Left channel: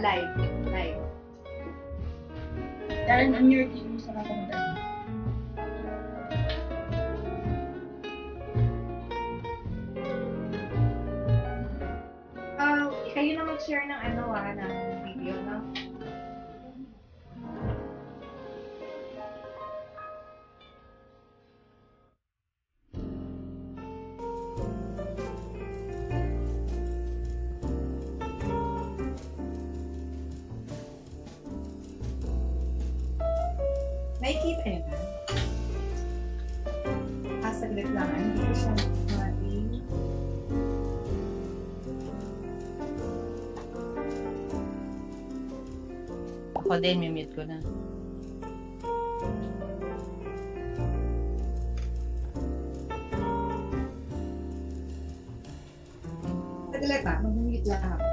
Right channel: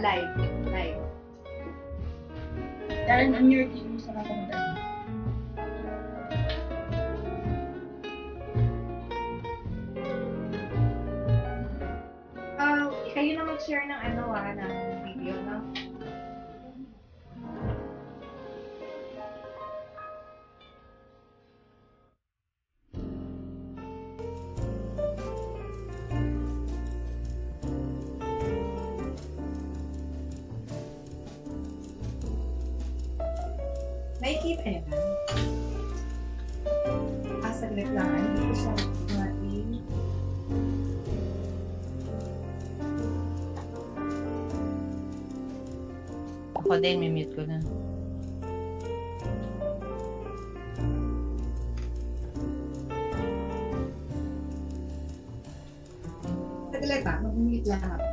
live. Live. Darren, on your team sa kapunta. Kayo na mag-share ng ng video, no? Nakikita yun, ha? Saglit lang. Hindi ko siya mating. Ako din, may mute ko na. Saglit ba? Mag-mute lang ako.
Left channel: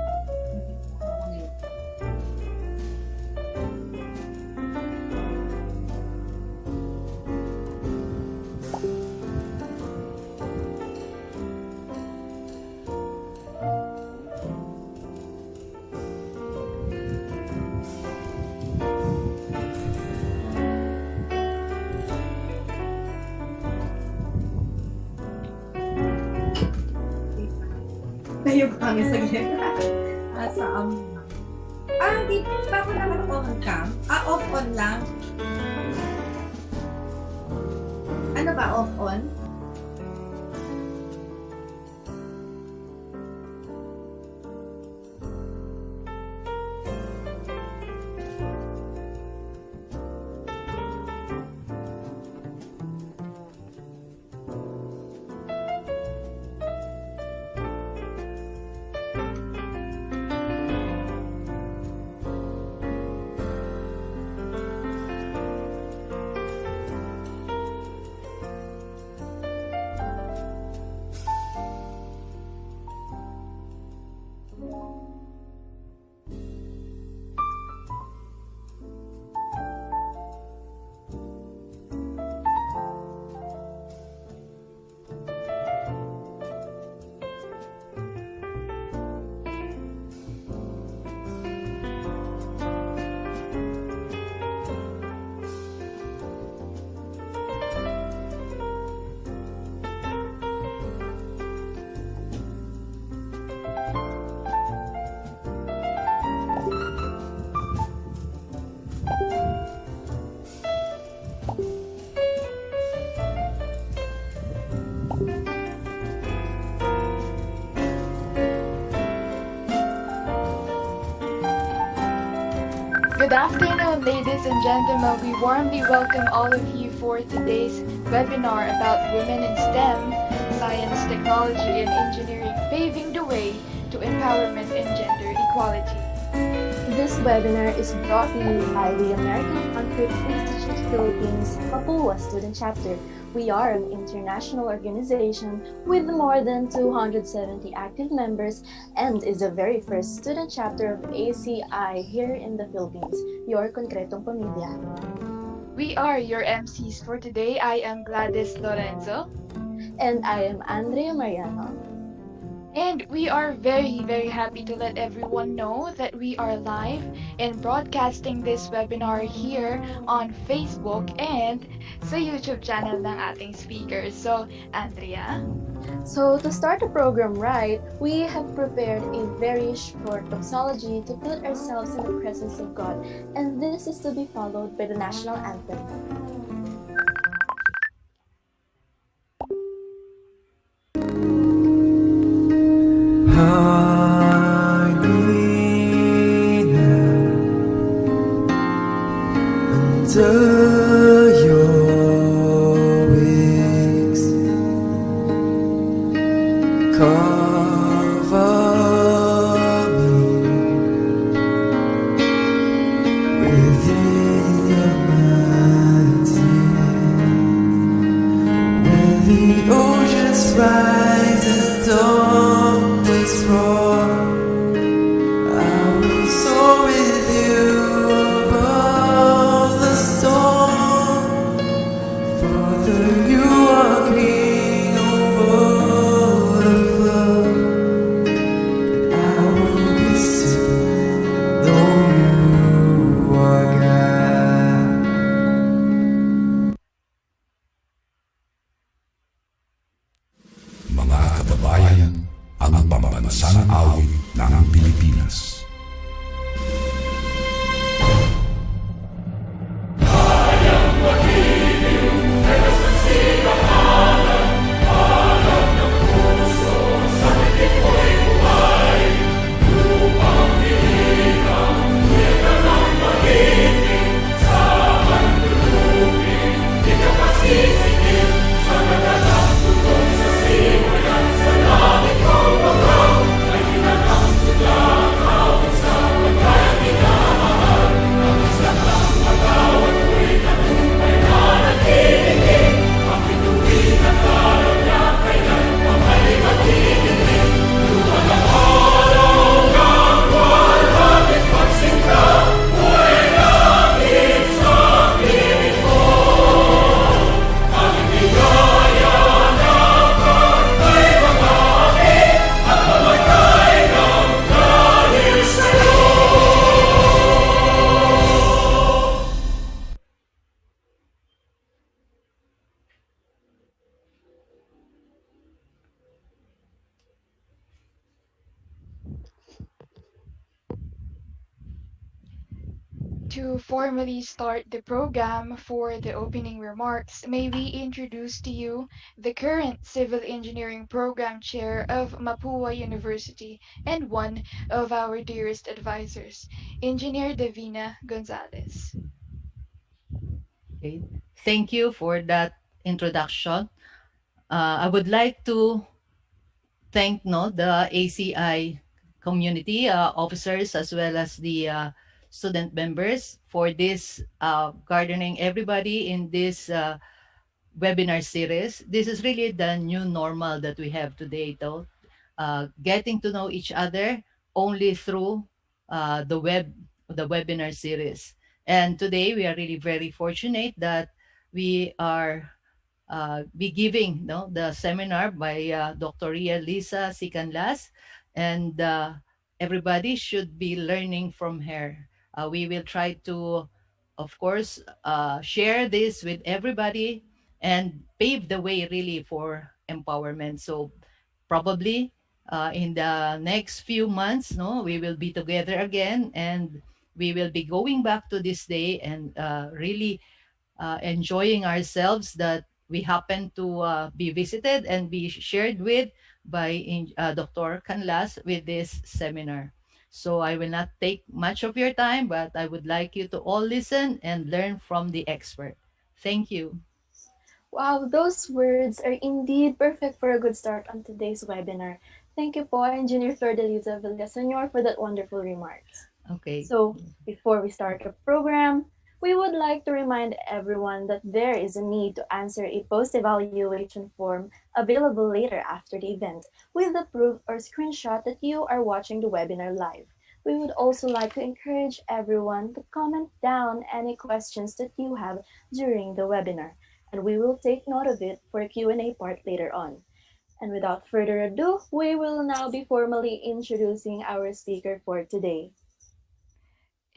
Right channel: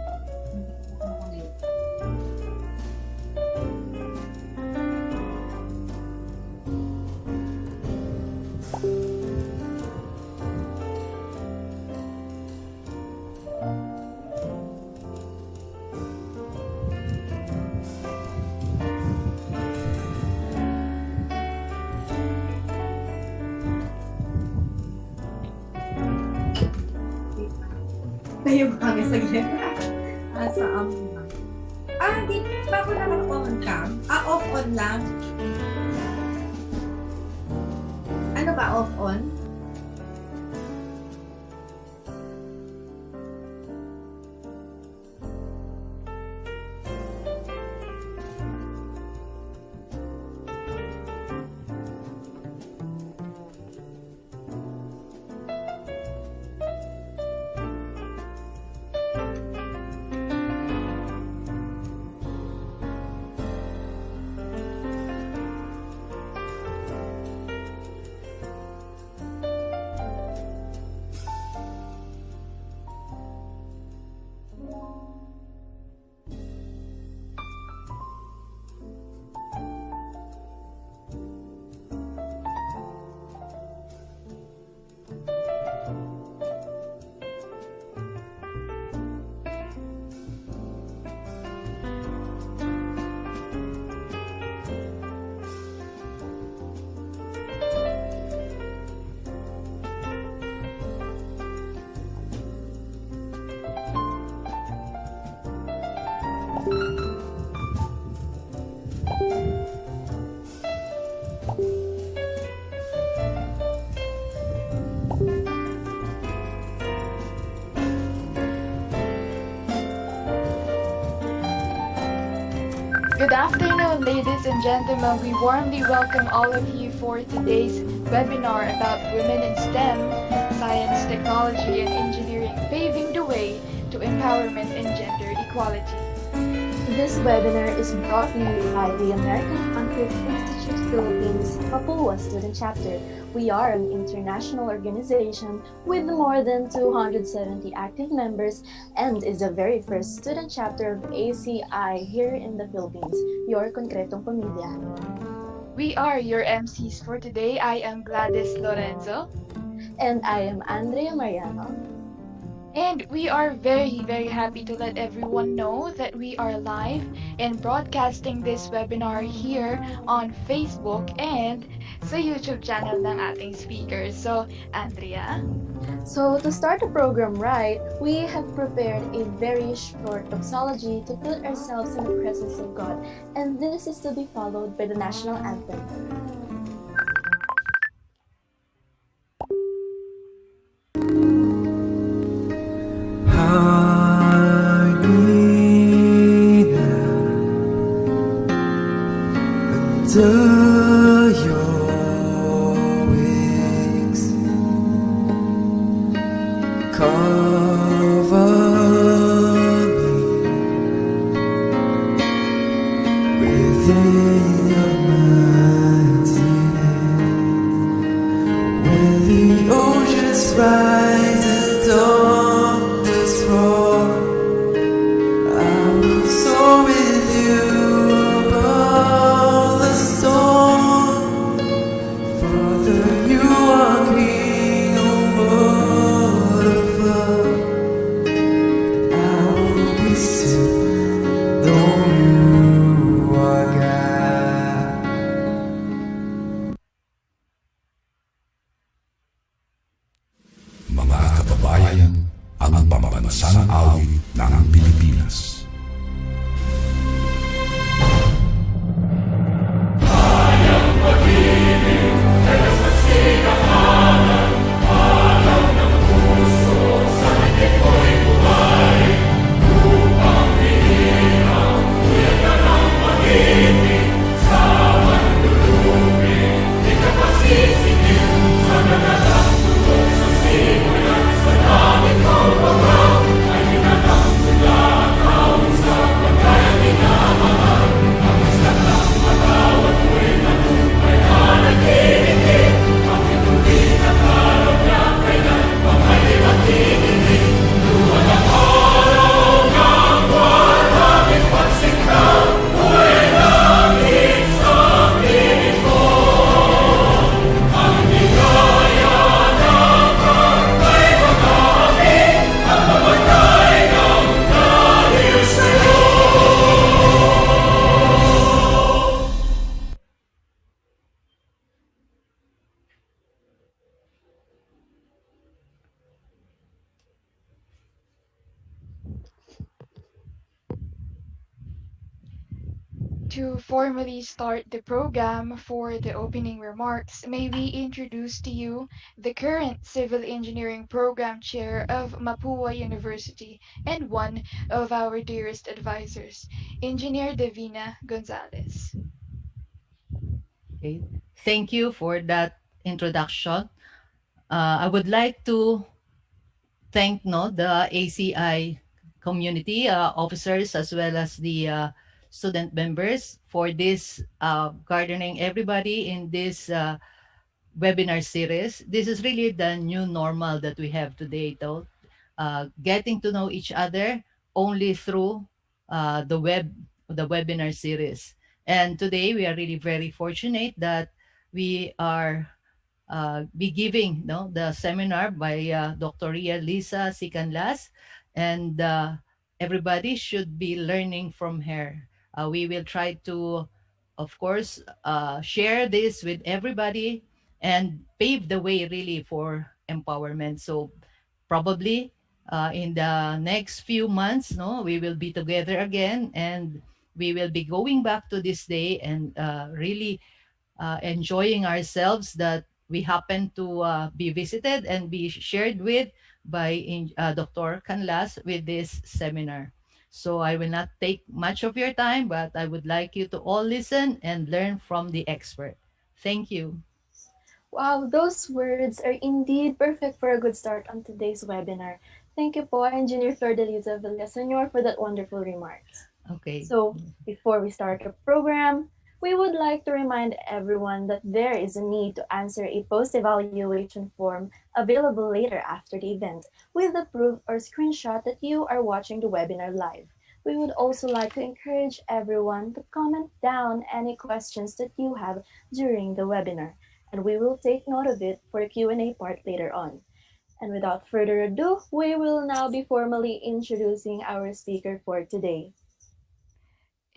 Tayo ba ang saglit? Di ba ako naman on cam? Off on lang? Ano ba, off on? Good afternoon, ladies and gentlemen. We warmly welcome all of you for today's webinar about women in STEM, science, technology, and engineering, paving the way to empowerment and gender equality. This webinar is brought to you by the American Concrete Institute Philippines Papua Student Chapter. We are an international organization with more than 270 active members and is the very first student chapter of ACI here in the Philippines, your Konkretong Pamilya. We are your MCs for today. I am Gladys Lorenzo. And I am Andrea Mariano. And we are very, very happy to let everyone know that we are live and broadcasting this webinar here on Facebook and sa YouTube channel ng ating speakers. So, Andrea? So, to start the program right, we have prepared a very short doxology to put ourselves in the presence of God. And this is to be followed by the national anthem. Under your wings, cover me within your mighty hand. When the oceans rise and thunders roar, I will soar with you above the storm. Father, you are king over the flood. I will be still, though Pambansang awit ng Pilipinas. To formally start the program for the opening remarks, may we introduce to you the current Civil Engineering Program Chair of Mapua University and one of our dearest advisors, Engineer Davina Gonzalez. Okay. Thank you for that introduction. I would like to thank the ACI community officers as well as the student members for this gardening everybody in this webinar series. This is really the new normal that we have today, though. Getting to know each other only through the webinar series. And today we are really very fortunate that we are be giving the seminar by Dr. Ria Lisa Sicanlas, and everybody should be learning from her. We will try to, of course, share this with everybody and pave the way really for empowerment. So probably in the next few months, no, we will be together again, and we will be going back to this day and really enjoying ourselves that we happen to be visited and be shared with by Dr. Canlas with this seminar. So I will not take much of your time, but I would like you to all listen and learn from the expert. Thank you. Wow, those words are indeed perfect for a good start on today's webinar. Thank you po, Engineer Flordeliza Villaseñor, for that wonderful remarks. Okay. So, before we start the program, we would like to remind everyone that there is a need to answer a post-evaluation form available later after the event with the proof or screenshot that you are watching the webinar live. We would also like to encourage everyone to comment down any questions that you have during the webinar, and we will take note of it for a Q&A part later on. And without further ado, we will now be formally introducing our speaker for today.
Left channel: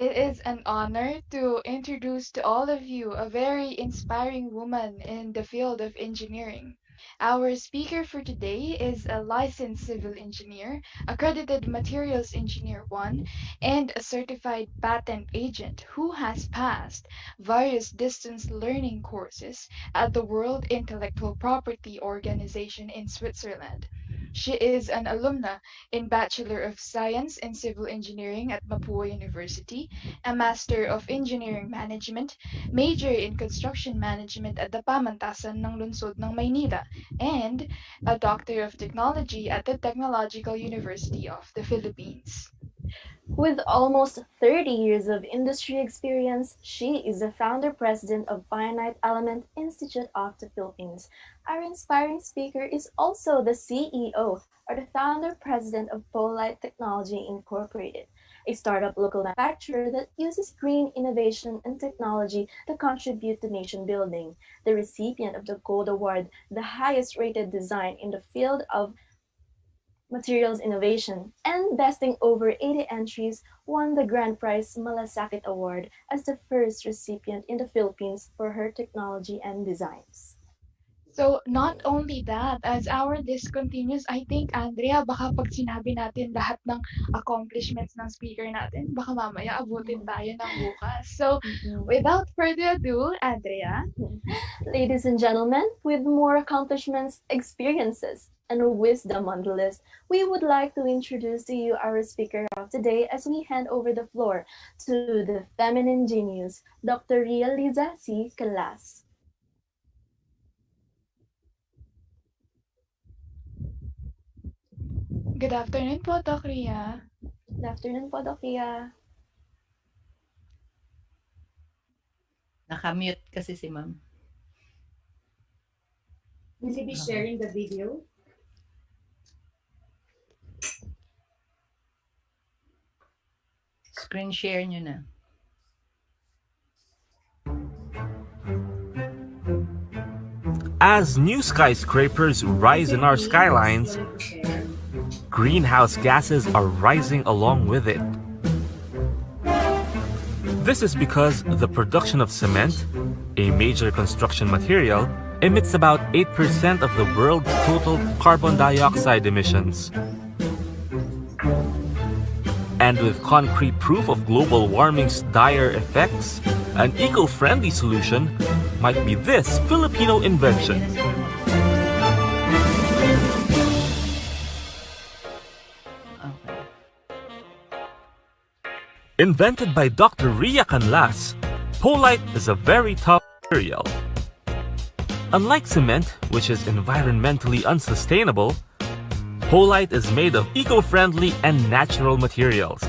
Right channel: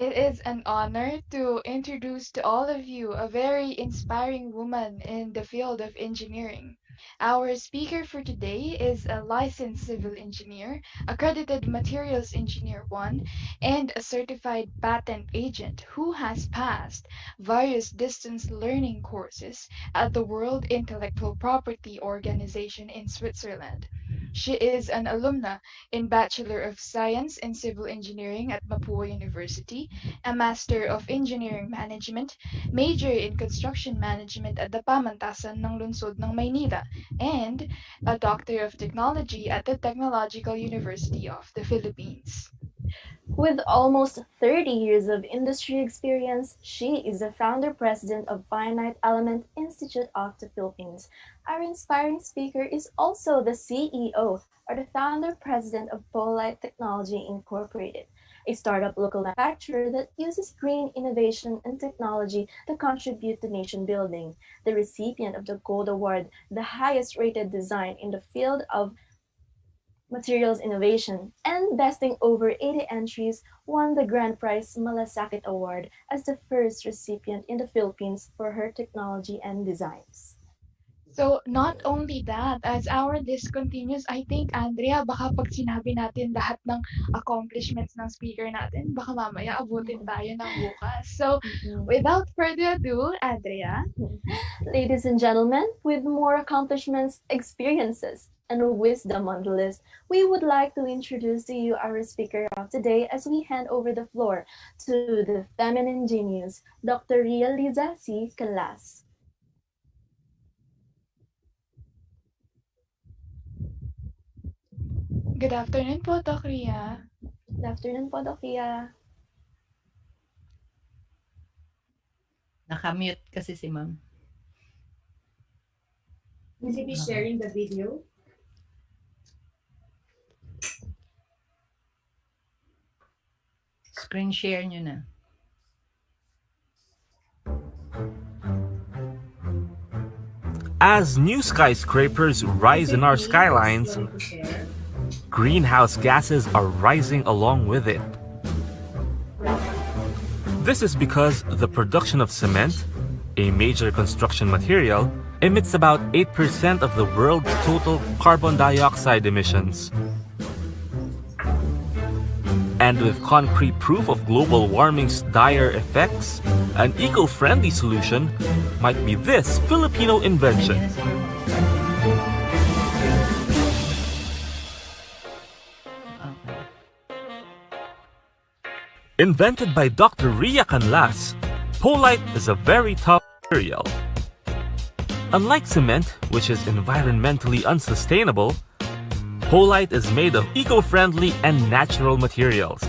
It is an honor to introduce to all of you a very inspiring woman in the field of engineering. Our speaker for today is a licensed civil engineer, accredited materials engineer 1, and a certified patent agent who has passed various distance learning courses at the World Intellectual Property Organization in Switzerland. She is an alumna in Bachelor of Science in Civil Engineering at Mapua University, a Master of Engineering Management, major in Construction Management at the Pamantasan ng Lungsod ng Maynila, and a Doctor of Technology at the Technological University of the Philippines. With almost 30 years of industry experience, she is the founder president of Finite Element Institute of the Philippines. Our inspiring speaker is also the CEO or the founder president of Polite Technology Incorporated, a startup local manufacturer that uses green innovation and technology to contribute to nation building. The recipient of the Gold Award, the highest rated design in the field of materials innovation, and besting over 80 entries, won the Grand Prize Malasakit Award as the first recipient in the Philippines for her technology and designs. So, not only that, as our list continues, I think, Andrea, baka pag sinabi natin lahat ng accomplishments ng speaker natin, baka mamaya abutin tayo ng bukas. So, without further ado, Andrea. Ladies and gentlemen, with more accomplishments, experiences, and wisdom on the list, we would like to introduce to you our speaker of today as we hand over the floor to the feminine genius, Dr. Ria Liza C. Calas. Good afternoon po, Doc Ria. Good afternoon po, Doc Ria. Nakamute kasi si ma'am. Will you be sharing the video? Screen share nyo na. As new skyscrapers rise in our skylines, greenhouse gases are rising along with it. This is because the production of cement, a major construction material, emits about 8% of the world's total carbon dioxide emissions. And with concrete proof of global warming's dire effects, an eco-friendly solution might be this Filipino invention. Invented by Dr. Ria Canlas, polite is a very tough material. Unlike cement, which is environmentally unsustainable, polite is made of eco-friendly and natural materials.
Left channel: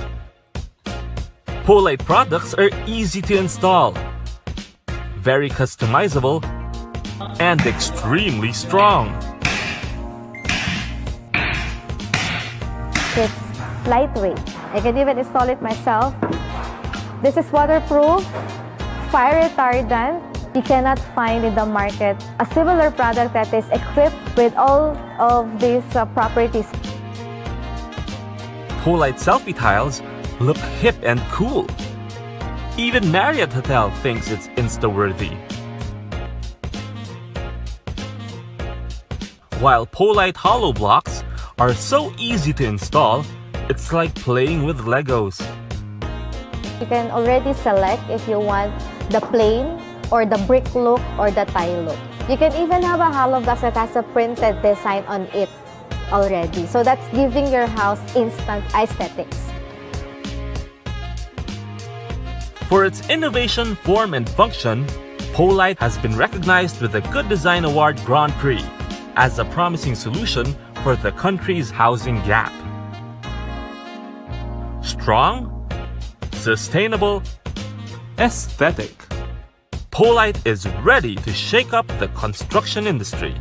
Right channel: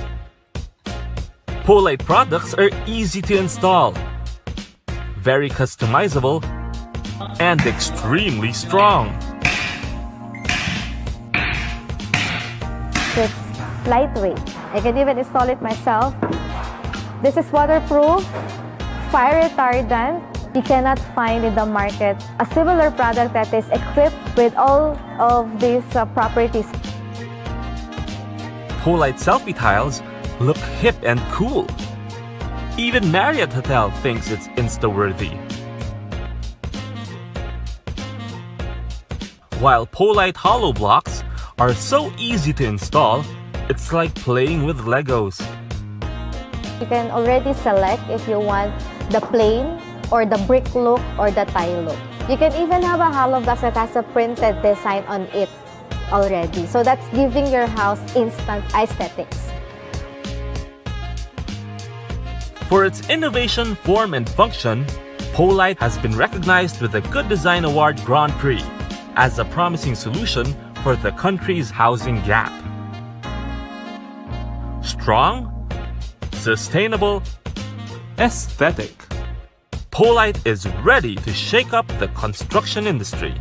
Polite products are easy to install, very customizable, and extremely strong. It's lightweight. I can even install it myself. This is waterproof, fire retardant. You cannot find in the market a similar product that is equipped with all of these properties. Polite selfie tiles look hip and cool. Even Marriott Hotel thinks it's Insta-worthy. While Polite hollow blocks are so easy to install, it's like playing with Legos. You can already select if you want the plain or the brick look or the tile look. You can even have a hollow block that has a printed design on it already. So that's giving your house instant aesthetics. For its innovation, form, and function, Polite has been recognized with the Good Design Award Grand Prix as a promising solution for the country's housing gap. Strong, sustainable, aesthetic. Polite is ready to shake up the construction industry.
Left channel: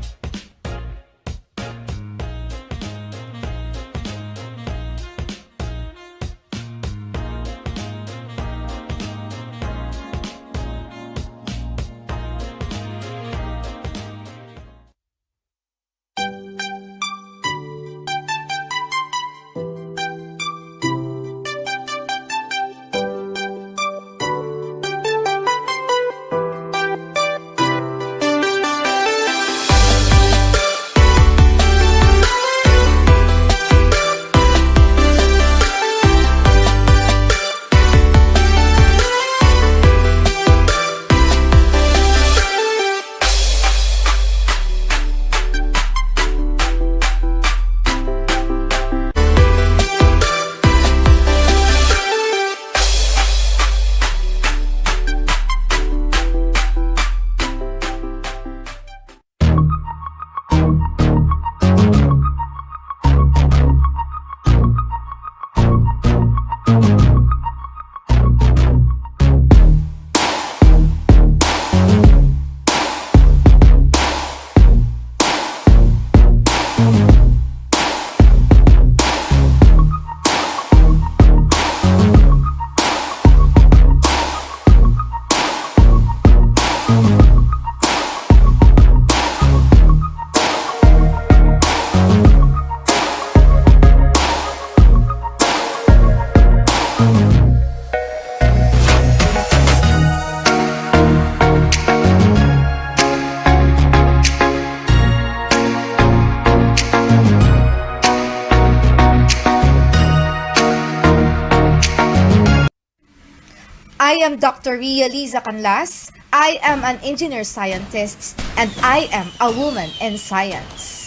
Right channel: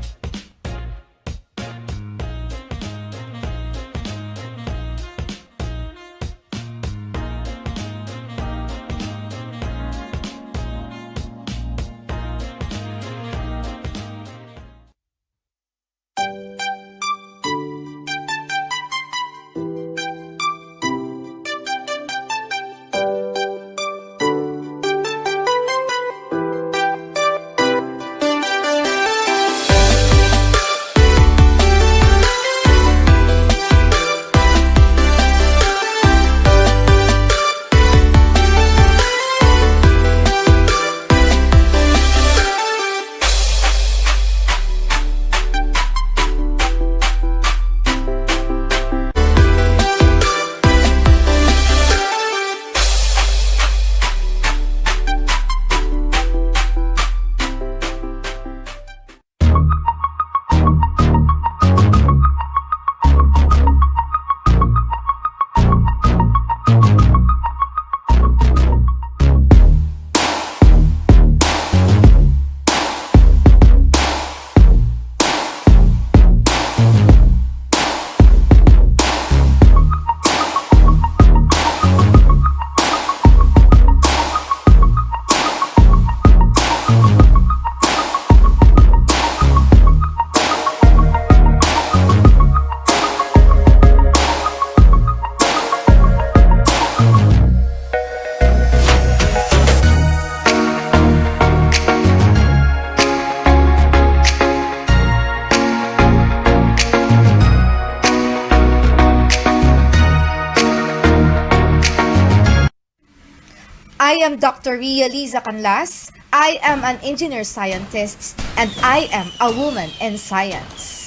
I am Dr. Ria Liza Canlas. I am an engineer scientist and I am a woman in science.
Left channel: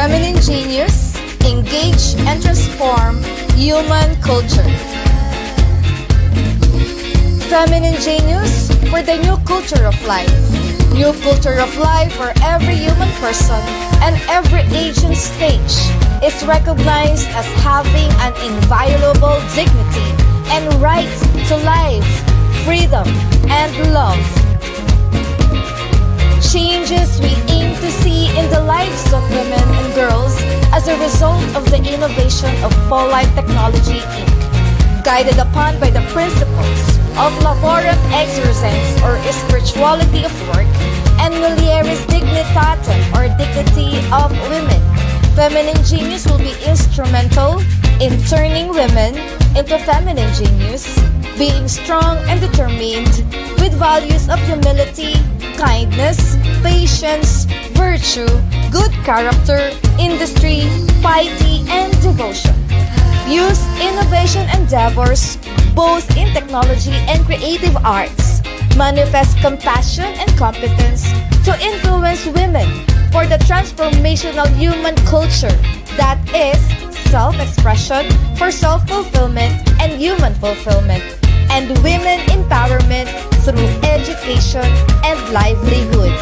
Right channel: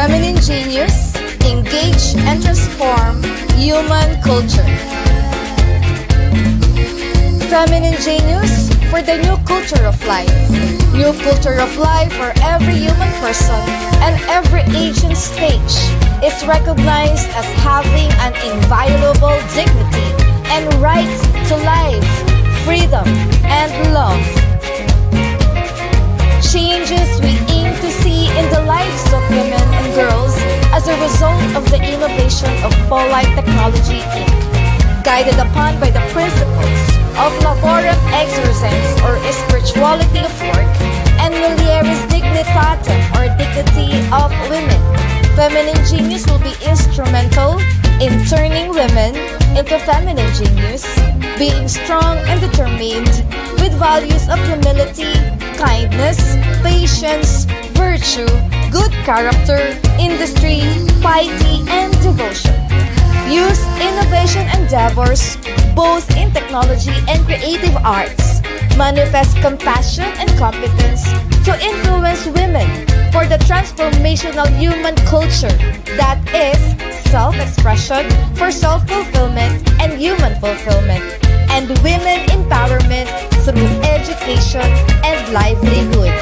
Feminine genius, engage and transform human culture. Feminine genius for the new culture of life. New culture of life where every human person and every age and stage is recognized as having an inviolable dignity and right to life, freedom, and love. Changes we aim to see in the lives of women and girls as a result of the innovation of Polite Technology Inc., guided upon by the principles of Laborem Exercens or spirituality of work and Mulieris Dignitatem or dignity of women. Feminine genius will be instrumental in turning women into feminine genius, being strong and determined with values of humility, kindness, patience, virtue, good character, industry, piety, and devotion. Use innovation endeavors, both in technology and creative arts. Manifest compassion and competence to influence women for the transformational human culture that is self-expression for self-fulfillment and human fulfillment, and women empowerment through education and livelihood.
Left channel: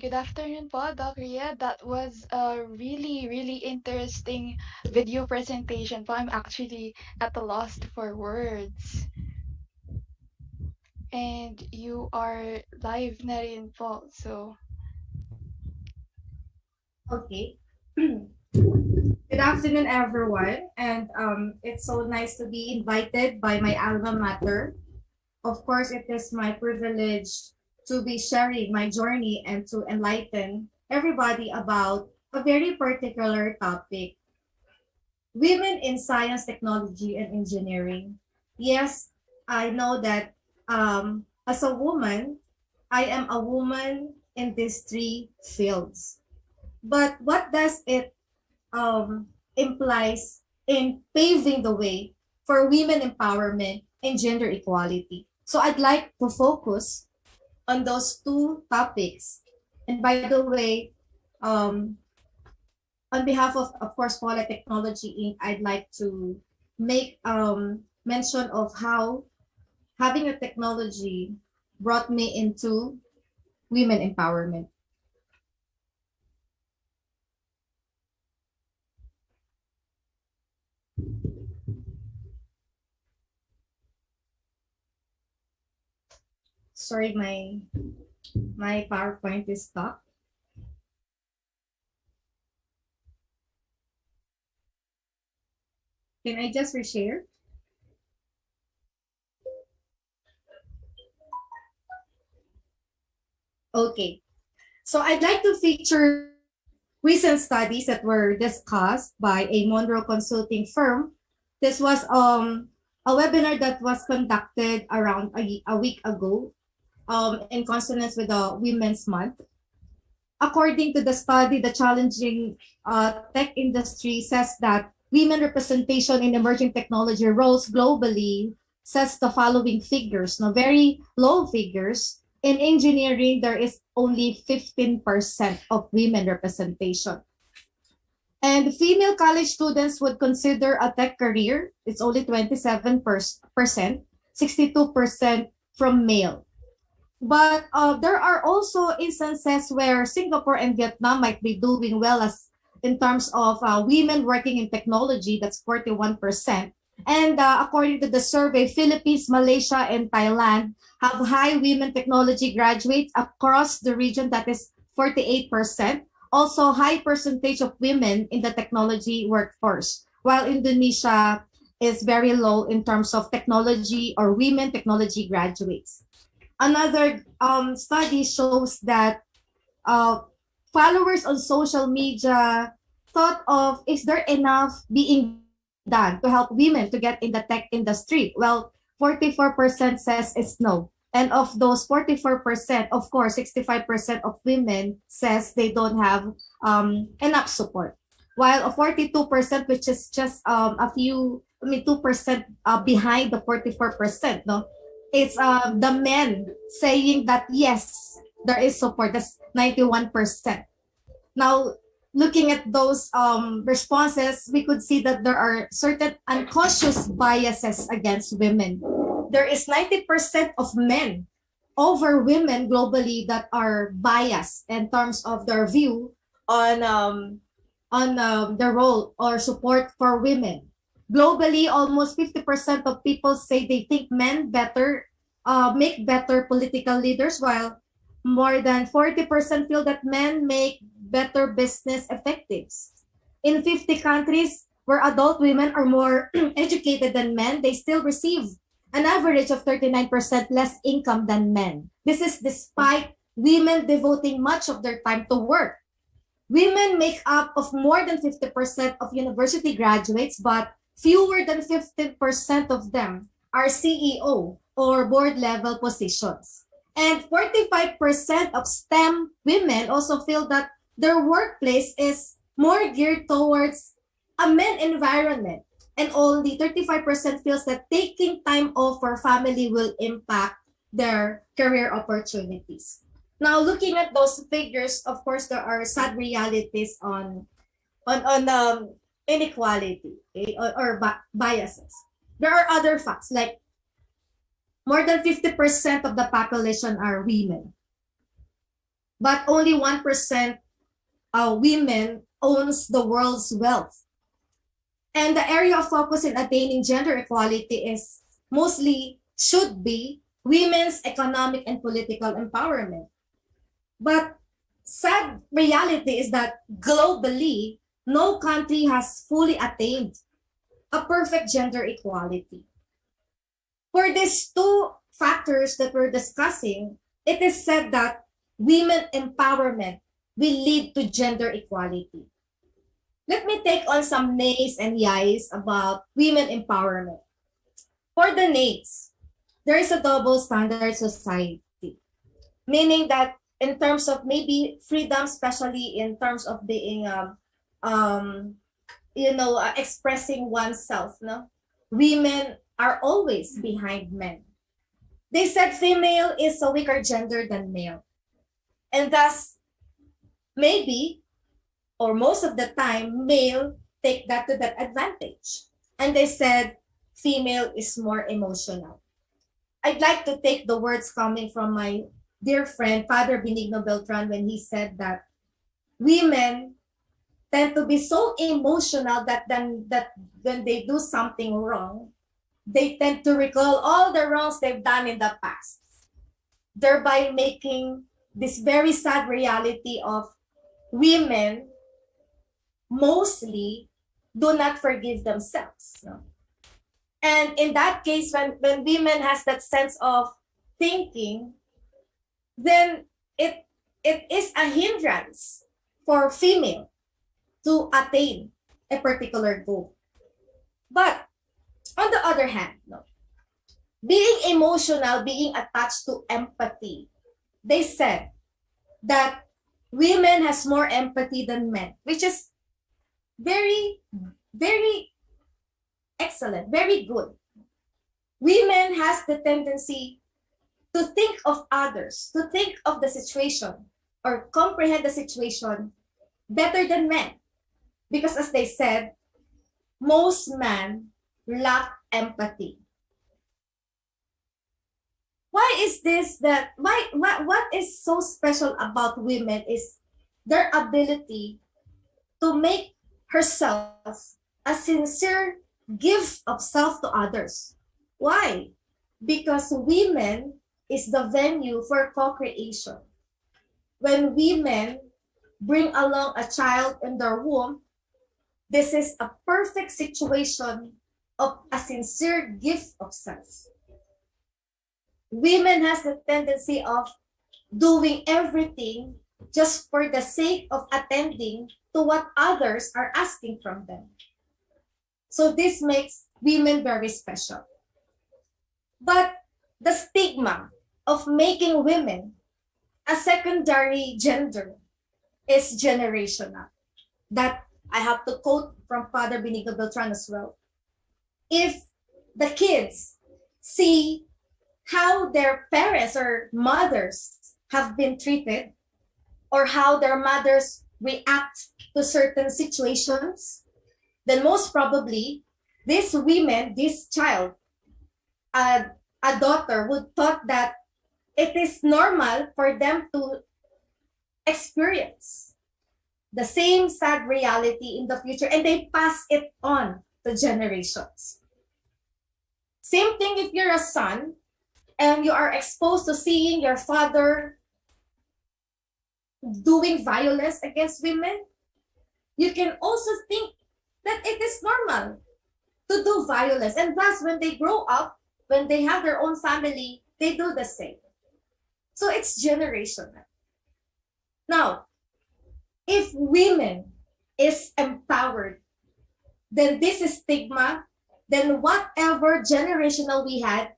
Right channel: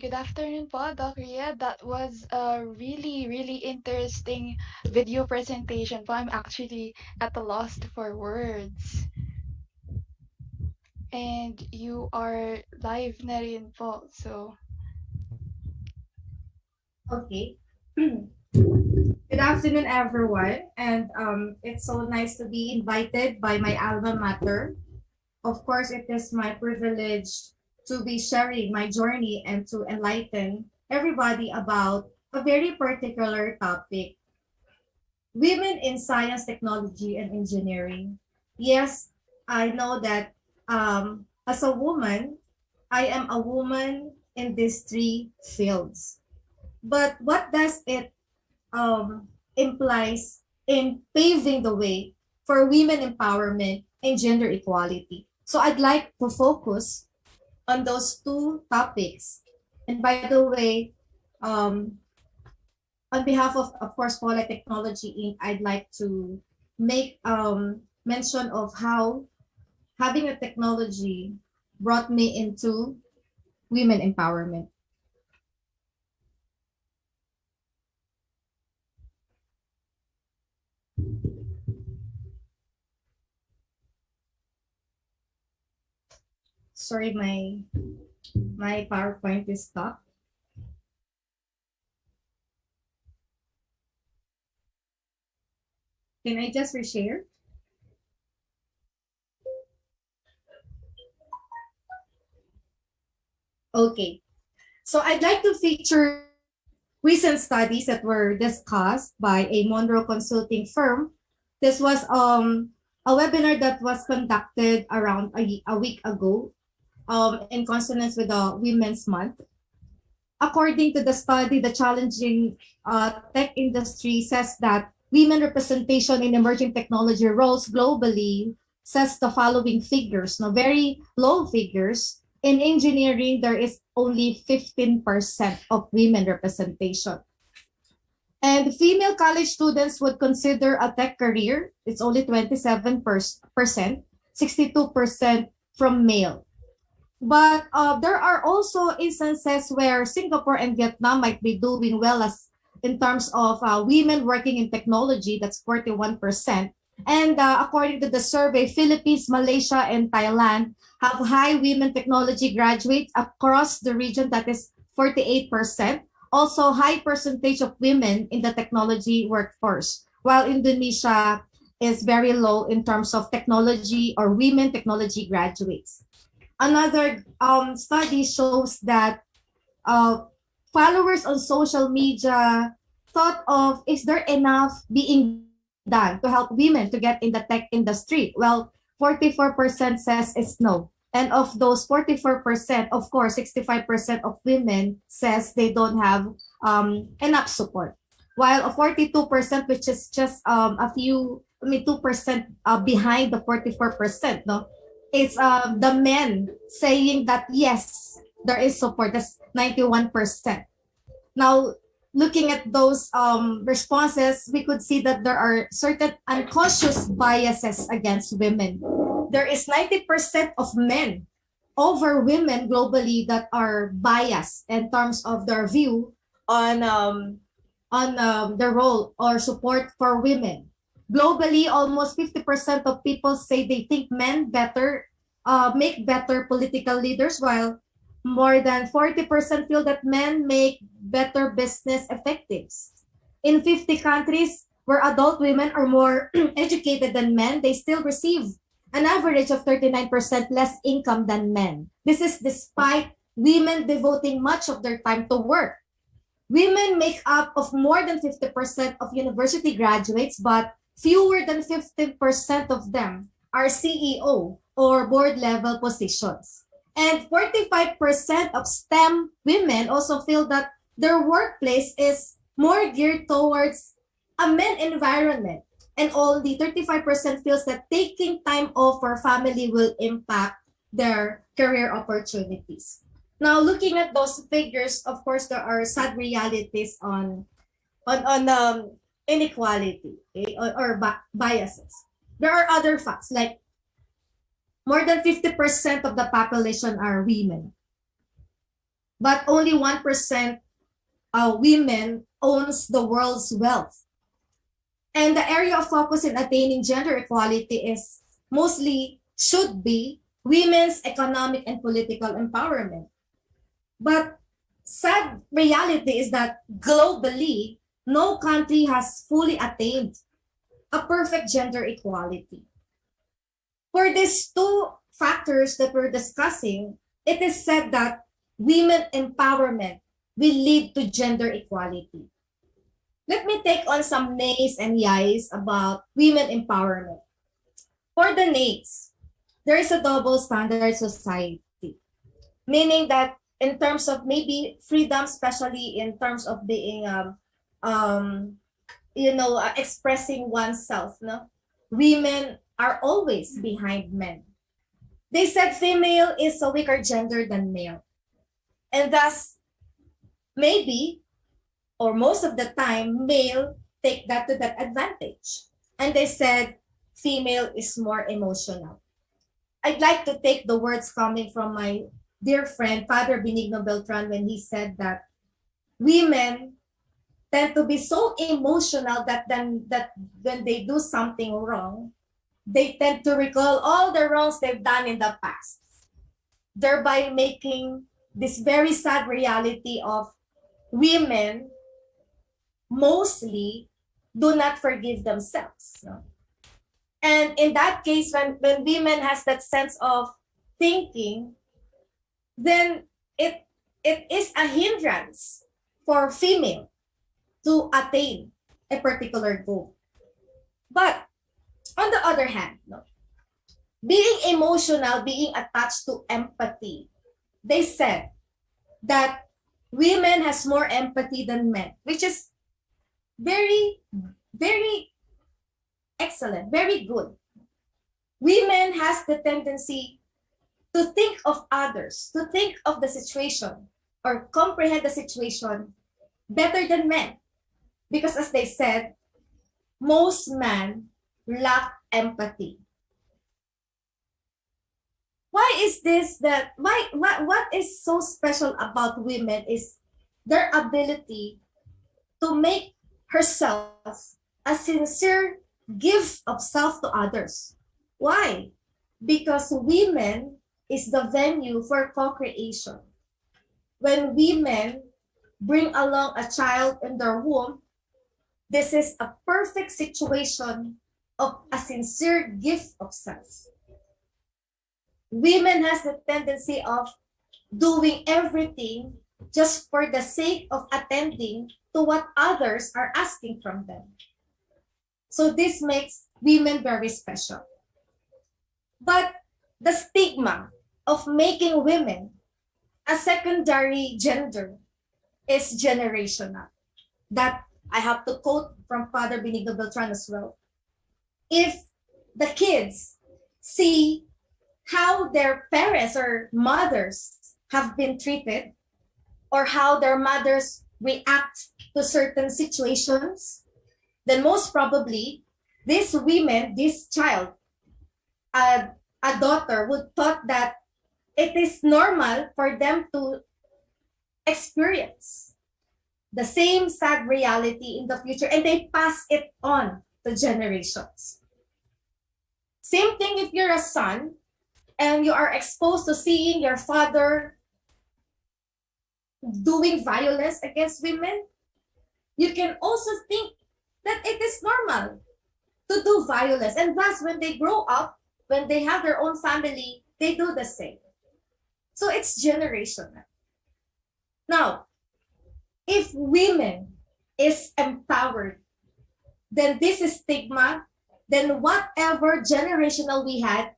Good afternoon po, Doc Ria. That was a really, really interesting video presentation po. I'm actually at a loss for words. And you are live na rin po. So, Okay. Good afternoon, everyone. And it's so nice to be invited by my alma mater. Of course, it is my privilege to be sharing my journey and to enlighten everybody about a very particular topic: women in science, technology, and engineering. Yes, I know that as a woman, I am a woman in these three fields. But what does it implies in paving the way for women empowerment and gender equality? So I'd like to focus on those two topics. And by the way, um, on behalf of course, Poly Technology Inc., I'd like to make mention of how having a technology brought me into women empowerment. Sorry, my PowerPoint is stuck. Can I just reshare? Okay. So I'd like to feature recent studies that were discussed by a Monroe consulting firm. This was a webinar that was conducted around a week ago in consonance with the Women's Month. According to the study, the challenging tech industry says that women representation in emerging technology roles globally says the following figures, no, very low figures. In engineering, there is only 15% of women representation. And female college students would consider a tech career, it's only 27%, 62% from male. But there are also instances where Singapore and Vietnam might be doing well as in terms of women working in technology, that's 41%. And according to the survey, Philippines, Malaysia, and Thailand have high women technology graduates across the region, that is 48%. Also, high percentage of women in the technology workforce, while Indonesia is very low in terms of technology or women technology graduates. Another study shows that uh, followers on social media thought of, is there enough being done to help women to get in the tech industry? Well, 44% says it's no. And of those 44%, of course, 65% of women says they don't have enough support. While a 42%, which is just a few, 2% behind the 44%, no? It's the men saying that yes, there is support. That's 91%. Now, looking at those responses, we could see that there are certain unconscious biases against women. There is 90% of men over women globally that are biased in terms of their view on the role or support for women. Globally, almost 50% of people say they think men better make better political leaders, while more than 40% feel that men make better business executives. In 50 countries where adult women are more educated than men, they still receive an average of 39% less income than men. This is despite women devoting much of their time to work. Women make up of more than 50% of university graduates, but fewer than 15% of them are CEO or board level positions. And 45% of STEM women also feel that their workplace is more geared towards a men environment. And only 35% feels that taking time off for family will impact their career opportunities. Now, looking at those figures, of course, there are sad realities on inequality, okay, or biases. There are other facts like more than 50% of the population are women. but only 1% women owns the world's wealth. And the area of focus in attaining gender equality is mostly should be women's economic and political empowerment. But sad reality is that globally, no country has fully attained a perfect gender equality. For these two factors that we're discussing, it is said that women empowerment will lead to gender equality. Let me take on some nays and yays about women empowerment. For the nays, there is a double standard society, meaning that in terms of maybe freedom, especially in terms of being, expressing oneself, no, women are always behind men. They said female is a weaker gender than male, and thus maybe or most of the time male take that to that advantage, and they said female is more emotional. I'd like to take the words coming from my dear friend Father Benigno Beltran when he said that women tend to be so emotional that when they do something wrong, they tend to recall all the wrongs they've done in the past, thereby making this very sad reality of women mostly do not forgive themselves. No? And in that case, when women has that sense of thinking, then it is a hindrance for female to attain a particular goal. But on the other hand, no, being emotional, being attached to empathy, they said that women has more empathy than men, which is very, very excellent, very good. Women has the tendency to think of others, to think of the situation or comprehend the situation better than men. Because as they said, most men lack empathy. Why is this that what is so special about women is their ability to make herself a sincere gift of self to others. Why? Because women is the venue for co-creation. When women bring along a child in their womb, this is a perfect situation of a sincere gift of self. Women has the tendency of doing everything just for the sake of attending to what others are asking from them. So this makes women very special. But the stigma of making women a secondary gender is generational. That I have to quote from Father Benigno Beltran as well. If the kids see how their parents or mothers have been treated, or how their mothers react to certain situations, then most probably this women, this child, a daughter would thought that it is normal for them to experience the same sad reality in the future, and they pass it on to generations. Same thing if you're a son and you are exposed to seeing your father doing violence against women, you can also think that it is normal to do violence. And thus, when they grow up, when they have their own family, they do the same. So it's generational. Now, if women is empowered, then this is stigma, then whatever generational we had,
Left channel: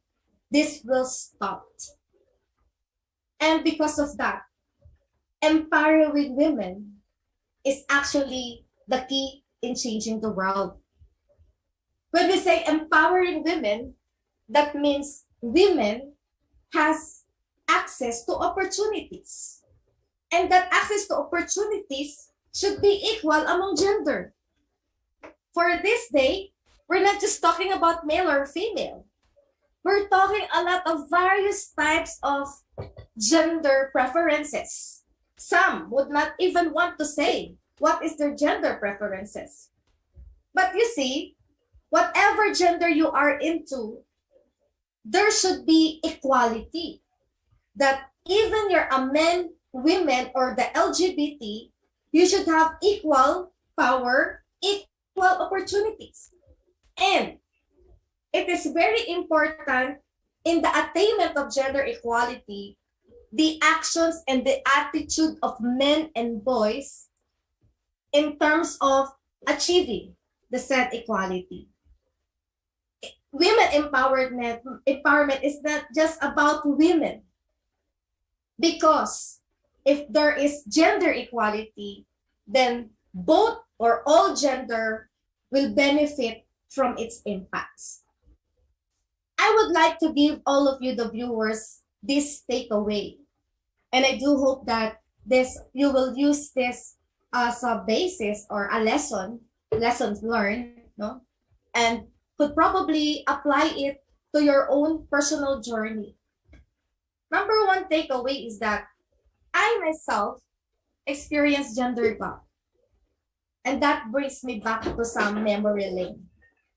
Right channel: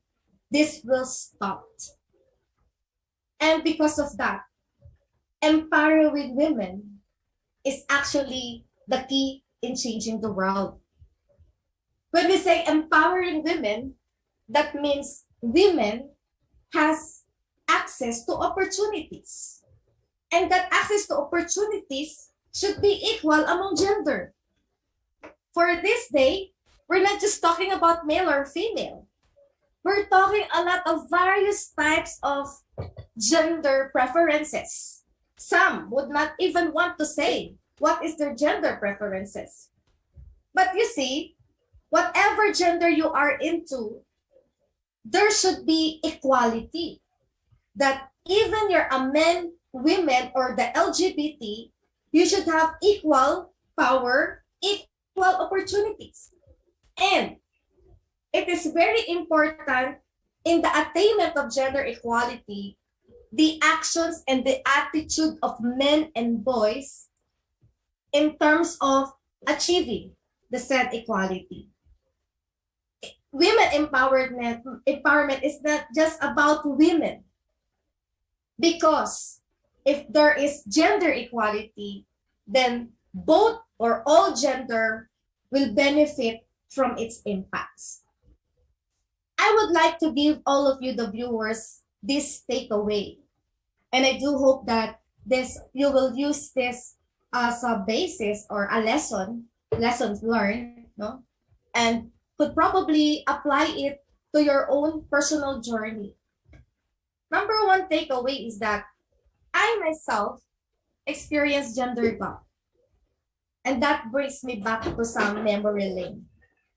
this will stop. And because of that, empowering women is actually the key in changing the world. When we say empowering women, that means women has access to opportunities. And that access to opportunities should be equal among gender. For this day, we're not just talking about male or female. We're talking a lot of various types of gender preferences. Some would not even want to say what is their gender preferences. But you see, whatever gender you are into, there should be equality. That even you're a man, women, or the LGBT, you should have equal power, equal opportunities. And it is very important in the attainment of gender equality, the actions and the attitude of men and boys in terms of achieving the said equality. Women empowerment is not just about women, because if there is gender equality, then both or all gender will benefit from its impacts. I would like to give all of you, the viewers, this takeaway. And I do hope that this you will use this as a basis or a lessons learned, no? And could probably apply it to your own personal journey. Number one takeaway is that I myself experienced gender gap. And that brings me back to some memory lane.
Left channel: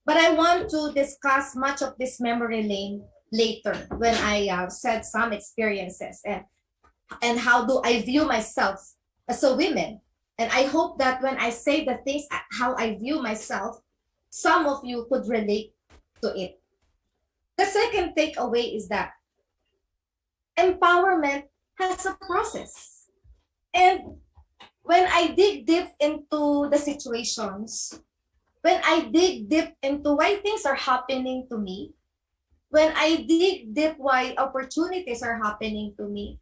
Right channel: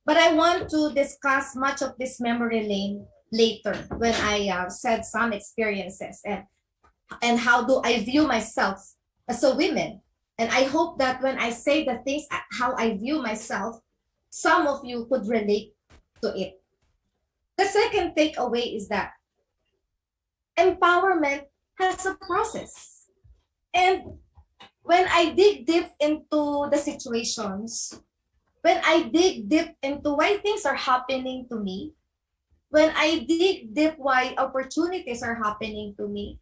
But I want to discuss much of this memory lane later when I said some experiences and how do I view myself as a woman. And I hope that when I say the things how I view myself, some of you could relate to it. The second takeaway is that empowerment has a process. And when I dig deep into the situations, when I dig deep into why things are happening to me, when I dig deep why opportunities are happening to me,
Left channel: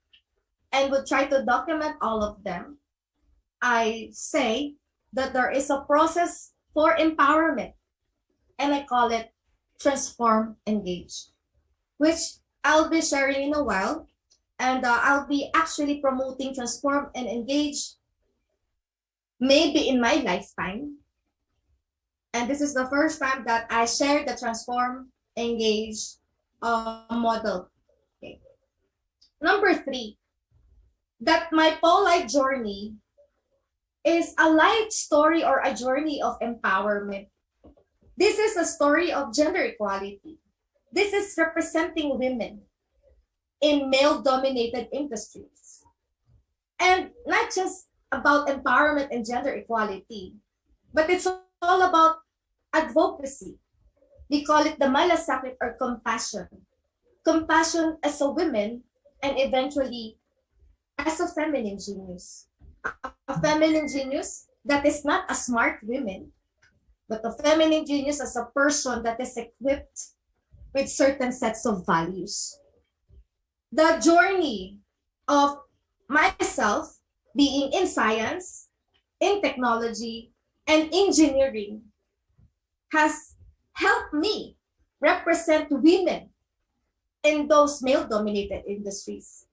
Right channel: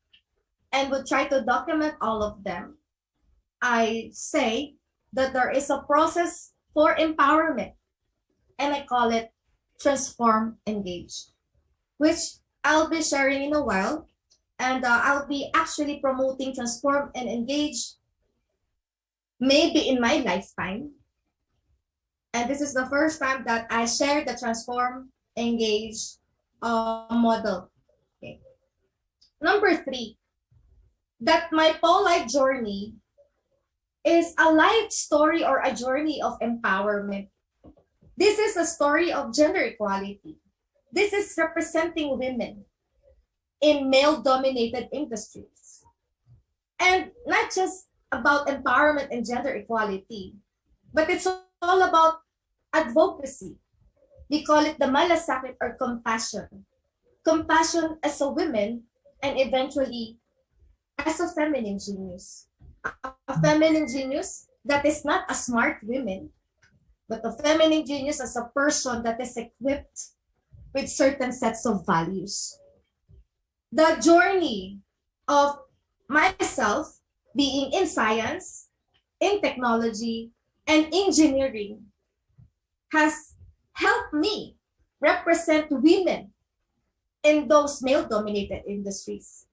and would try to document all of them, I say that there is a process for empowerment, and I call it transform, engage, which I'll be sharing in a while. And I'll be actually promoting transform and engage maybe in my lifetime. And this is the first time that I share the transform, engage model. Okay. Number 3, that my polite journey is a life story or a journey of empowerment. This is a story of gender equality. This is representing women in male-dominated industries. And not just about empowerment and gender equality, but it's all about advocacy. We call it the malasakit or compassion. Compassion as a woman and eventually as a feminine genius. A feminine genius that is not a smart woman, but a feminine genius as a person that is equipped with certain sets of values. The journey of myself being in science, in technology, and engineering has helped me represent women in those male-dominated industries.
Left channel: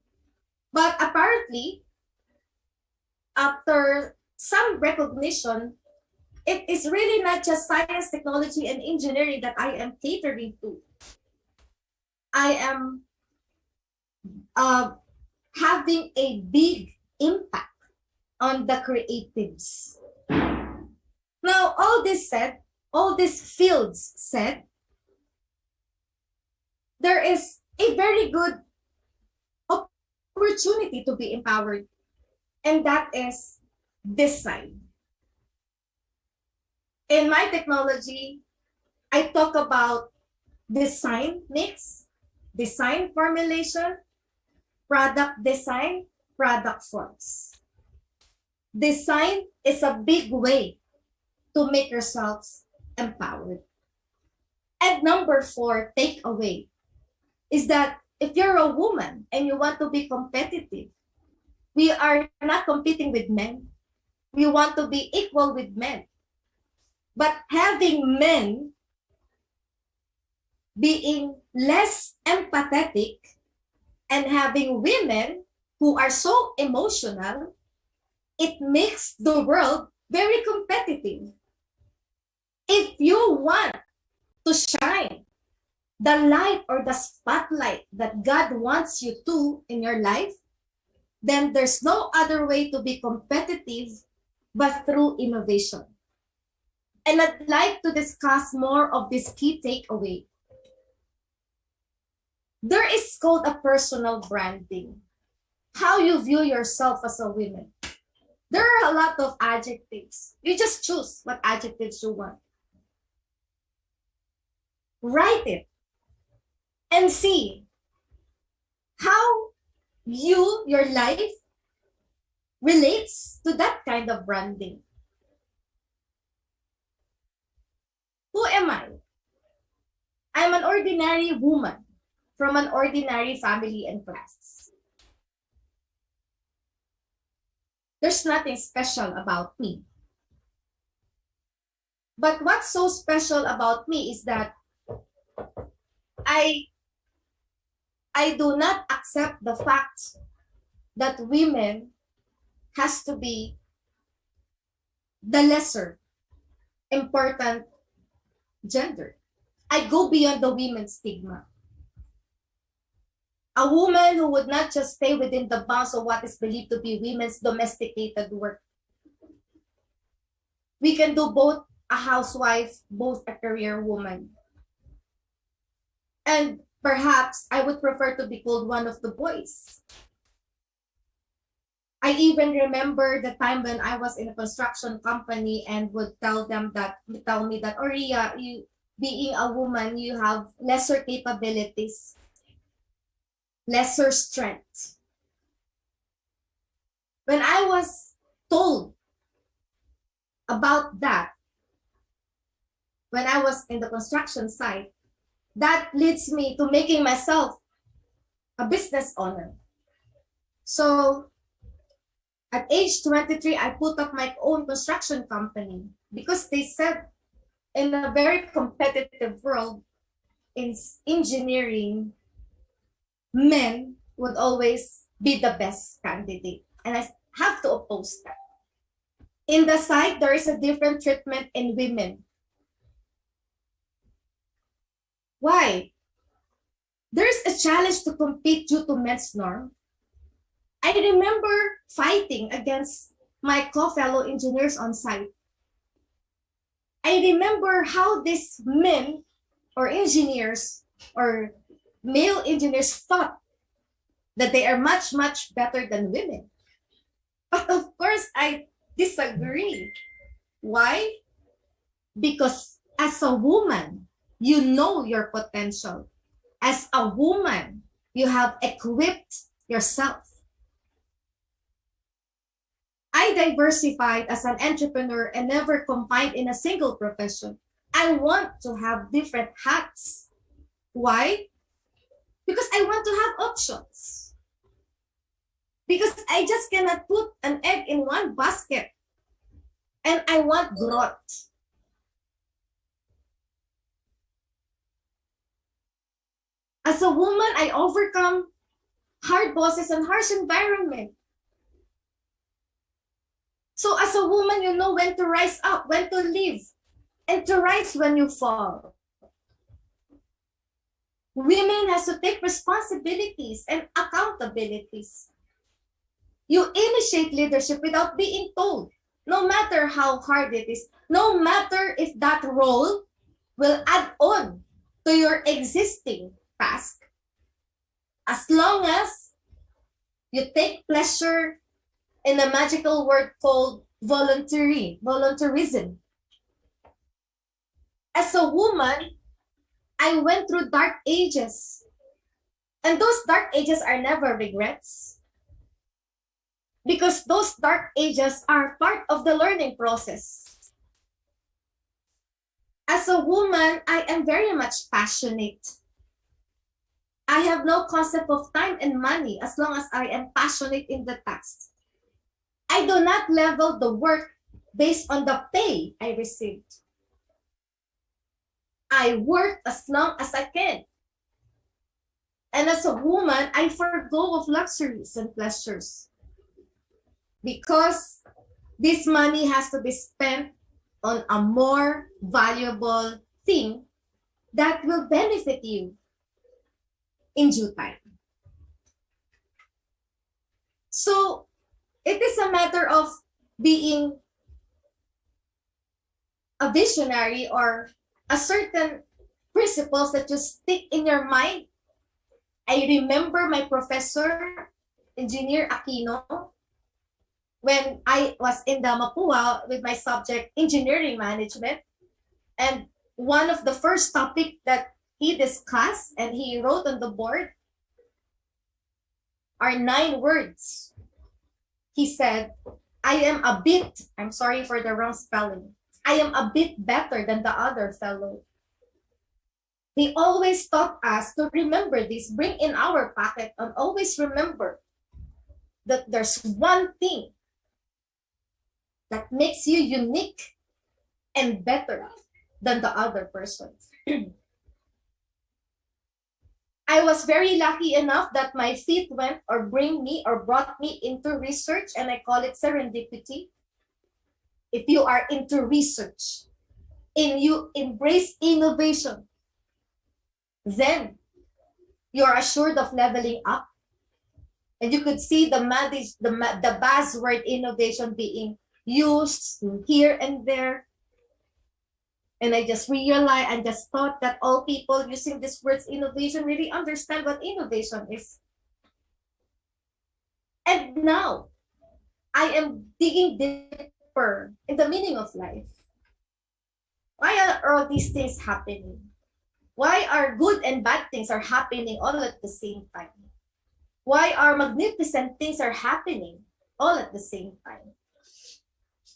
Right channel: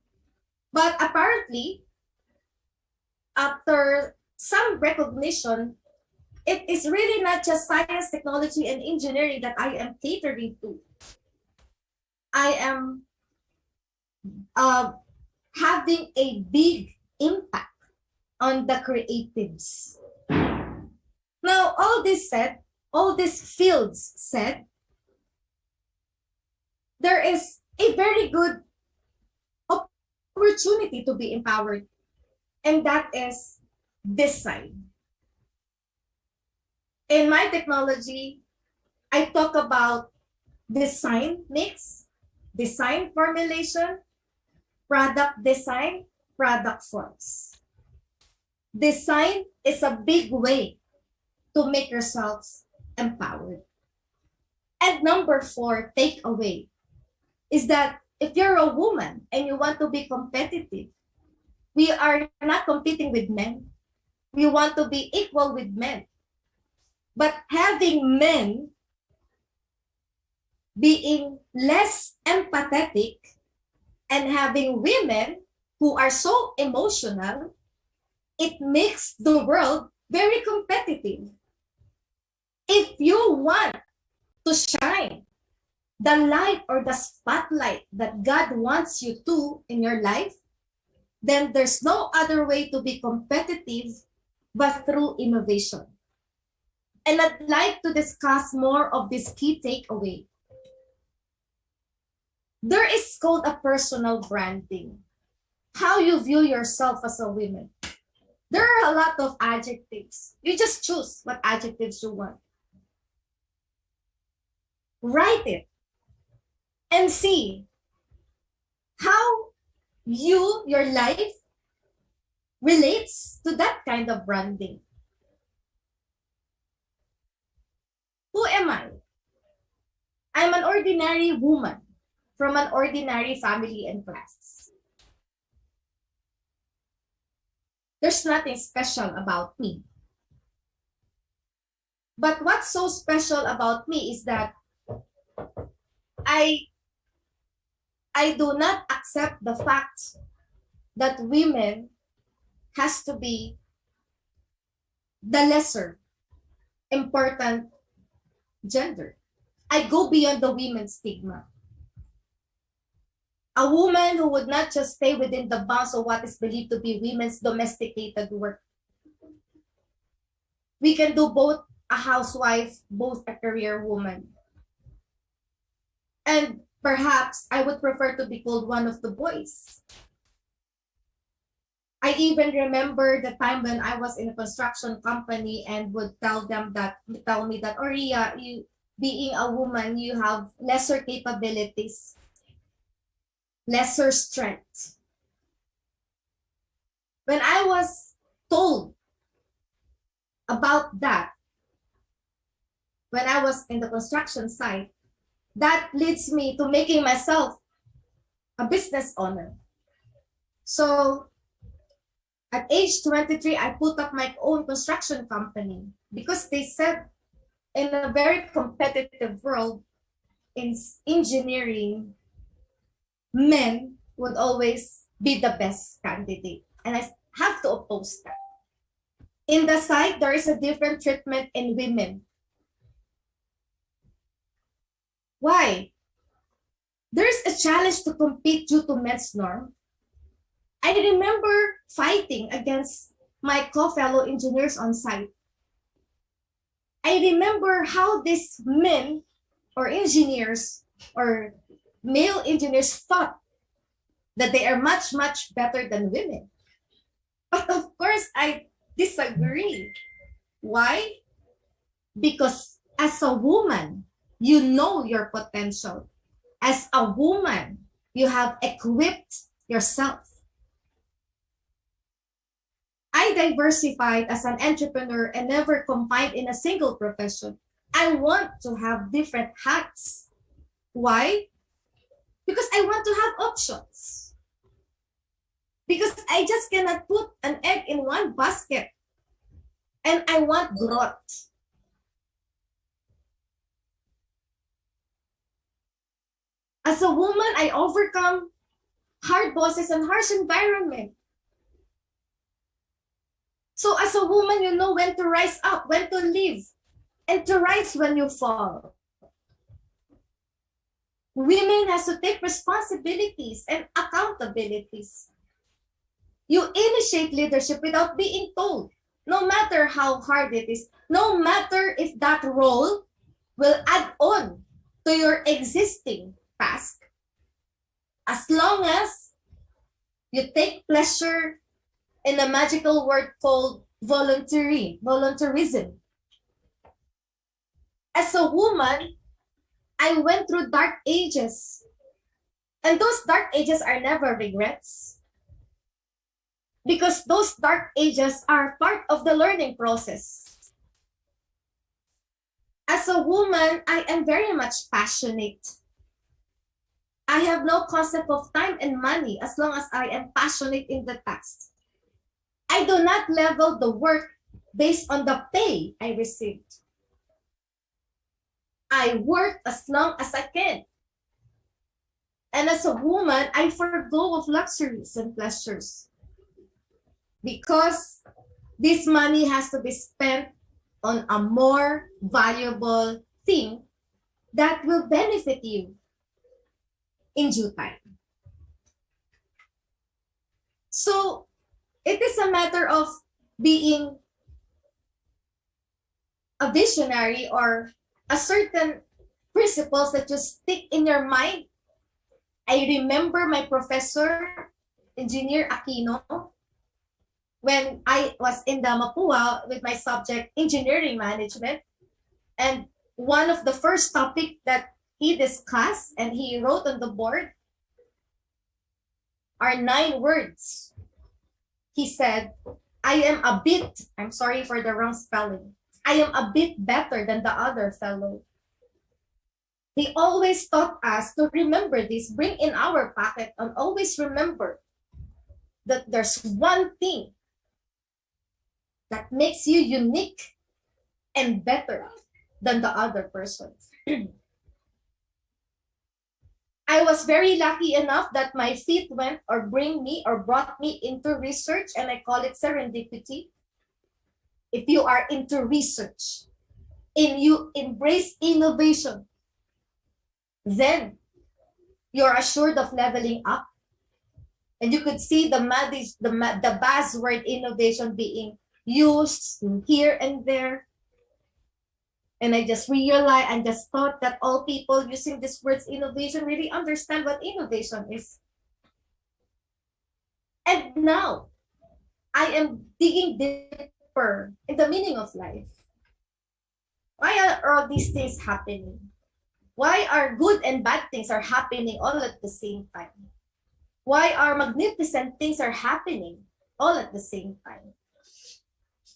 But apparently, after some recognition, it is really not just science, technology, and engineering that I am catering to. I am having a big impact on the creatives. Now, all this said, all these fields said, there is a very good opportunity to be empowered, and that is design. In my technology, I talk about design mix, design formulation, product design, product forms. Design is a big way to make yourselves empowered. And number 4, takeaway, is that if you're a woman and you want to be competitive, we are not competing with men. We want to be equal with men. But having men being less empathetic and having women who are so emotional, it makes the world very competitive. If you want to shine the light or the spotlight that God wants you to in your life, then there's no other way to be competitive but through innovation. And I'd like to discuss more of this key takeaway. There is called a personal branding. How you view yourself as a woman. There are a lot of adjectives. You just choose what adjectives you want. Write it and see how your life relates to that kind of branding. Who am I? I'm an ordinary woman from an ordinary family and class. There's nothing special about me. But what's so special about me is that I do not accept the fact that women has to be the lesser important gender. I go beyond the women's stigma. A woman who would not just stay within the bounds of what is believed to be women's domesticated work. We can do both a housewife, both a career woman. And perhaps I would prefer to be called one of the boys. I even remember the time when I was in a construction company and would tell me that, Oria, you being a woman, you have lesser capabilities, lesser strength. When I was told about that, when I was in the construction site, that leads me to making myself a business owner. So at age 23, I put up my own construction company because they said in a very competitive world in engineering, men would always be the best candidate. And I have to oppose that. In the site, there is a different treatment in women. Why? There's a challenge to compete due to men's norm. I remember fighting against my co-fellow engineers on site. I remember how these men or engineers or male engineers thought that they are much, much better than women. But of course, I disagree. Why? Because as a woman, you know your potential. As a woman, you have equipped yourself. I diversified as an entrepreneur and never confined in a single profession. I want to have different hats. Why? Because I want to have options. Because I just cannot put an egg in one basket. And I want growth. As a woman, I overcome hard bosses and harsh environment. So as a woman, you know when to rise up, when to live, and to rise when you fall. Women has to take responsibilities and accountabilities. You initiate leadership without being told, no matter how hard it is, no matter if that role will add on to your existing task. As long as you take pleasure in a magical word called volunteerism. As a woman, I went through dark ages. And those dark ages are never regrets. Because those dark ages are part of the learning process. As a woman, I am very much passionate. I have no concept of time and money as long as I am passionate in the task. I do not level the work based on the pay I received. I work as long as I can. And as a woman, I forgo of luxuries and pleasures. Because this money has to be spent on a more valuable thing that will benefit you in due time. So it is a matter of being a visionary or a certain principles that just stick in your mind. I remember my professor, Engineer Aquino, when I was in the Mapua with my subject engineering management. And one of the first topic that he discussed and he wrote on the board are 9 words. He said, I'm sorry for the wrong spelling. I am a bit better than the other fellow. He always taught us to remember this, bring in our pocket, and always remember that there's one thing that makes you unique and better than the other person. I was very lucky enough that my feet went or brought me into research, and I call it serendipity. If you are into research and you embrace innovation, then you're assured of leveling up. And you could see the buzzword innovation being used here and there. And I just realized and just thought that all people using this words innovation really understand what innovation is. And now I am digging deeper in the meaning of life. Why are all these things happening? Why are good and bad things are happening all at the same time? Why are magnificent things are happening all at the same time?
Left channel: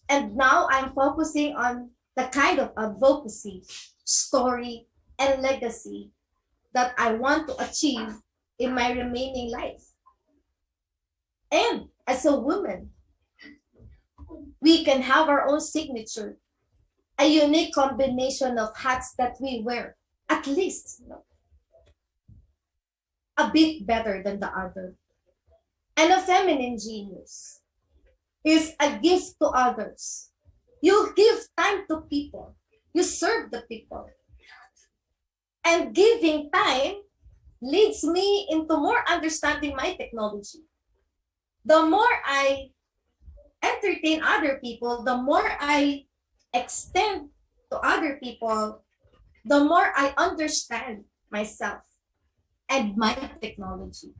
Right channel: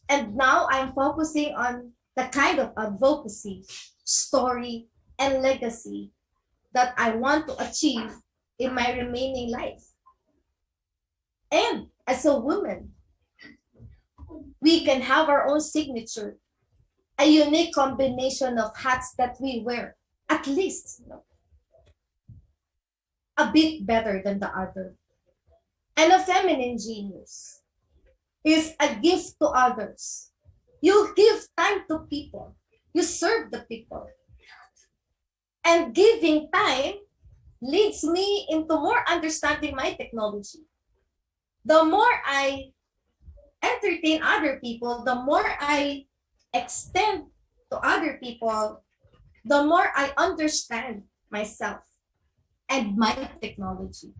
And now I'm focusing on the kind of advocacy, story, and legacy that I want to achieve in my remaining life. And as a woman, we can have our own signature, a unique combination of hats that we wear, at least a bit better than the other. And a feminine genius is a gift to others. You give time to people. You serve the people. And giving time leads me into more understanding my technology. The more I entertain other people, the more I extend to other people, the more I understand myself and my technology.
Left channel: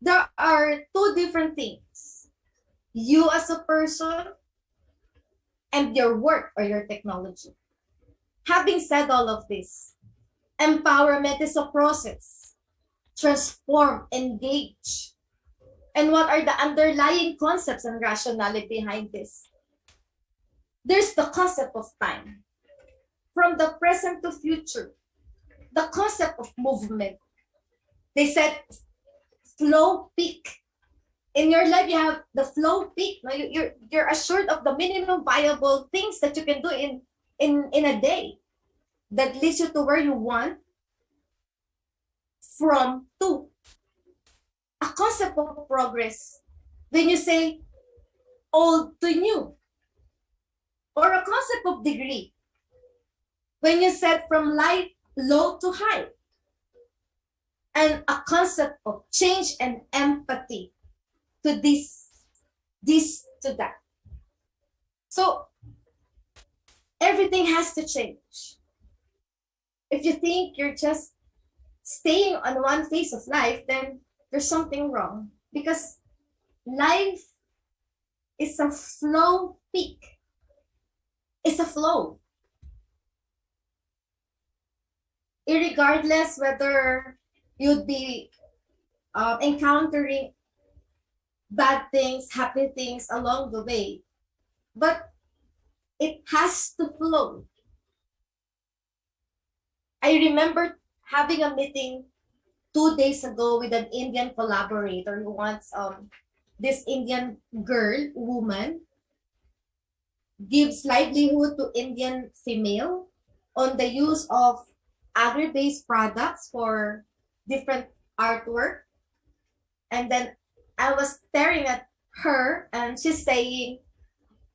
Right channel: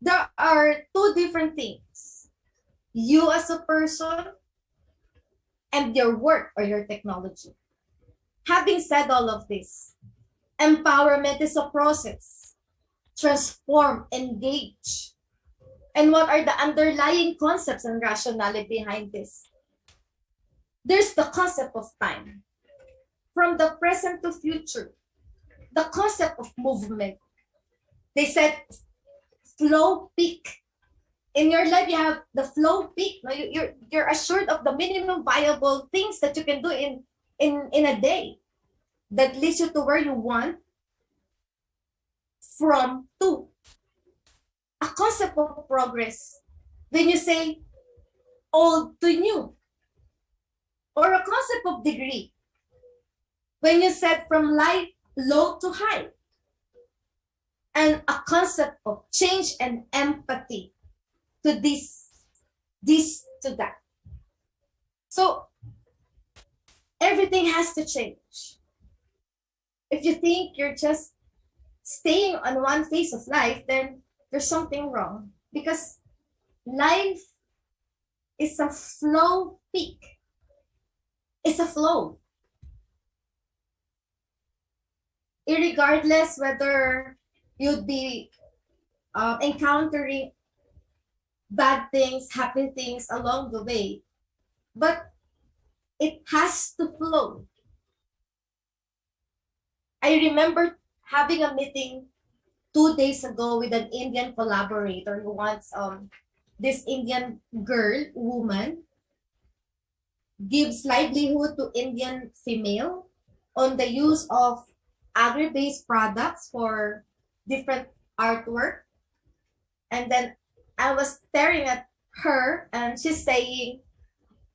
There are 2 different things. You as a person and your work or your technology. Having said all of this, empowerment is a process. Transform, engage. And what are the underlying concepts and rationale behind this? There's the concept of time. From the present to future, the concept of movement. They said flow peak. In your life, you have the flow peak. You're assured of the minimum viable things that you can do in a day that leads you to where you want from to. A concept of progress. When you say old to new, or a concept of degree. When you said from light low to high, and a concept of change and empathy to this to that. So everything has to change. If you think you're just staying on one phase of life, then there's something wrong, because life is a flow peak. It's a flow. Irregardless whether you'd be encountering bad things, happy things along the way, but it has to flow. I remember having a meeting 2 days ago with an Indian collaborator who wants this Indian woman gives livelihood to Indian female on the use of agri-based products for different artwork. And then I was staring at her and she's saying,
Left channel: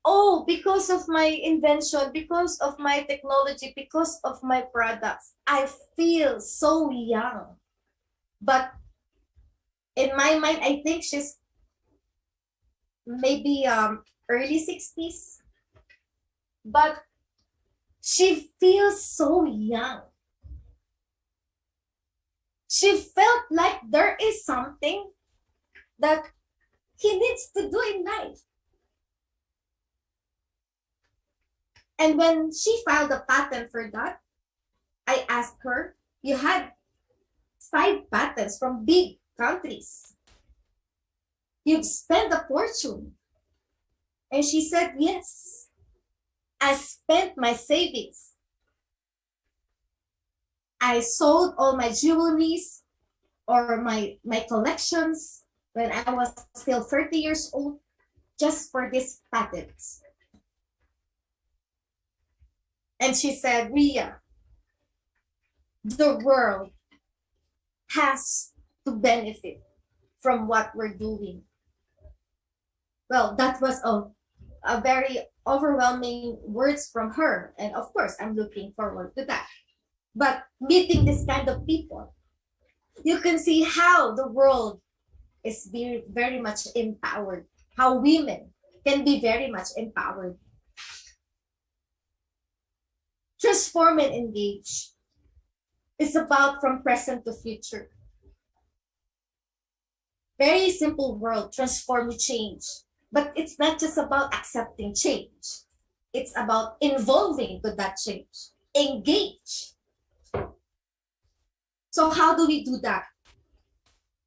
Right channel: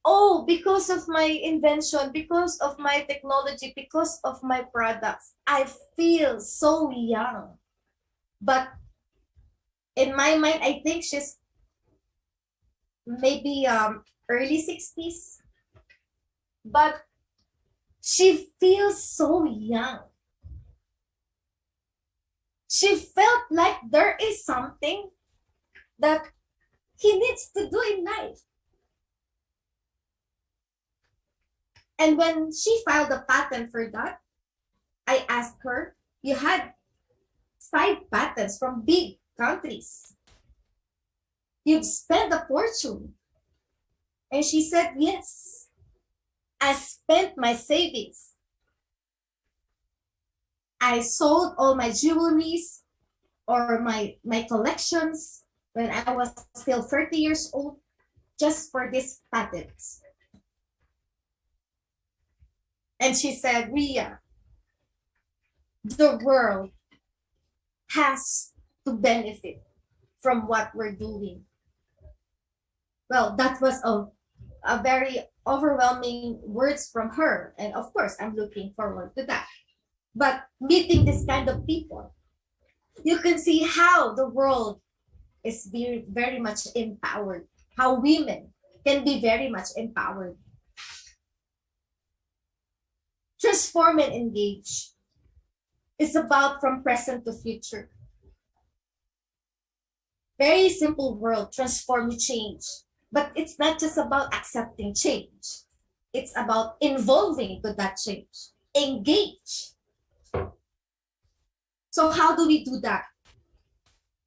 oh, because of my invention, because of my technology, because of my products, I feel so young. But In my mind, I think she's maybe early 60s, but she feels so young. She felt like there is something that he needs to do in life. And when she filed a patent for that, I asked her, you had 5 patents from big countries. You've spent a fortune. And she said, yes, I spent my savings. I sold all my jewelries or my collections when I was still 30 years old just for these patents. And she said, Ria, the world has to benefit from what we're doing. Well, that was a very overwhelming words from her. And of course, I'm looking forward to that. But meeting this kind of people, you can see how the world is very much empowered, how women can be very much empowered. Transform and engage. It's about from present to future. Very simple world, transform, change. But it's not just about accepting change. It's about involving to that change. Engage. So how do we do that?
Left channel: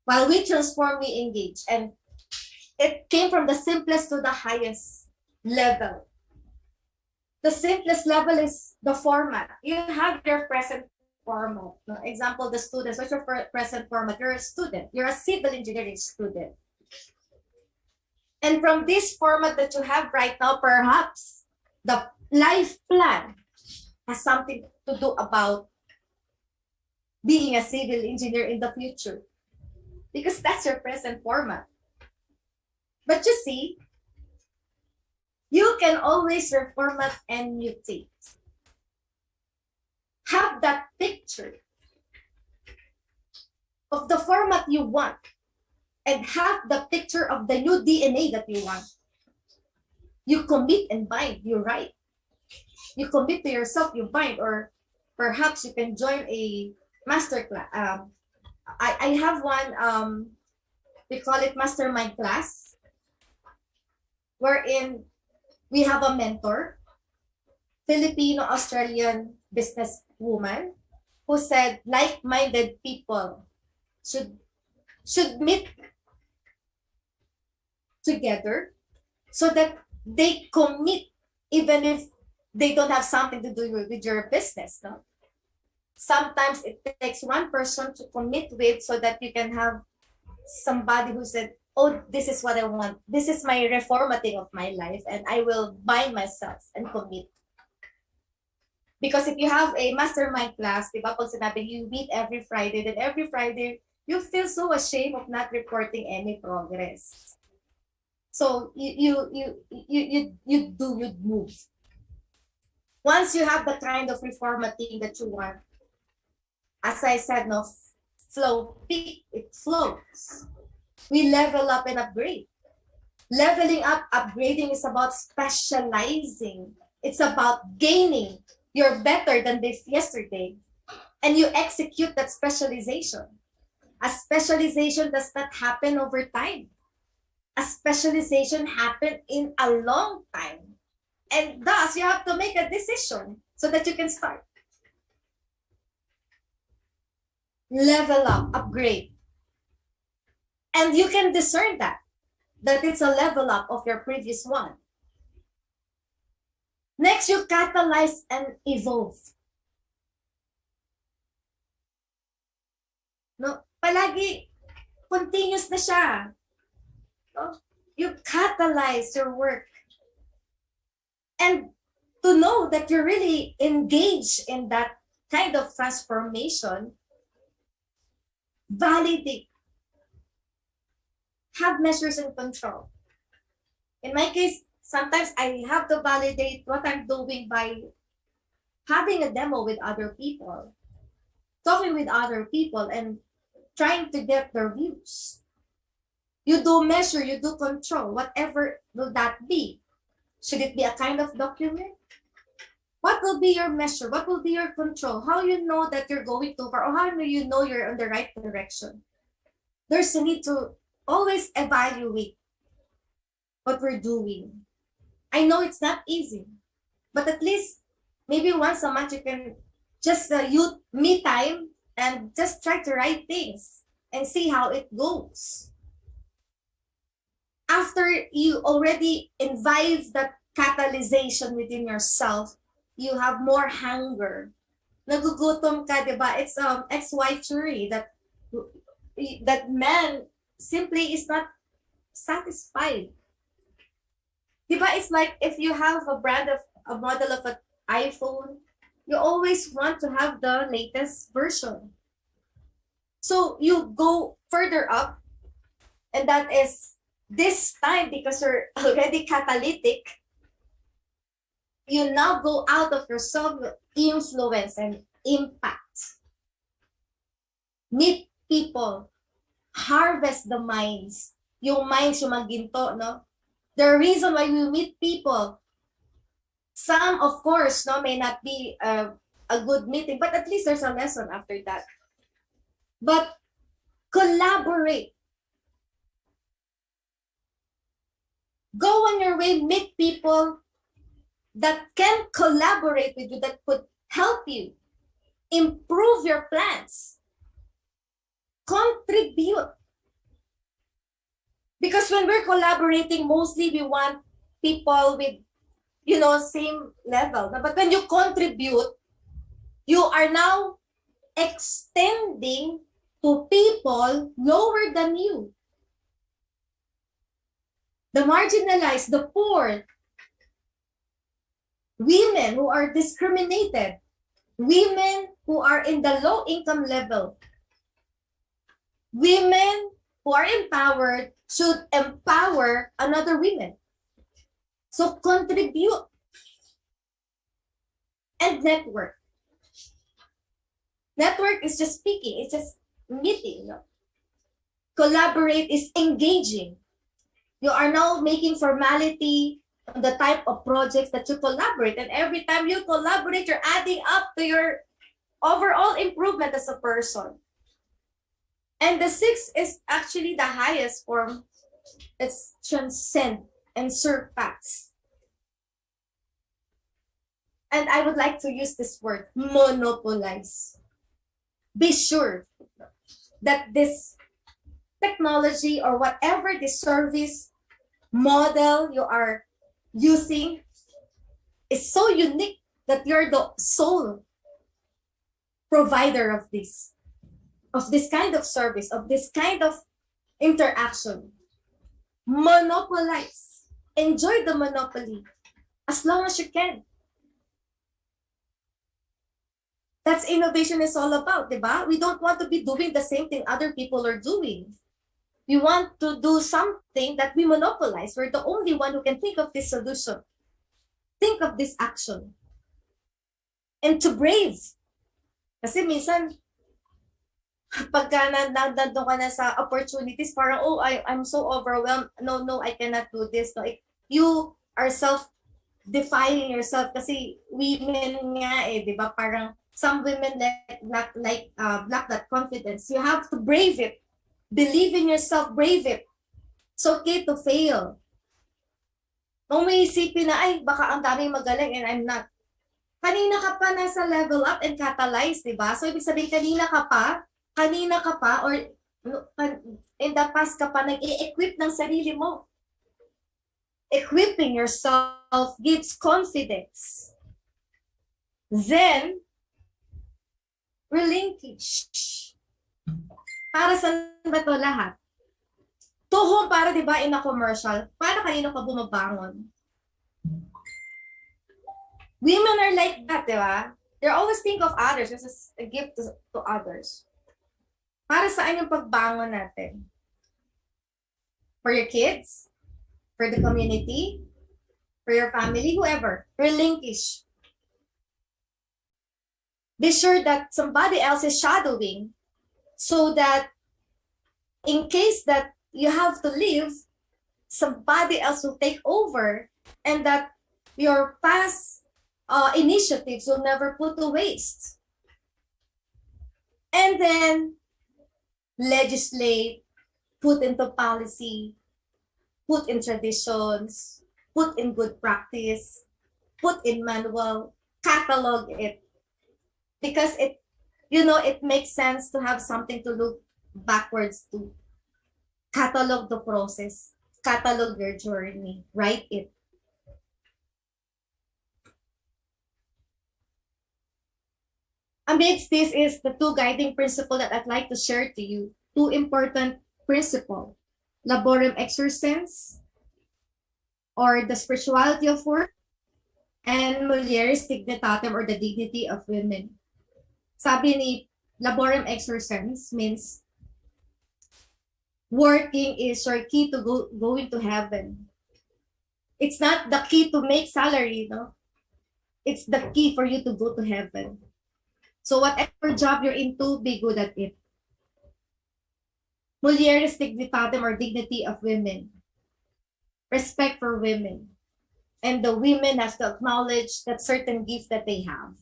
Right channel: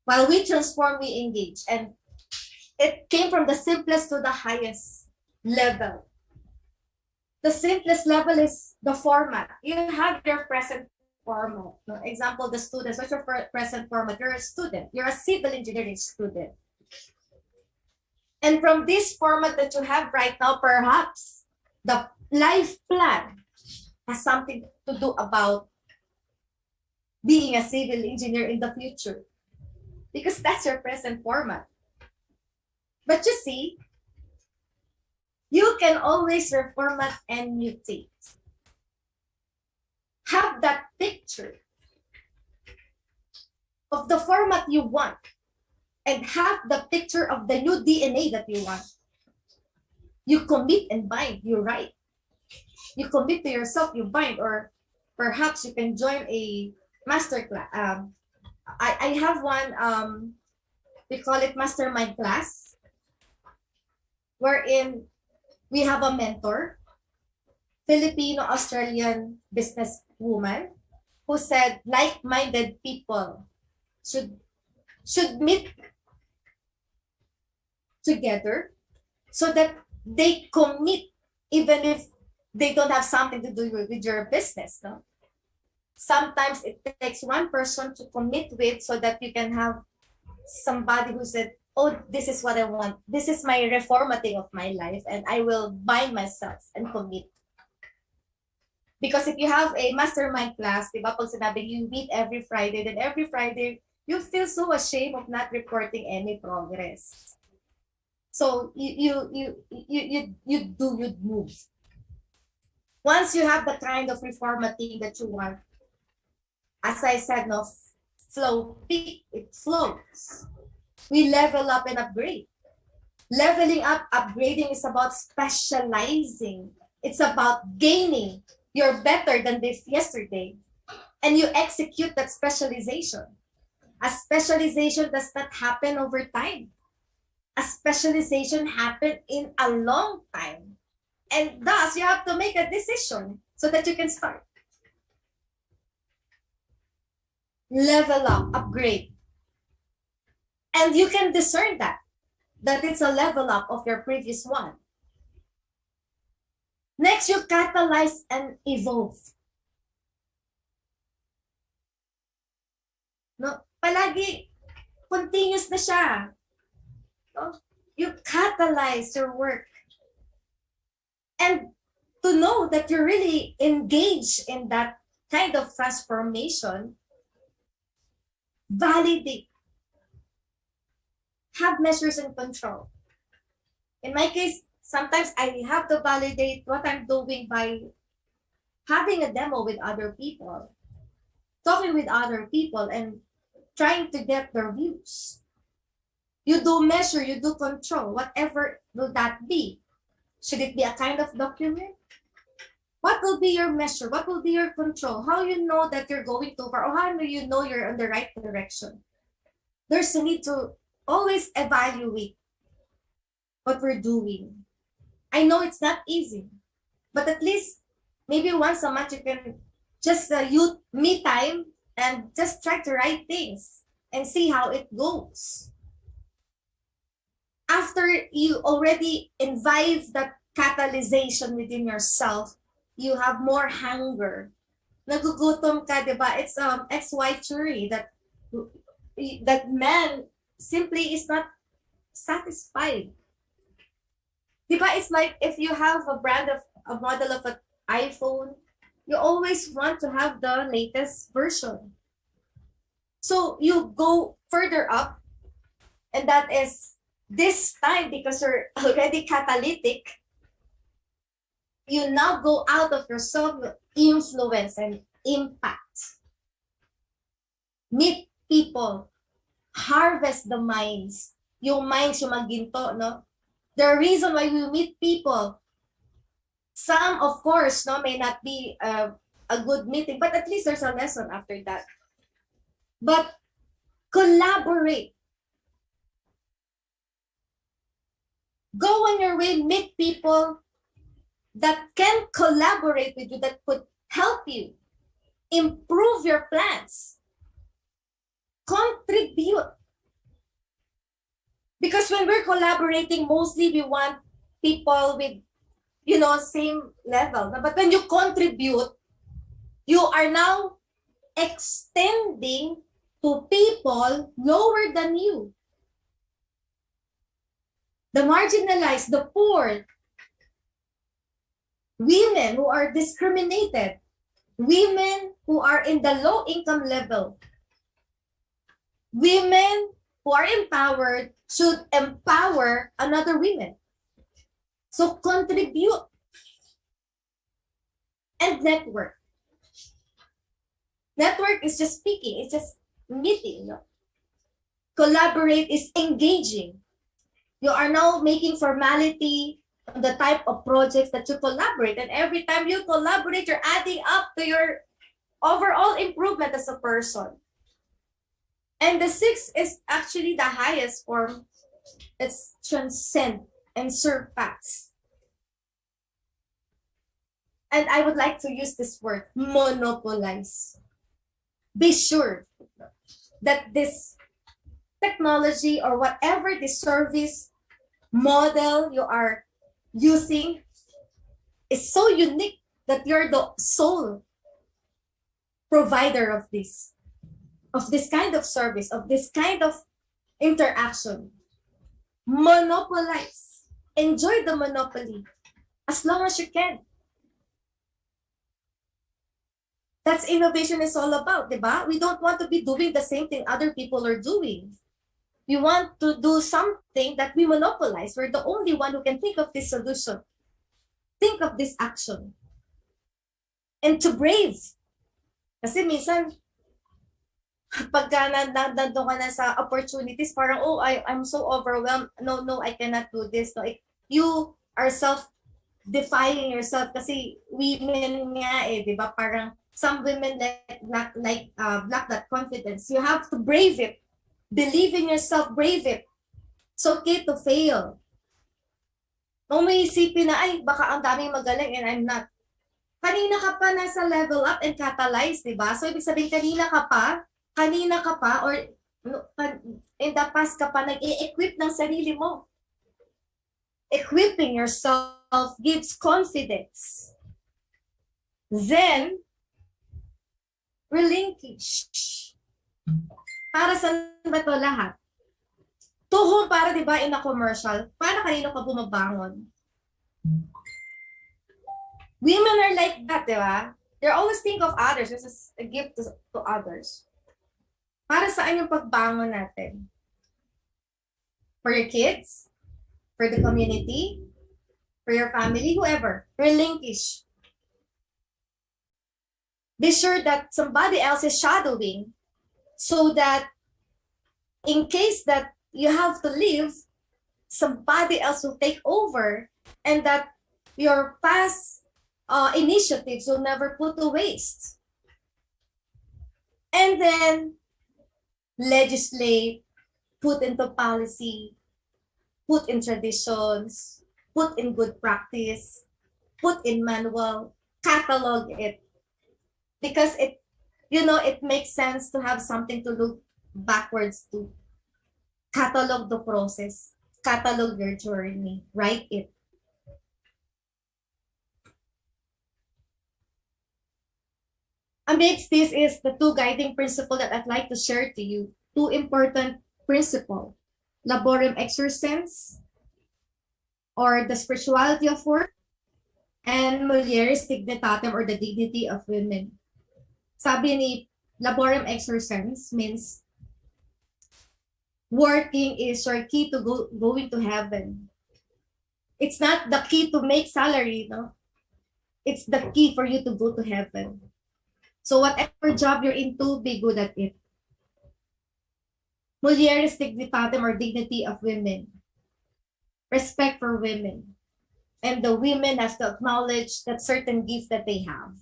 While we transform, we engage. And it came from the simplest to the highest level. The simplest level is the format. You have your present format. For example, the students, what's your present format? You're a student. You're a civil engineering student. And from this format that you have right now, perhaps the life plan has something to do about being a civil engineer in the future. Because that's your present format. But you see, you can always reformat and mutate. Have that picture of the format you want and have the picture of the new DNA that you want. You commit and bind, you write. You commit to yourself, you bind, or perhaps you can join a master class. I have one, we call it mastermind class, wherein we have a mentor, Filipino-Australian businesswoman, who said like-minded people should meet together so that they commit even if they don't have something to do with your business. No? Sometimes it takes one person to commit with so that you can have somebody who said, oh, this is what I want. This is my reformatting of my life, and I will bind myself and commit. Because if you have a mastermind class, di ba, pag sinabi you meet every Friday, then every Friday, you feel so ashamed of not reporting any progress. So you move. Once you have the kind of reformatting that you want, as I said, no, it flows. We level up and upgrade. Leveling up, upgrading is about specializing. It's about gaining. You're better than this yesterday. And you execute that specialization. A specialization does not happen over time. A specialization happens in a long time. And thus, you have to make a decision so that you can start. Level up, upgrade. And you can discern that it's a level up of your previous one. Next, you catalyze and evolve. No, palagi continuous na siya. No? You catalyze your work. And to know that you're really engaged in that kind of transformation, validate. Have measures and control. In my case, sometimes I have to validate what I'm doing by having a demo with other people, talking with other people, and trying to get their views. You do measure, you do control, whatever will that be. Should it be a kind of document? What will be your measure? What will be your control? How you know that you're going too far? Or how do you know you're on the right direction? There's a need to always evaluate what we're doing. I know it's not easy, but at least maybe once a month you can just use me time and just try to write things and see how it goes. After you already imbibe that catalyzation within yourself, you have more hunger. Nagugutom ka, di ba? It's XY theory that man simply is not satisfied. Di ba? It's like if you have a model of an iPhone, you always want to have the latest version. So you go further up, and that is this time because you're already catalytic, you now go out of yourself with influence and impact. Meet people, harvest the minds. Yung minds yung maginto, no? The reason why we meet people, some of course, no, may not be a good meeting, but at least there's a lesson after that. But collaborate. Go on your way, meet people that can collaborate with you, that could help you improve your plans. Contribute. Because when we're collaborating, mostly we want people with, same level. But when you contribute, you are now extending to people lower than you. The marginalized, the poor, women who are discriminated, women who are in the low income level, women who are empowered should empower another women. So contribute and network. Network is just speaking, it's just meeting. No? Collaborate is engaging. You are now making formality on the type of projects that you collaborate. And every time you collaborate, you're adding up to your overall improvement as a person. And the sixth is actually the highest form. It's transcend and surpass. And I would like to use this word, monopolize. Be sure that this technology or whatever the service model you are using is so unique that you're the sole provider of this kind of service, of this kind of interaction. Monopolize. Enjoy the monopoly as long as you can. That's innovation is all about, diba? We don't want to be doing the same thing other people are doing. We want to do something that we monopolize. We're the only one who can think of this solution. Think of this action. And to brave. Kasi minsan, pagka nandun ka na sa opportunities, parang, I'm so overwhelmed. No, I cannot do this. No, you are self-defying yourself kasi women nga di ba? Parang some women lack that confidence. You have to brave it. Believe in yourself, brave it. It's okay to fail. Kung may isipin na, baka ang daming magaling and I'm not. Kanina ka pa nasa level up and catalyze, di ba? So, ibig sabihin, kanina ka pa, or in the past ka pa nag-i-equip ng sarili mo. Equipping yourself gives confidence. Then, relinquish. Para saan ba ito lahat? Tuhon para, di ba, in a commercial, para kanino ka bumabangon? Women are like that, di ba? They always think of others. This is a gift to others. Para saan yung pagbangon natin? For your kids? For the community? For your family? Whoever. Relinquish. Be sure that somebody else is shadowing so that in case that you have to leave, somebody else will take over, and that your past initiatives will never put to waste. And then legislate, put into policy, put in traditions, put in good practice, put in manual, catalog it. Because it makes sense to have something to look backwards to. Catalog the process, catalog your journey, write it. Amidst this is the two guiding principles that I'd like to share to you. Two important principles. Laborem exercens, or the spirituality of work, and mulieris dignitatem, or the dignity of women. Sabi ni laborem exercens means working is your key to going to heaven. It's not the key to make salary, no? It's the key for you to go to heaven. So whatever job you're into, be good at it. Mulieris dignitatem, or dignity of women. Respect for women. And the women has to acknowledge that certain gift that they have.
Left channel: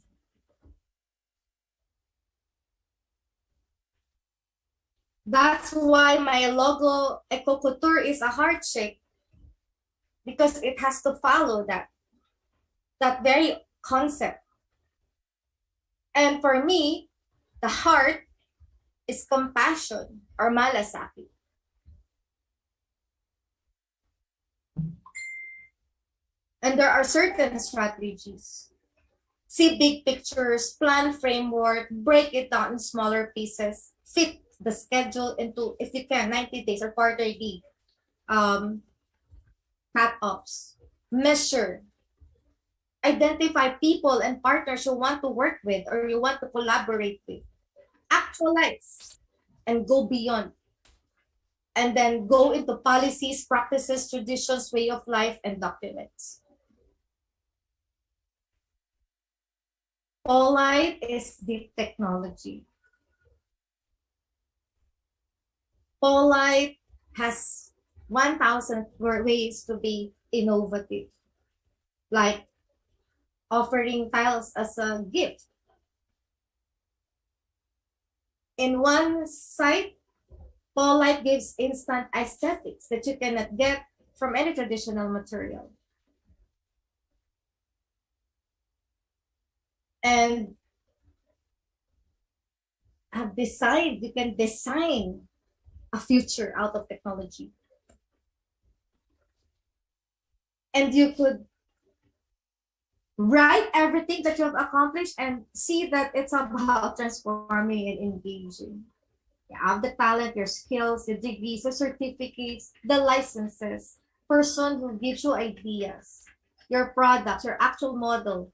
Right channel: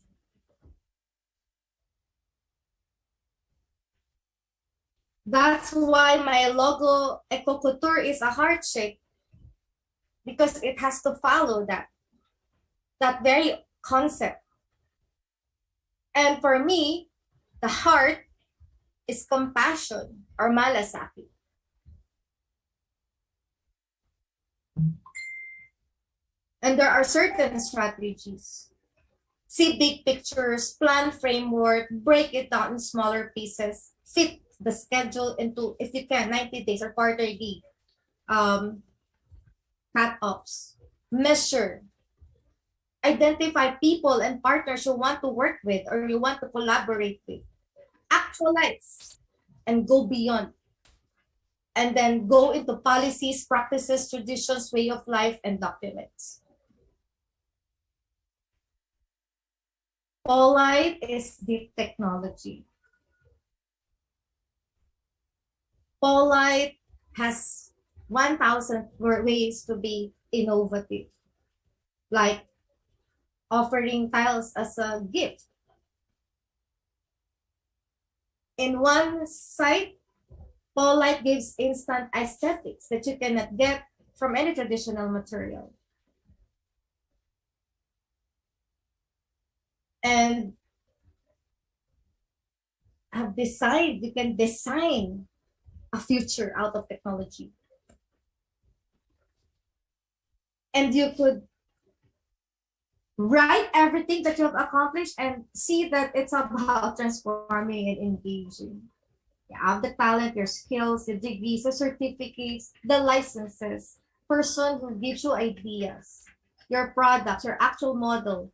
That's why my logo, Ecoculture, is a heart shape. Because it has to follow that very concept. And for me, the heart is compassion, or malasakit. And there are certain strategies. See big pictures, plan framework, break it down in smaller pieces, fit the schedule into, if you can, 90 days or quarterly cut-offs. Measure. Identify people and partners you want to work with or you want to collaborate with. Actualize and go beyond. And then go into policies, practices, traditions, way of life, and documents. Polite is deep technology. Polite has 1,000 ways to be innovative, like offering tiles as a gift. In one site, Polite gives instant aesthetics that you cannot get from any traditional material. And you can design a future out of technology. And you could write everything that you have accomplished and see that it's about transforming and engaging. You have the talent, your skills, the degrees, the certificates, the licenses, person who gives you ideas, your products, your actual model,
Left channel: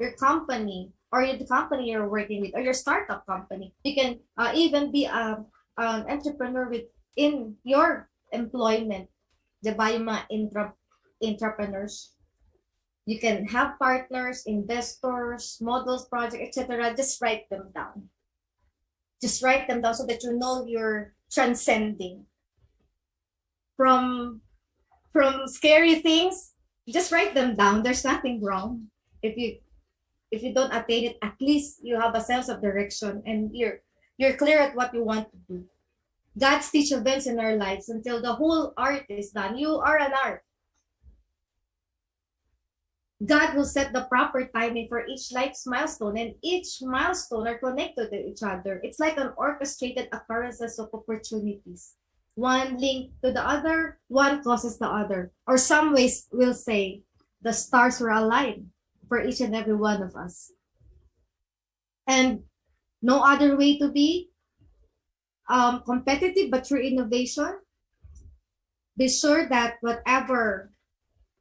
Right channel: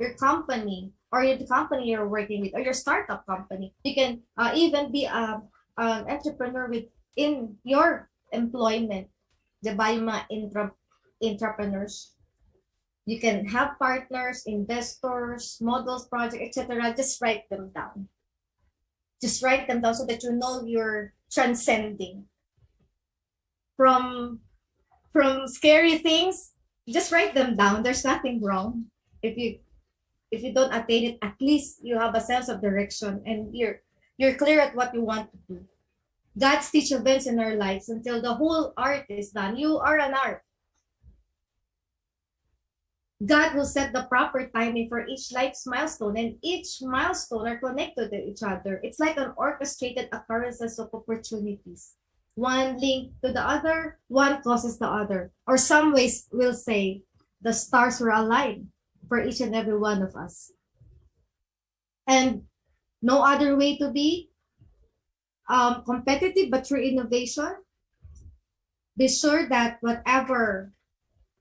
your company, or the company you're working with, or your startup company. You can even be an entrepreneur within your employment, the mga entrepreneurs. You can have partners, investors, models, projects, etc. Just write them down. Just write them down so that you know you're transcending from scary things. Just write them down. There's nothing wrong if you don't attain it. At least you have a sense of direction and you're clear at what you want to do. God's teach events in our lives until the whole art is done. You are an art. God will set the proper timing for each life's milestone, and each milestone are connected to each other. It's like an orchestrated occurrences of opportunities. One linked to the other, one causes the other. Or some ways will say the stars were aligned for each and every one of us. And no other way to be competitive but through innovation. Be sure that whatever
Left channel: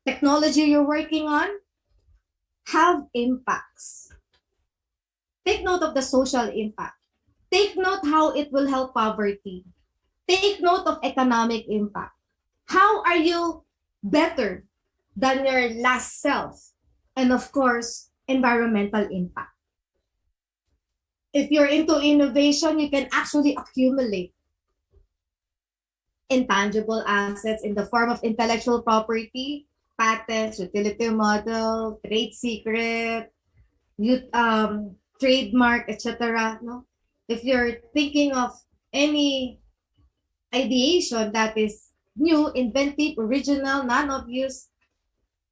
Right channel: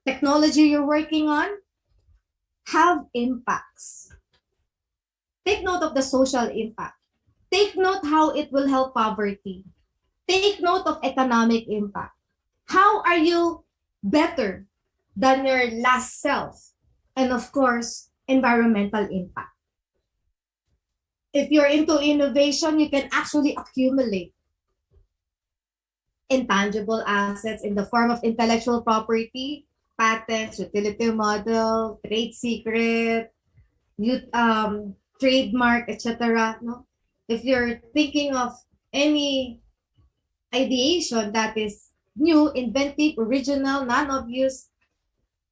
technology you're working on have impacts. Take note of the social impact. Take note how it will help poverty. Take note of economic impact. How are you better than your last self? And of course, environmental impact. If you're into innovation, you can actually accumulate. intangible assets in the form of intellectual property, patents, utility model, trade secret, trademark, etc. No? If you're thinking of any ideation that is new, inventive, original, non-obvious,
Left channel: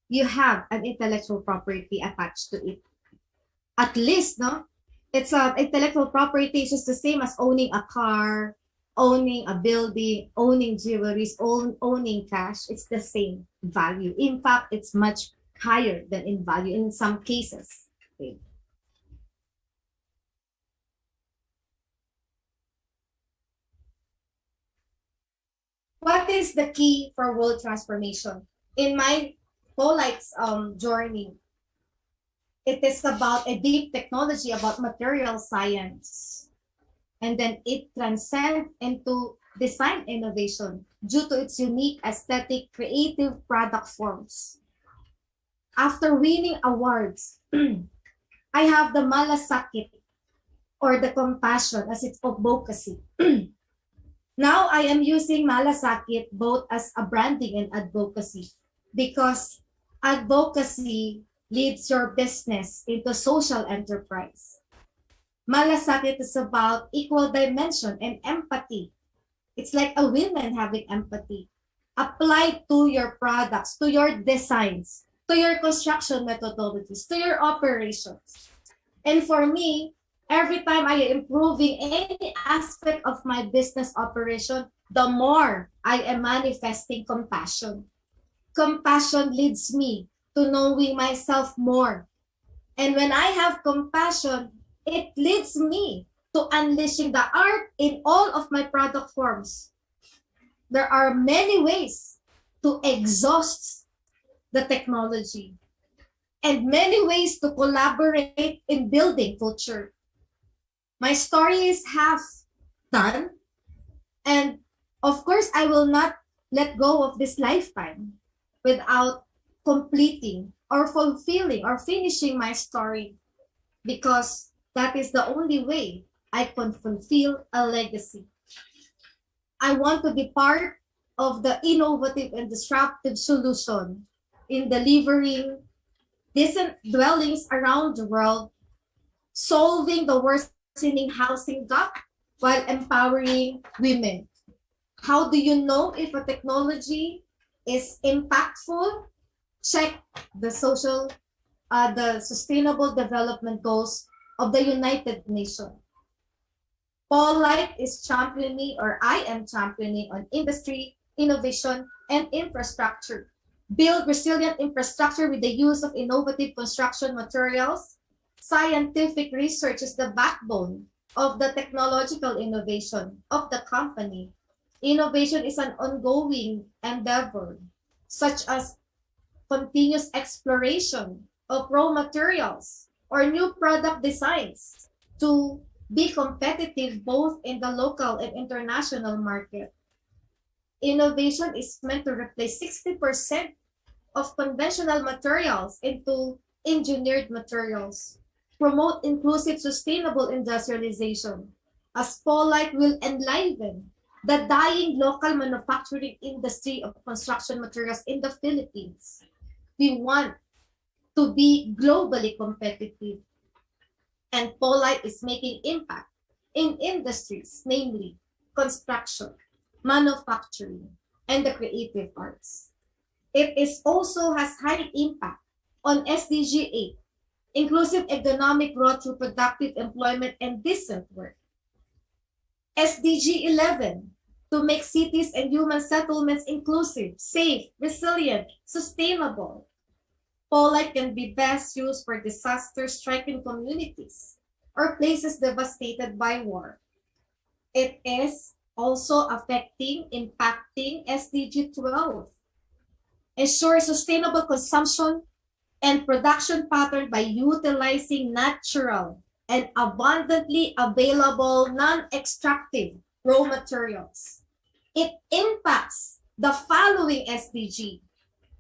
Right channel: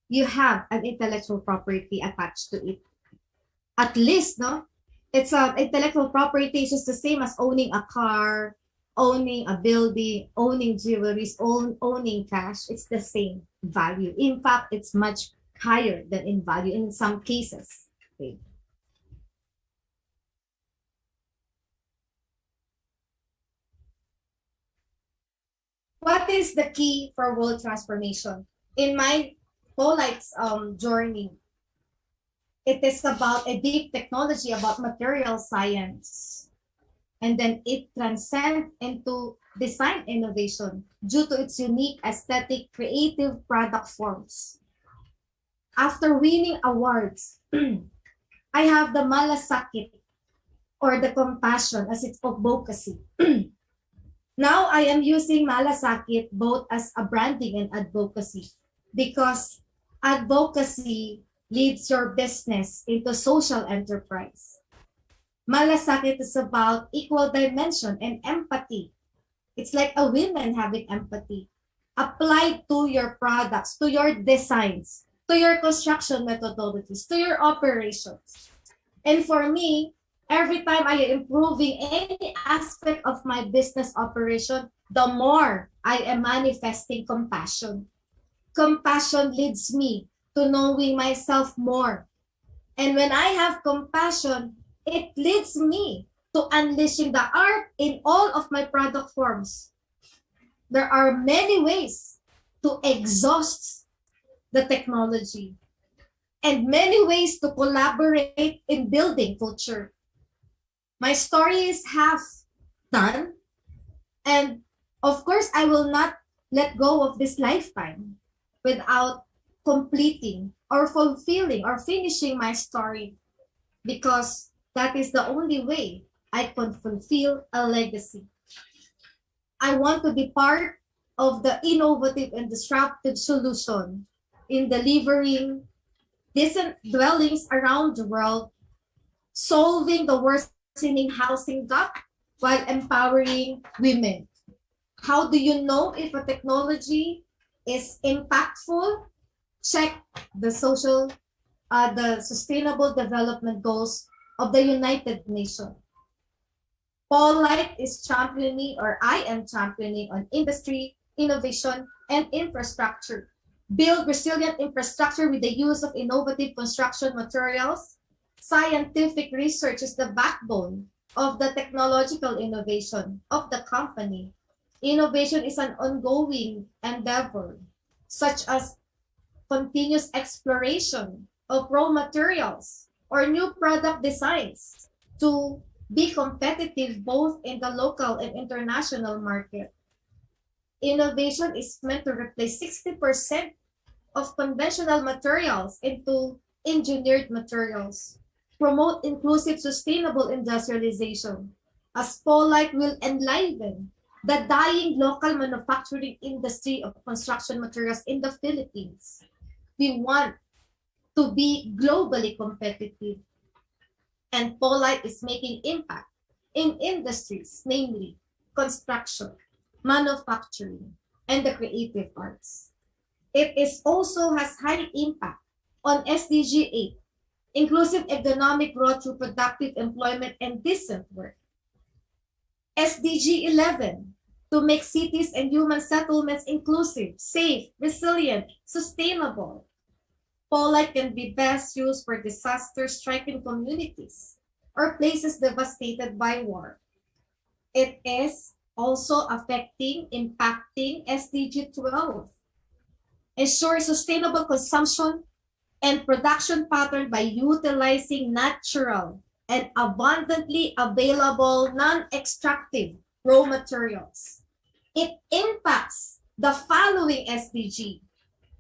you have an intellectual property attached to it. At least, no? It's intellectual property is just the same as owning a car, owning a building, owning jewelries, owning cash. It's the same value. In fact, it's much higher than in value in some cases. Okay. What is the key for world transformation? In my Polite's journey, it is about a deep technology about material science. And then it transcends into design innovation due to its unique aesthetic creative product forms. After winning awards, I have the malasakit or the compassion as its advocacy. Now I am using malasakit both as a branding and advocacy because advocacy leads your business into social enterprise. Malasakit is about equal dimension and empathy. It's like a woman having empathy applied to your products, to your designs, to your construction methodologies, to your operations. And for me, every time I am improving any aspect of my business operation, the more I am manifesting compassion. Compassion leads me to knowing myself more. And when I have compassion, it leads me to unleashing the art in all of my product forms. There are many ways to exhaust the technology and many ways to collaborate in building culture. My story is half done, and of course, I will not let go of this lifetime without completing or fulfilling or finishing my story because that is the only way I can fulfill a legacy. I want to be part of the innovative and disruptive solution in delivering decent dwellings around the world, solving the worsening housing gap while empowering women. How do you know if a technology is impactful? Check the Sustainable Development Goals of the United Nations. Polite is championing, or I am championing, on industry, innovation, and infrastructure. Build resilient infrastructure with the use of innovative construction materials. Scientific research is the backbone of the technological innovation of the company. Innovation is an ongoing endeavor, such as continuous exploration of raw materials or new product designs to be competitive both in the local and international market. Innovation is meant to replace 60% of conventional materials into engineered materials, promote inclusive sustainable industrialization, as Polite will enliven the dying local manufacturing industry of construction materials in the Philippines. We want to be globally competitive, and Polite is making impact in industries, namely construction, manufacturing, and the creative arts. It is also has high impact on SDG 8, inclusive economic growth through productive employment and decent work. SDG 11, to make cities and human settlements inclusive, safe, resilient, sustainable. Polite can be best used for disaster-stricken communities or places devastated by war. It is also impacting SDG 12. Ensure sustainable consumption and production pattern by utilizing natural and abundantly available non-extractive raw materials. It impacts the following SDG.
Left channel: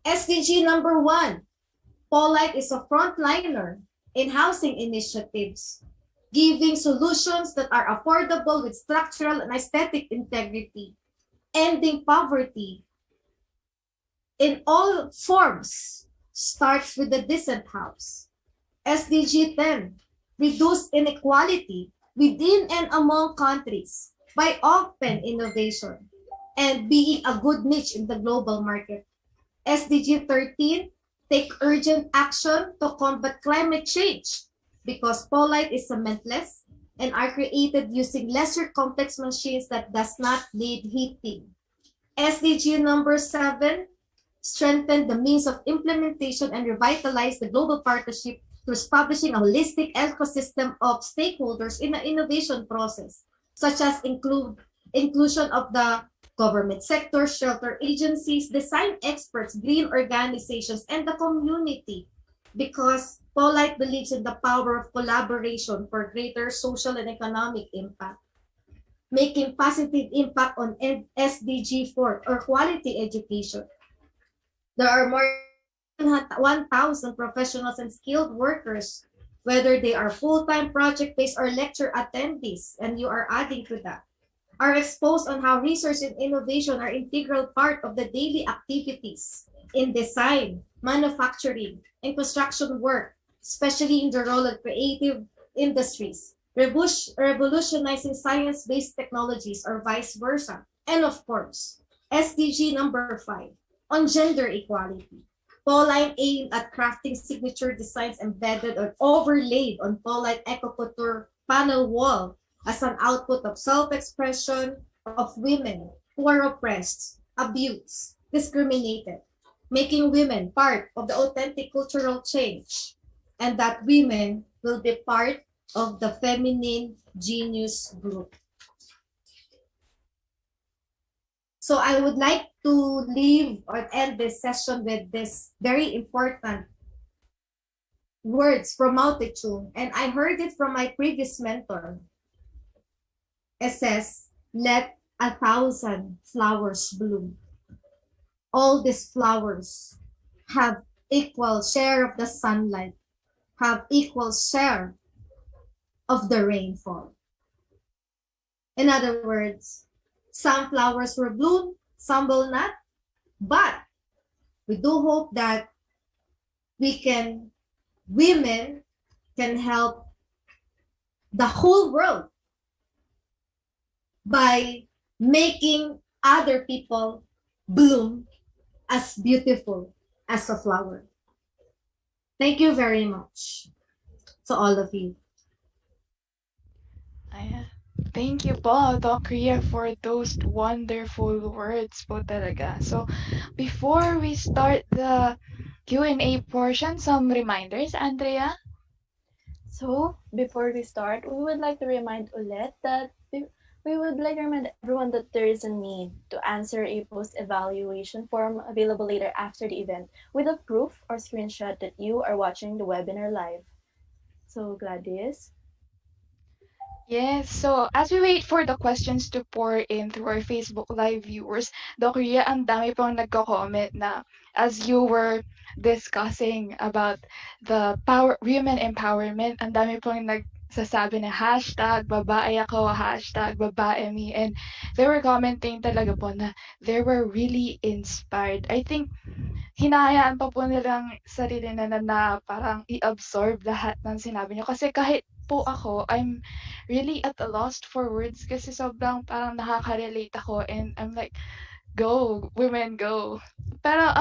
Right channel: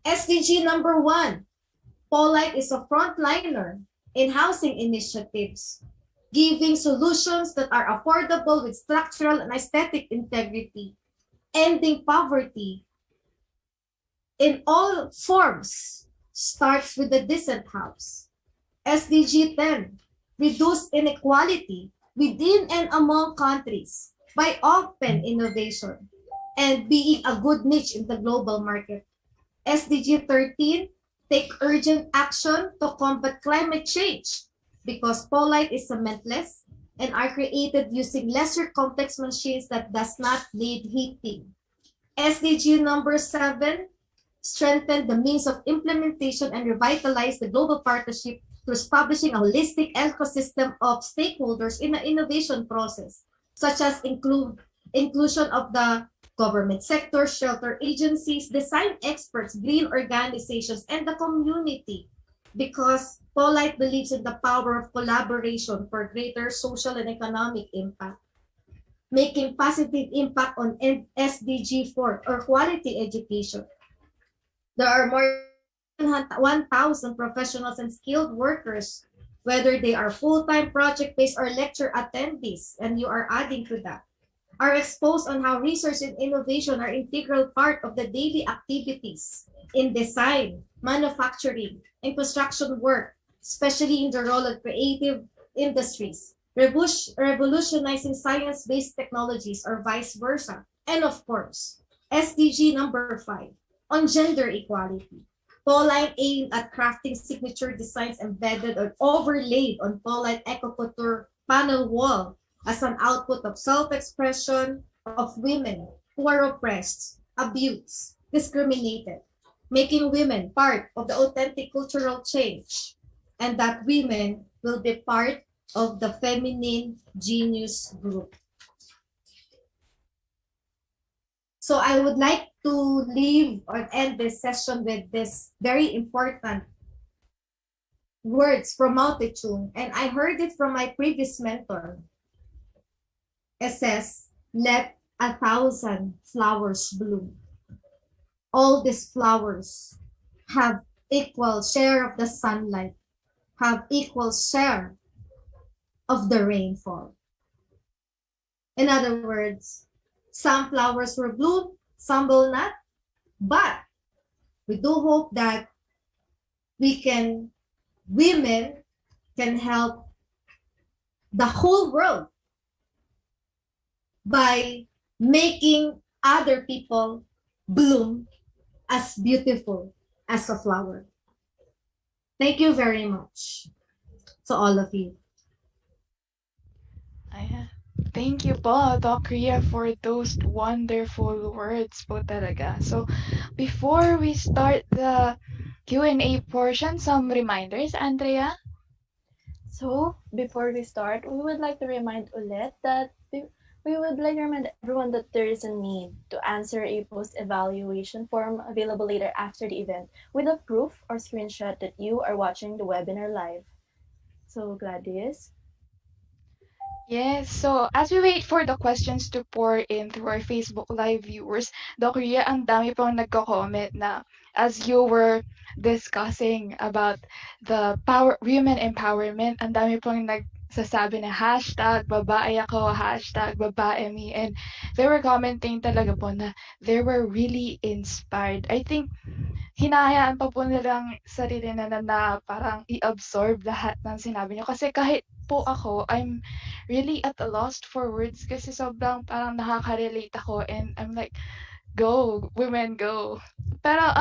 SDG number 1, Polite is a frontliner in housing initiatives, giving solutions that are affordable with structural and aesthetic integrity. Ending poverty in all forms starts with a decent house. SDG 10, reduce inequality within and among countries by open innovation and being a good niche in the global market. SDG 13, take urgent action to combat climate change because polite is cementless and are created using lesser complex machines that does not need heating. SDG number 7, strengthen the means of implementation and revitalize the global partnership through establishing a holistic ecosystem of stakeholders in the innovation process, such as inclusion of the government sector, shelter agencies, design experts, green organizations, and the community. Because Polite believes in the power of collaboration for greater social and economic impact, making positive impact on SDG 4 or quality education. There are more than 1,000 professionals and skilled workers, whether they are full-time project-based or lecture attendees, and you are adding to that, are exposed on how research and innovation are integral part of the daily activities in design, manufacturing, and construction work, especially in the role of creative industries, revolutionizing science-based technologies or vice versa. And of course, SDG number 5, on gender equality. Pauline aimed at crafting signature designs embedded or overlaid on Pauline Eco-Couture panel wall as an output of self-expression of women who are oppressed, abused, discriminated, making women part of the authentic cultural change, and that women will be part of the feminine genius group. So I would like to leave or end this session with this very important words from Mao Zedong, and I heard it from my previous mentor. It says, let 1,000 flowers bloom. All these flowers have equal share of the sunlight, have equal share of the rainfall. In other words, some flowers will bloom, some will not, but we do hope that women can help the whole world by making other people bloom as beautiful as a flower. Thank you very much to all of you. Thank you po, Doc Rhea, for those wonderful words po talaga. So, before we start the Q&A portion, some reminders, Andrea? So, before we start, we would like to remind ulit that we would like to remind everyone that there is a need to answer a post-evaluation form available later after the event with a proof or screenshot that you are watching the webinar live. So, Gladys? Yes, so as we wait for the questions to pour in through our Facebook Live viewers, Doc Rhea, ang dami pong nagko-comment na as you were discussing about the women empowerment, ang dami pong nagsasabi na hashtag babae ako, hashtag babae me, and they were commenting talaga po na they were really inspired. I think hinahayaan pa po nilang sarili na parang i-absorb lahat ng sinabi niyo. Kasi kahit po ako, I'm really at a loss for words kasi sobrang parang nakaka-relate ako and I'm like, go, women, go. Pero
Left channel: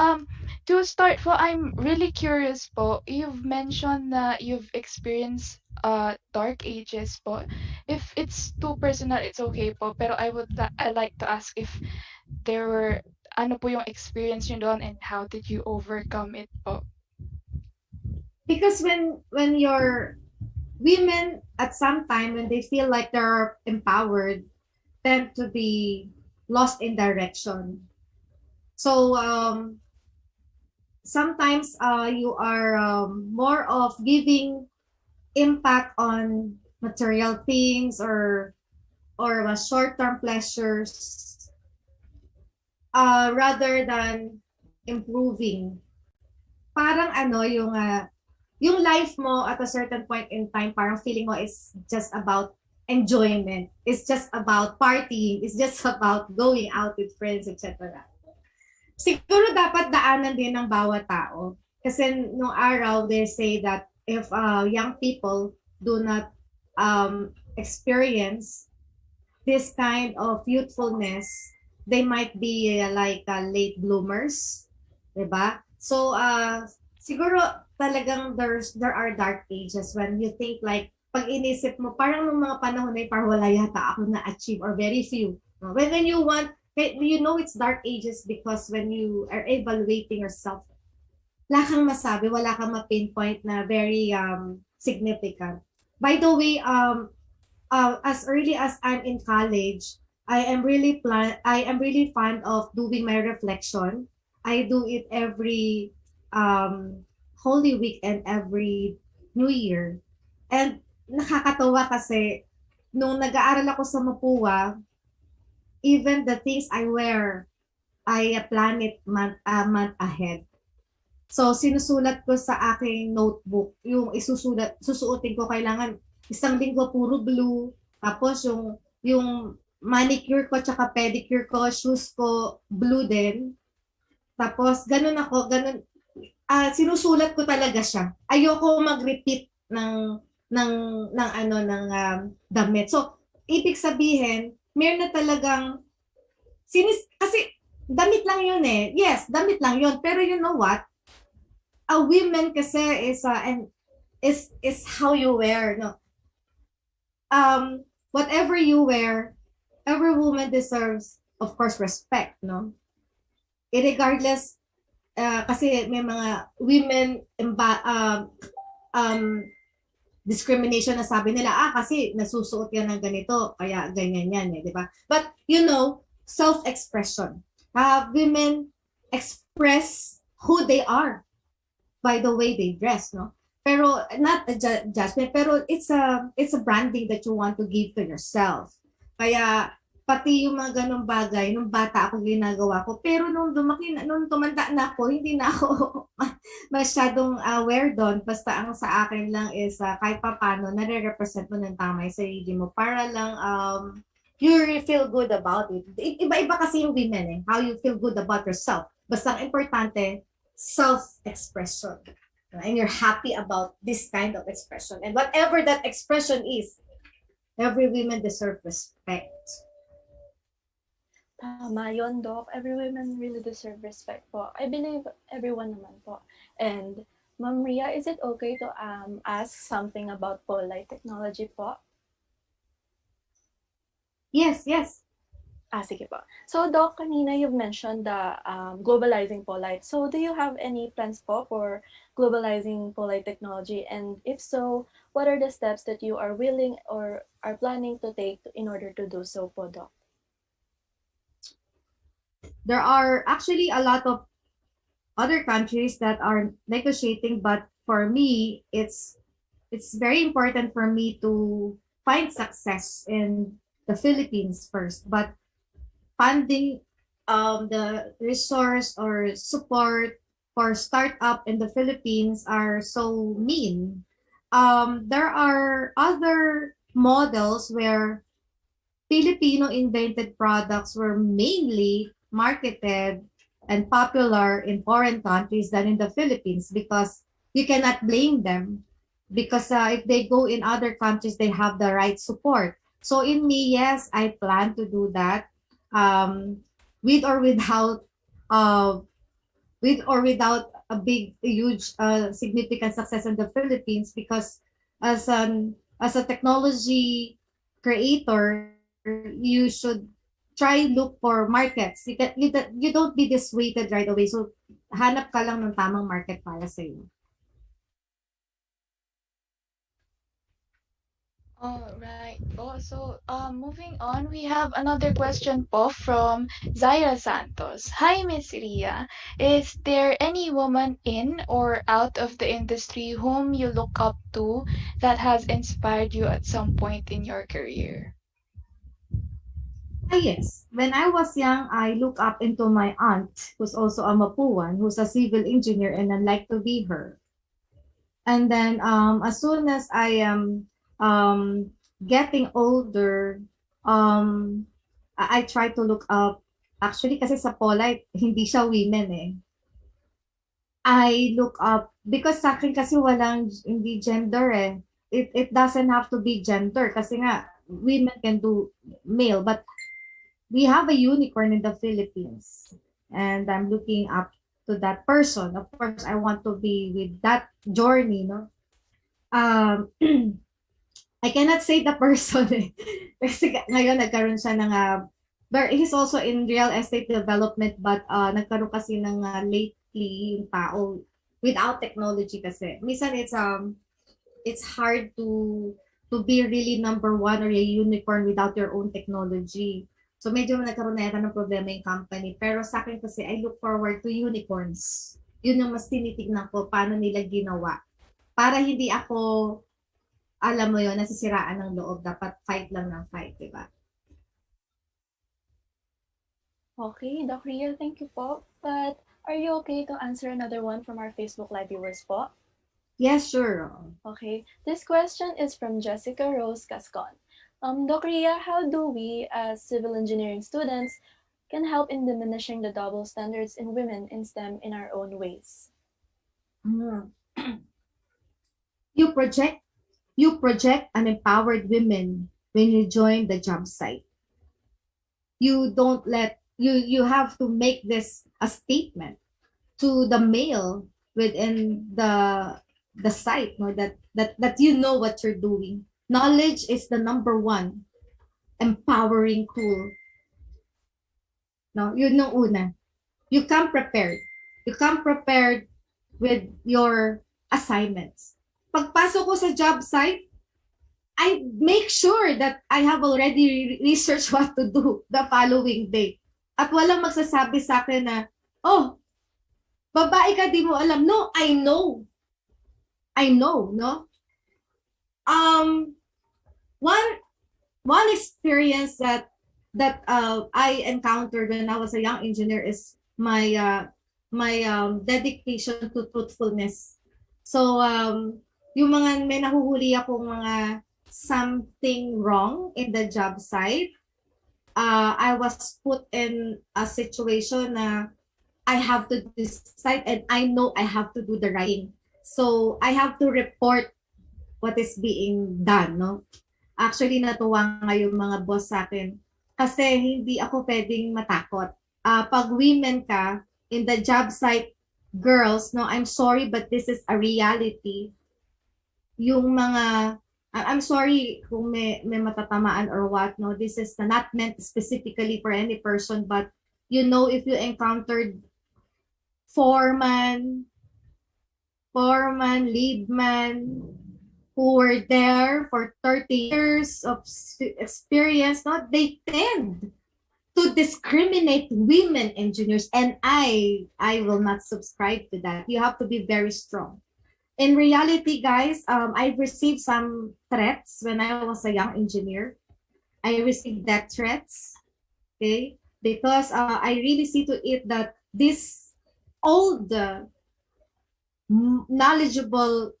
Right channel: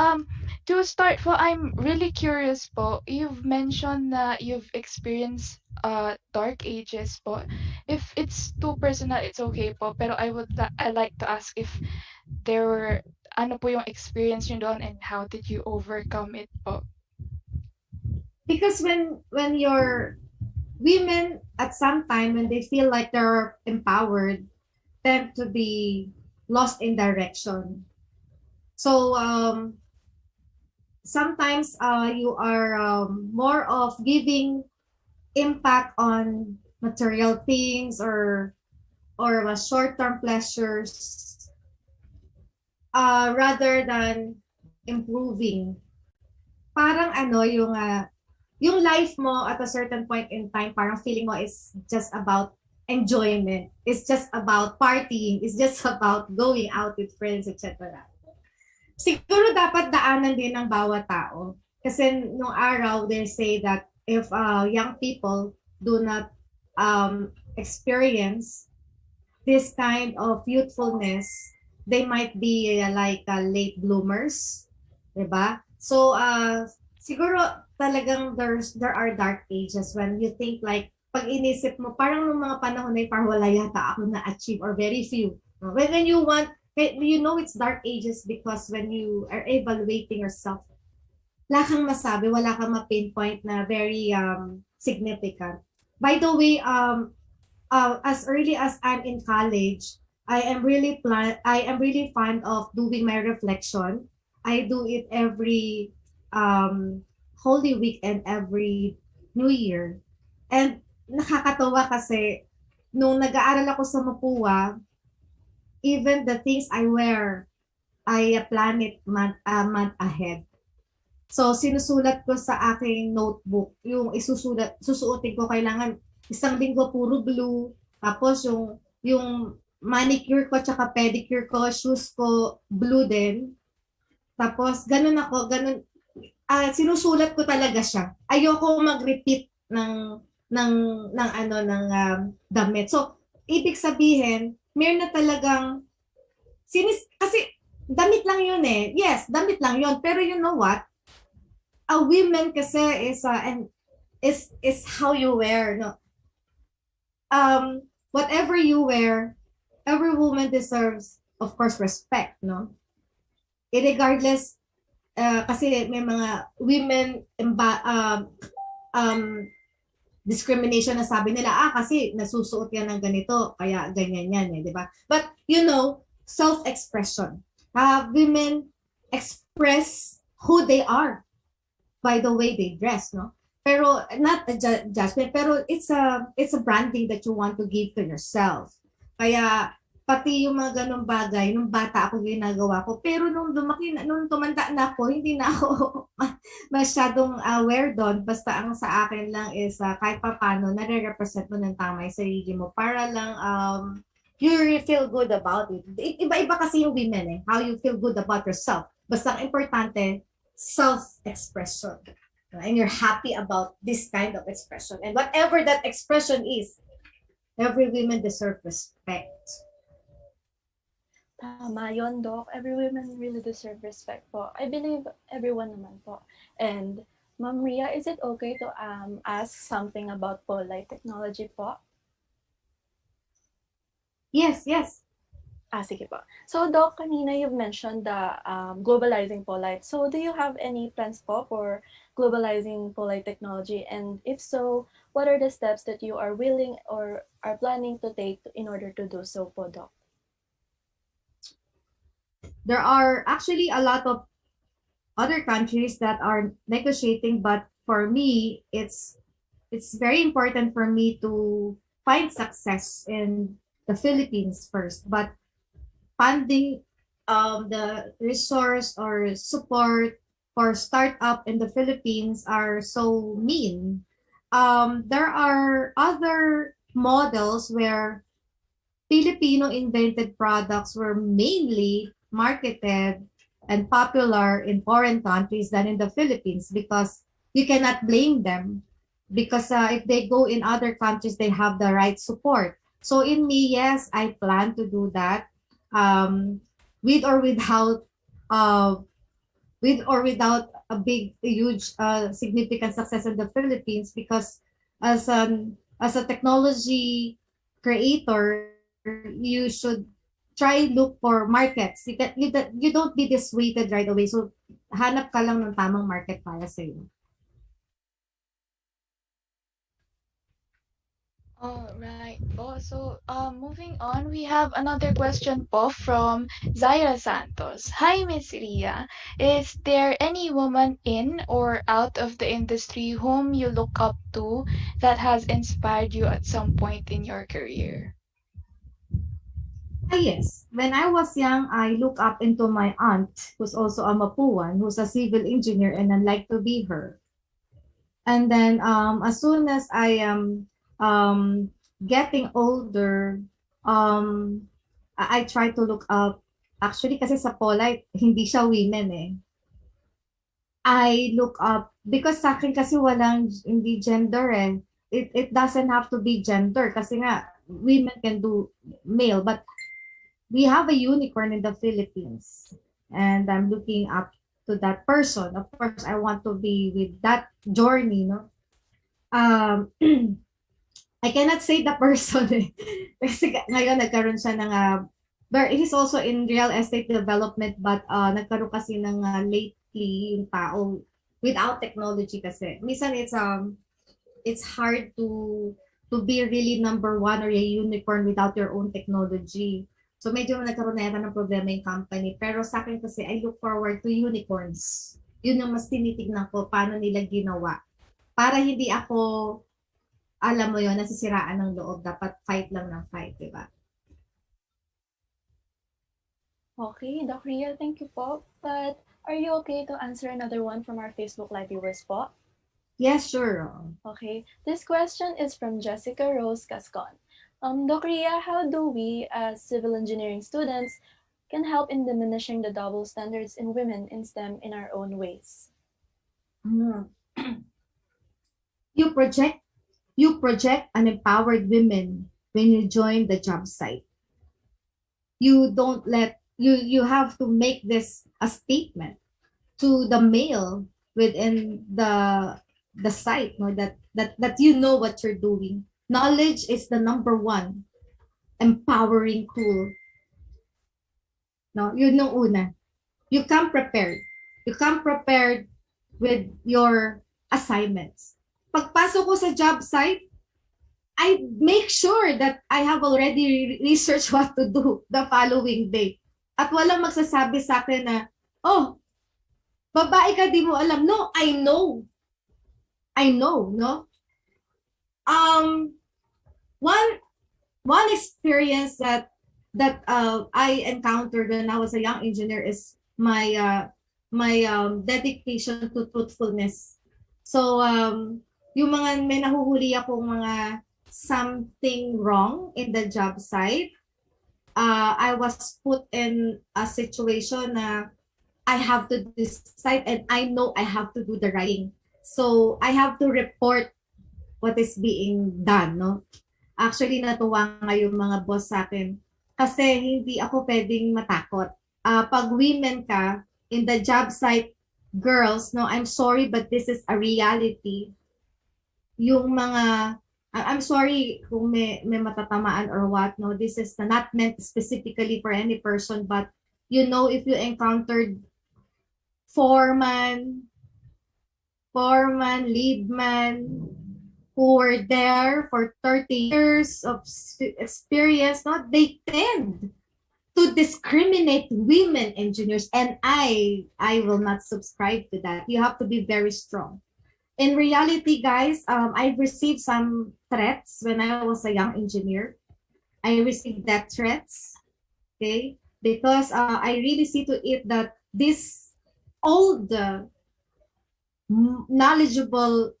to start po, I'm really curious po. You've mentioned na you've experienced dark ages po. If it's too personal, it's okay po. Pero I like to ask if there were ano po yung experience nyo doon and how did you overcome it po? Because when you're women at some time when they feel like they're empowered tend to be lost in direction. So sometimes you are more of giving impact on material things or short-term pleasures rather than improving. Parang ano yung life mo at a certain point in time parang feeling mo is just about enjoyment. It's just about partying. It's just about going out with friends, etc. Siguro dapat daanan din ng bawat tao. Kasi nung araw, they say that if young people do not experience this kind of youthfulness, they might be like late bloomers, 'di ba? So siguro talagang there are dark ages when you think like pag inisip mo parang nung mga panahon na yun, parang wala yata ako na achieve or very few. When you want you know it's dark ages because when you are evaluating yourself, wala kang masabi, wala kang ma-pinpoint na very significant. By the way, as early as I'm in college, I am really fond of doing my reflection. I do it every Holy Week and every New Year. And nakakatawa kasi nung nag-aaral ako sa Mapua, even the things I wear, I plan it month ahead. So sinusulat ko sa aking notebook yung susuotin ko kailangan isang linggo puro blue, tapos yung manicure ko tsaka pedicure ko, shoes ko blue din. Tapos ganun sinusulat ko talaga siya. Ayoko mag-repeat ng damit. So ibig sabihin, meron na talagang kasi damit lang yun eh. Yes, damit lang yun. Pero you know what? A women kasi is how you wear, no? Whatever you wear, every woman deserves, of course, respect, no? Irregardless, kasi may mga women discrimination na sabi nila, kasi nasusuot yan ng ganito, kaya ganyan yan, eh, di ba? But, you know, self-expression. Women express who they are by the way they dress, no? Pero not a judgment, pero it's a branding that you want to give to yourself. Kaya pati yung mga ganong bagay, nung bata ako ginagawa ko, pero nung nung tumanda na ako, hindi na ako masyadong aware doon. Basta ang sa akin lang is kahit papano, nare-represent mo ng tama yung sarili mo para lang you really feel good about it. Iba-iba kasi yung women eh, how you feel good about yourself. Basta ang importante, self-expression. And you're happy about this kind of expression. And whatever that expression is, every woman deserves respect. Tama yun, Doc. Every woman really deserve respect po. I believe everyone naman po. And Ma'am Ria, is it okay to ask something about polite technology po? Yes, yes. Sige po. So, Doc, kanina you've mentioned the globalizing polite. So, do you have any plans po for globalizing polite technology? And if so, what are the steps that you are willing or are planning to take in order to do so po, Doc? There are actually a lot of other countries that are negotiating, but for me, it's very important for me to find success in the Philippines first. But funding the resource or support for startup in the Philippines are so mean. There are other models where Filipino invented products were mainly marketed and popular in foreign countries than in the Philippines because you cannot blame them because if they go in other countries, they have the right support. So in me, yes, I plan to do that with or without a big, huge, significant success in the Philippines because as a technology creator, you should try look for markets. You don't be dissuaded right away. So hanap ka lang ng tamang market para sa iyo. All right. So, moving on, we have another question po from Zaira Santos. Hi, Miss Ria. Is there any woman in or out of the industry whom you look up to that has inspired you at some point in your career? Yes. When I was young, I looked up into my aunt, who's also a Mapuan, who's a civil engineer, and I'd like to be her. And then as soon as I getting older, I try to look up. Actually, kasi sa Polite, hindi siya women eh. I look up, because sa akin kasi walang, hindi gender eh. It doesn't have to be gender kasi nga, women can do male. But we have a unicorn in the Philippines. And I'm looking up to that person. Of course, I want to be with that journey, no? I cannot say the person eh. Kasi ngayon nagkaroon siya ng but he's also in real estate development, but nagkaroon kasi ng lately yung tao without technology kasi. Minsan it's hard to be really number one or a unicorn without your own technology. So medyo nagkaroon na yata ng problema yung company. Pero sa akin kasi, I look forward to unicorns. Yun yung mas tinitignan ko, paano nila ginawa. Para hindi ako, alam mo yun, nasisiraan ng loob. Dapat fight lang ng fight, di ba? Okay, Doc Ria, thank you po. But are you okay to answer another one from our Facebook Live viewers po? Yes, sure. Okay, this question is from Jessica Rose Cascon. Doc Ria, how do we, as civil engineering students, can help in diminishing the double standards in women in STEM in our own ways? You project an empowered women when you join the job site. You don't let you have to make this a statement to the male within the site, no, that you know what you're doing. Knowledge is the number one empowering tool. No, yun yung una. You come prepared. You come prepared with your assignments. Pagpasok ko sa job site, I make sure that I have already researched what to do the following day. At walang magsasabi sa akin na, oh, babae ka, di mo alam. No, I know. I know, no? One experience that I encountered when I was a young engineer is my dedication to truthfulness. So yung mga may nahuhuli akong mga something wrong in the job site, I was put in a situation na I have to decide and I know I have to do the right thing. So I have to report what is being done, no? Actually, natuwa nga yung mga boss sa akin kasi hindi ako pwedeng matakot. Pag women ka, in the job site, girls, no, I'm sorry but this is a reality. Yung mga, I'm sorry kung may matatamaan or what, no, this is not meant specifically for any person, but you know, if you encountered foreman, lead man, who were there for 30 years of experience, no, they tend to discriminate women engineers, and I will not subscribe to that. You have to be very strong. In reality, guys, I've received some threats when I was a young engineer. I received death threats, okay, because I really see to it that this old knowledgeable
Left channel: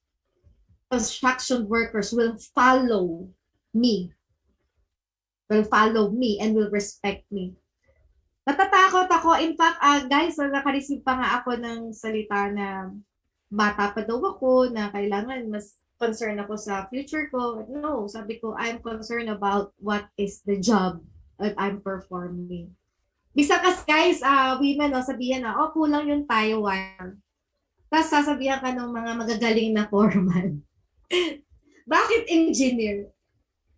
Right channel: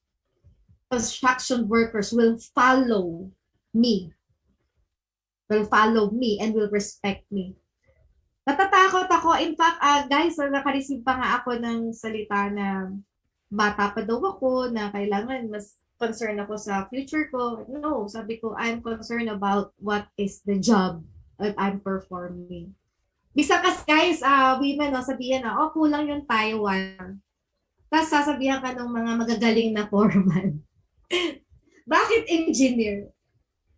construction workers will follow me and will respect me. Natatakot ako. In fact, guys, nakareceive pa nga ako ng salita na bata pa daw ako, na kailangan mas concerned ako sa future ko. No, sabi ko, I'm concerned about what is the job that I'm performing. Bisa kasi guys, women, no, sabihin na, oh, kulang yung tie wire. Tapos sasabihan ka ng mga magagaling na foreman. Bakit engineer?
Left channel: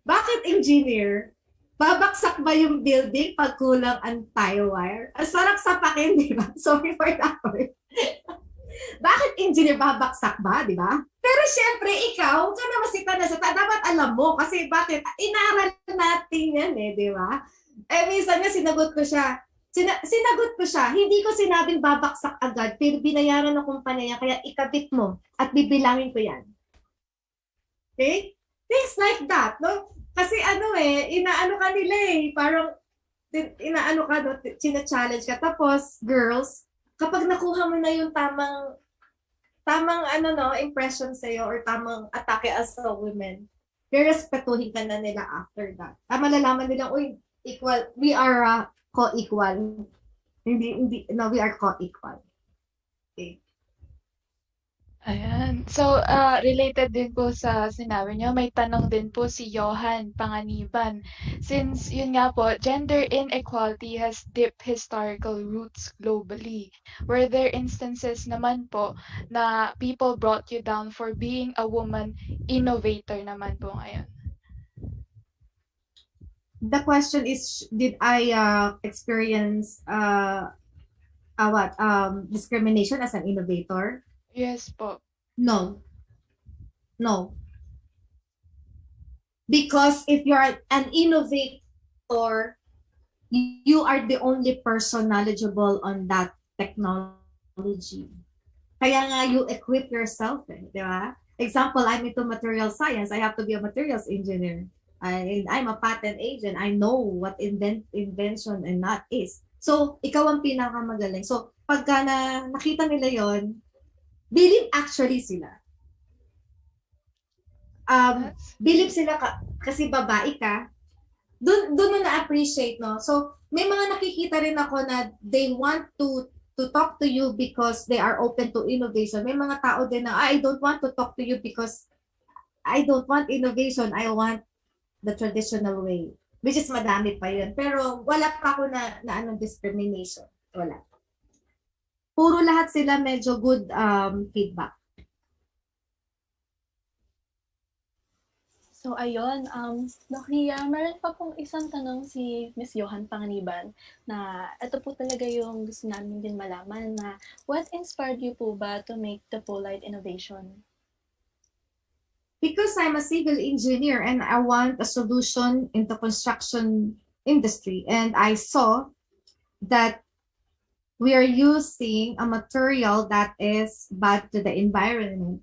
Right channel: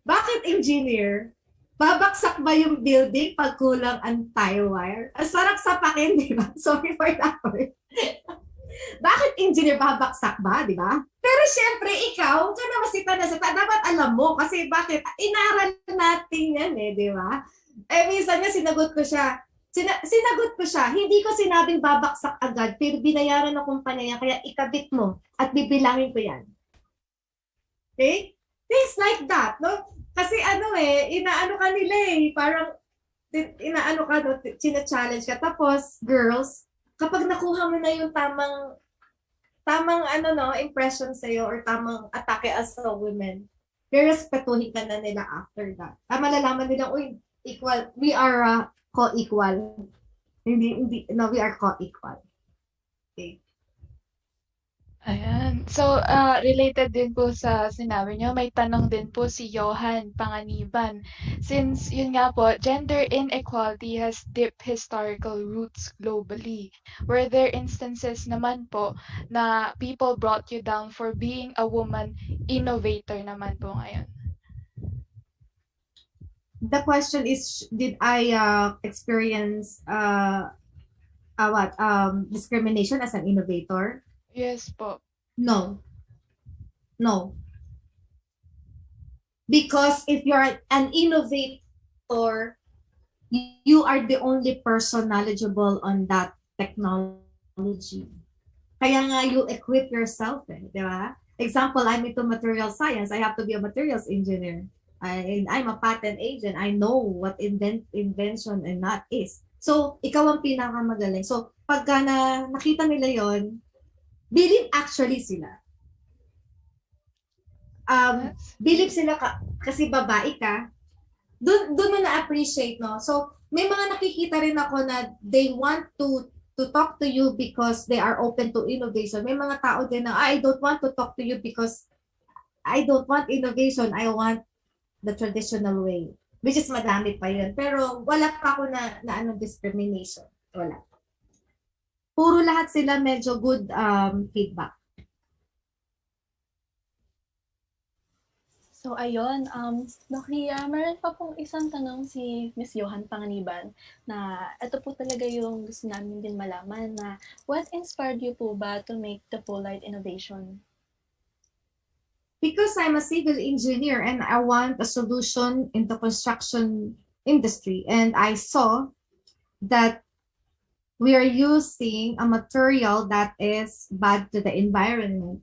Bakit engineer? Babaksak ba yung building pag kulang ang tie wire? Ang sarap sapakin, di ba? Sorry for that word. Bakit engineer babaksak ba, di ba? Pero syempre, ikaw, ka na masita na sa dapat alam mo. Kasi bakit? Inaral natin yan eh, di ba? Eh, minsan nga sinagot ko siya. Sinagot ko siya, hindi ko sinabing babaksak agad, pero binayaran ng kumpanya niya, kaya ikabit mo at bibilangin ko yan. Okay? Things like that, no? Kasi inaano ka nila eh, parang inaano ka, no? China-challenge ka. Tapos, girls, kapag nakuha mo na yung tamang impression sa'yo or tamang atake as a woman, rerespetuhin ka na nila after that. Malalaman nila, uy, equal, we are co-equal. Hindi, no, we are co-equal. Okay. Ayan. So, related din po sa sinabi niyo, may tanong din po si Johan Panganiban. Since, yun nga po, gender inequality has deep historical roots globally. Were there instances naman po na people brought you down for being a woman innovator naman po ngayon? The question is, did I experience discrimination as an innovator? Yes po. No. No. Because if you're an innovator, you are the only person knowledgeable on that technology. Kaya nga you equip yourself, di ba? Example, I'm into material science. I have to be a materials engineer. I'm a patent agent. I know what invention and not is. So, ikaw ang pinakamagaling. So, pagka nakita nila yon, believe actually sila. Believe sila kasi babae ka, doon mo na-appreciate, no? So, may mga nakikita rin ako na they want to talk to you because they are open to innovation. May mga tao din na, I don't want to talk to you because I don't want innovation. I want the traditional way. Which is madami pa yun. Pero wala pa ako na discrimination. Wala. Puro lahat sila medyo good feedback. So, ayun, Doc Ria, meron pa pong isang tanong si Miss Johan Panganiban na ito po talaga yung gusto namin din malaman na what inspired you po ba to make the Polite innovation? Because I'm a civil engineer and I want a solution in the construction industry. And I saw that we are using a material that is bad to the environment.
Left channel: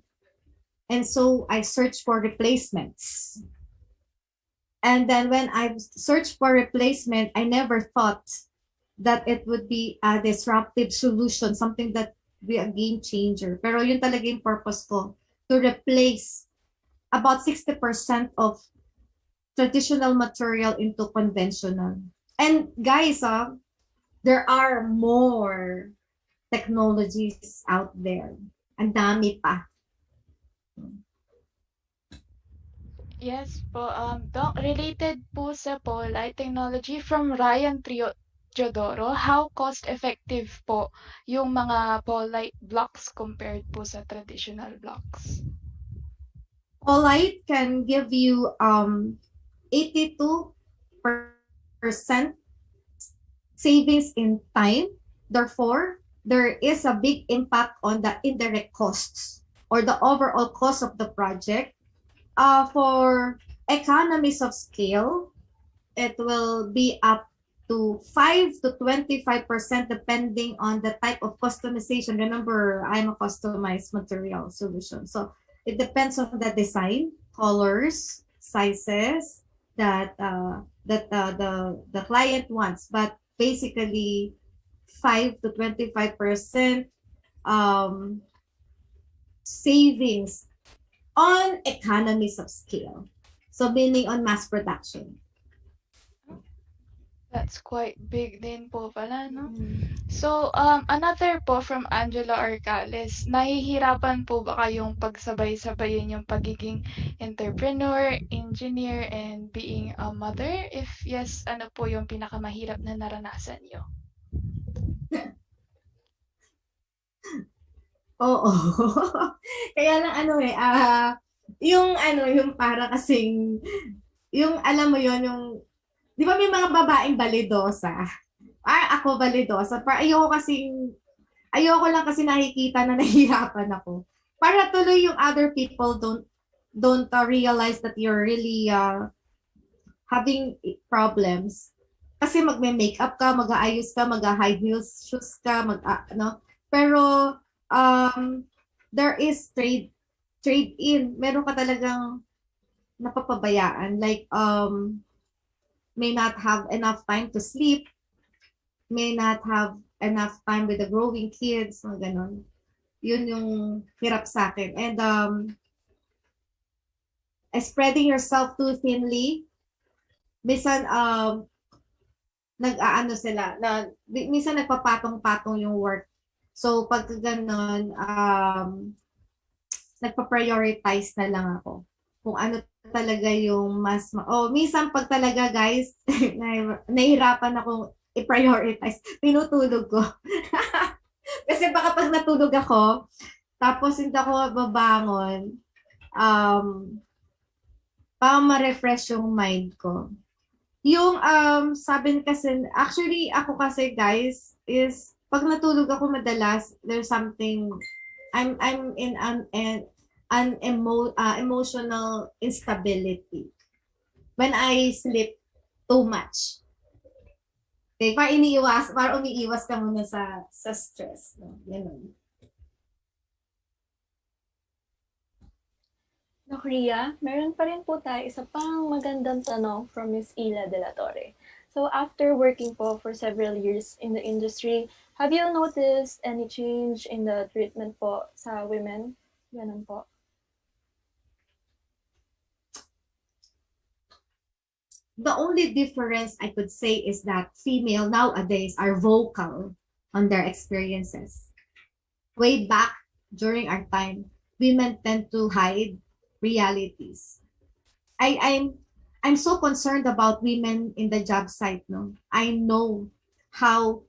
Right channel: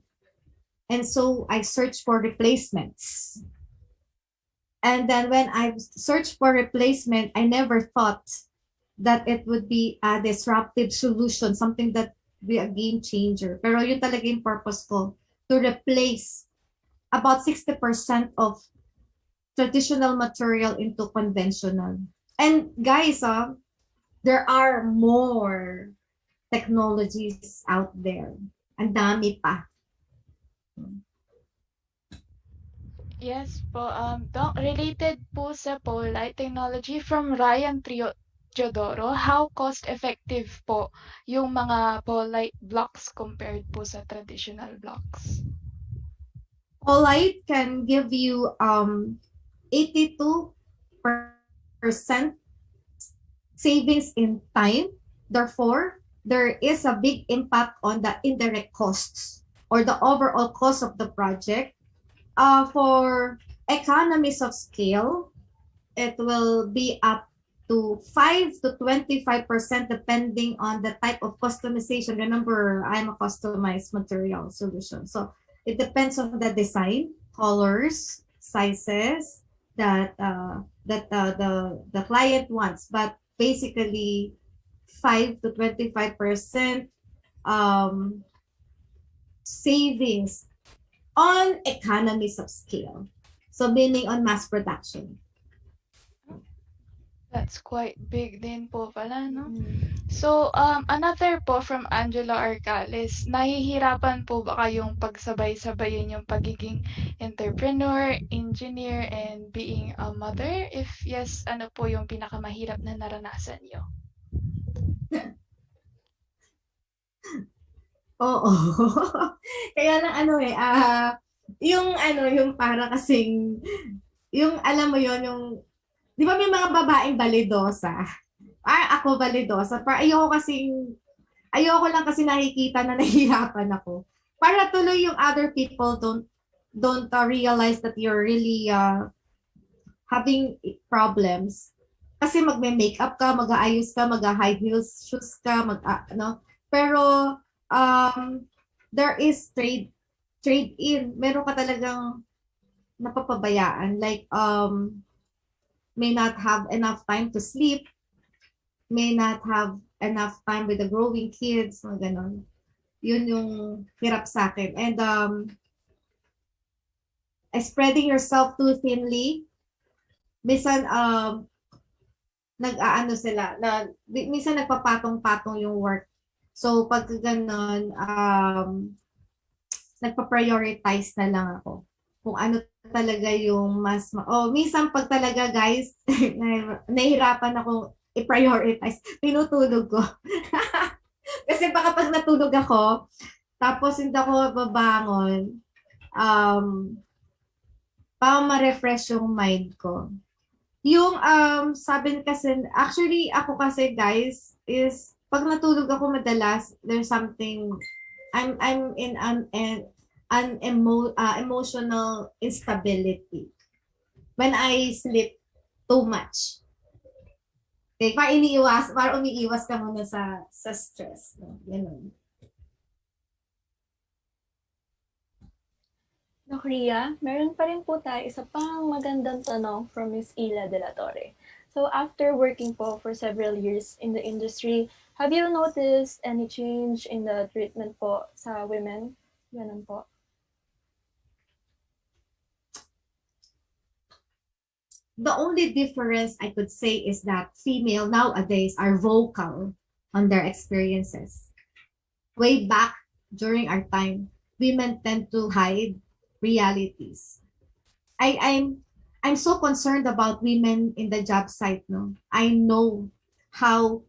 And so I searched for replacements. And then when I searched for replacement, I never thought that it would be a disruptive solution, something that would be a game changer. Pero yun talaga yung purpose ko, to replace about 60% of traditional material into conventional. And guys, there are more technologies out there. Ang dami pa. Yes po. Doc, related po sa Polite technology from Ryan Teodoro, how cost-effective po yung mga Polite blocks compared po sa traditional blocks? Polite can give you 82% savings in time. Therefore, there is a big impact on the indirect costs or the overall cost of the project. For economies of scale, it will be up to 5 to 25% depending on the type of customization. Remember, I'm a customized material solution. So it depends on the design, colors, sizes that the client wants. But basically, 5 to 25% savings on economies of scale. So meaning on mass production. That's quite big din po pala, no? So, another po from Angela Arcales, nahihirapan po ba kayong pagsabay-sabayin yung pagiging entrepreneur, engineer, and being a mother? If yes, ano po yung pinakamahirap na naranasan nyo? Oo. Kaya lang yung para kasing, yung alam mo yon yung, di ba may mga babaeng balidosa? Ako balidosa. Ayoko lang kasi nakikita na nahihirapan ako. Para tuloy yung other people don't realize that you're really having problems. Kasi magme-makeup ka, mag-aayos ka, mag-high heels shoes ka, Pero there is trade in. Meron ka talagang napapabayaan. Like may not have enough time to sleep, may not have enough time with the growing kids, mga ganon. Yun yung hirap sa akin. And spreading yourself too thinly. Minsan, nag-aano sila, minsan nagpapatong-patong yung work. So, pag ganon, nagpa-prioritize na lang ako. Kung ano talaga yung minsan pag talaga guys, nahihirapan akong i-prioritize, tinutulog ko. Kasi baka pag natulog ako, tapos hindi ako babangon, para ma-refresh yung mind ko. Yung sabi kasi, actually ako kasi guys, is pag natulog ako madalas, there's something, I'm in emotional instability when I sleep too much. Okay, para umiiwas ka muna sa stress. No? Ganun. Doc Ria, meron pa rin po tayo isa pang magandang tanong from Miss Ila de la Torre. So after working po for several years in the industry, have you noticed any change in the treatment po sa women? Ganun po. The only difference I could say is that female nowadays are vocal on their experiences. Way back during our time, women tend to hide realities. I'm so concerned about women in the job site. No, I know how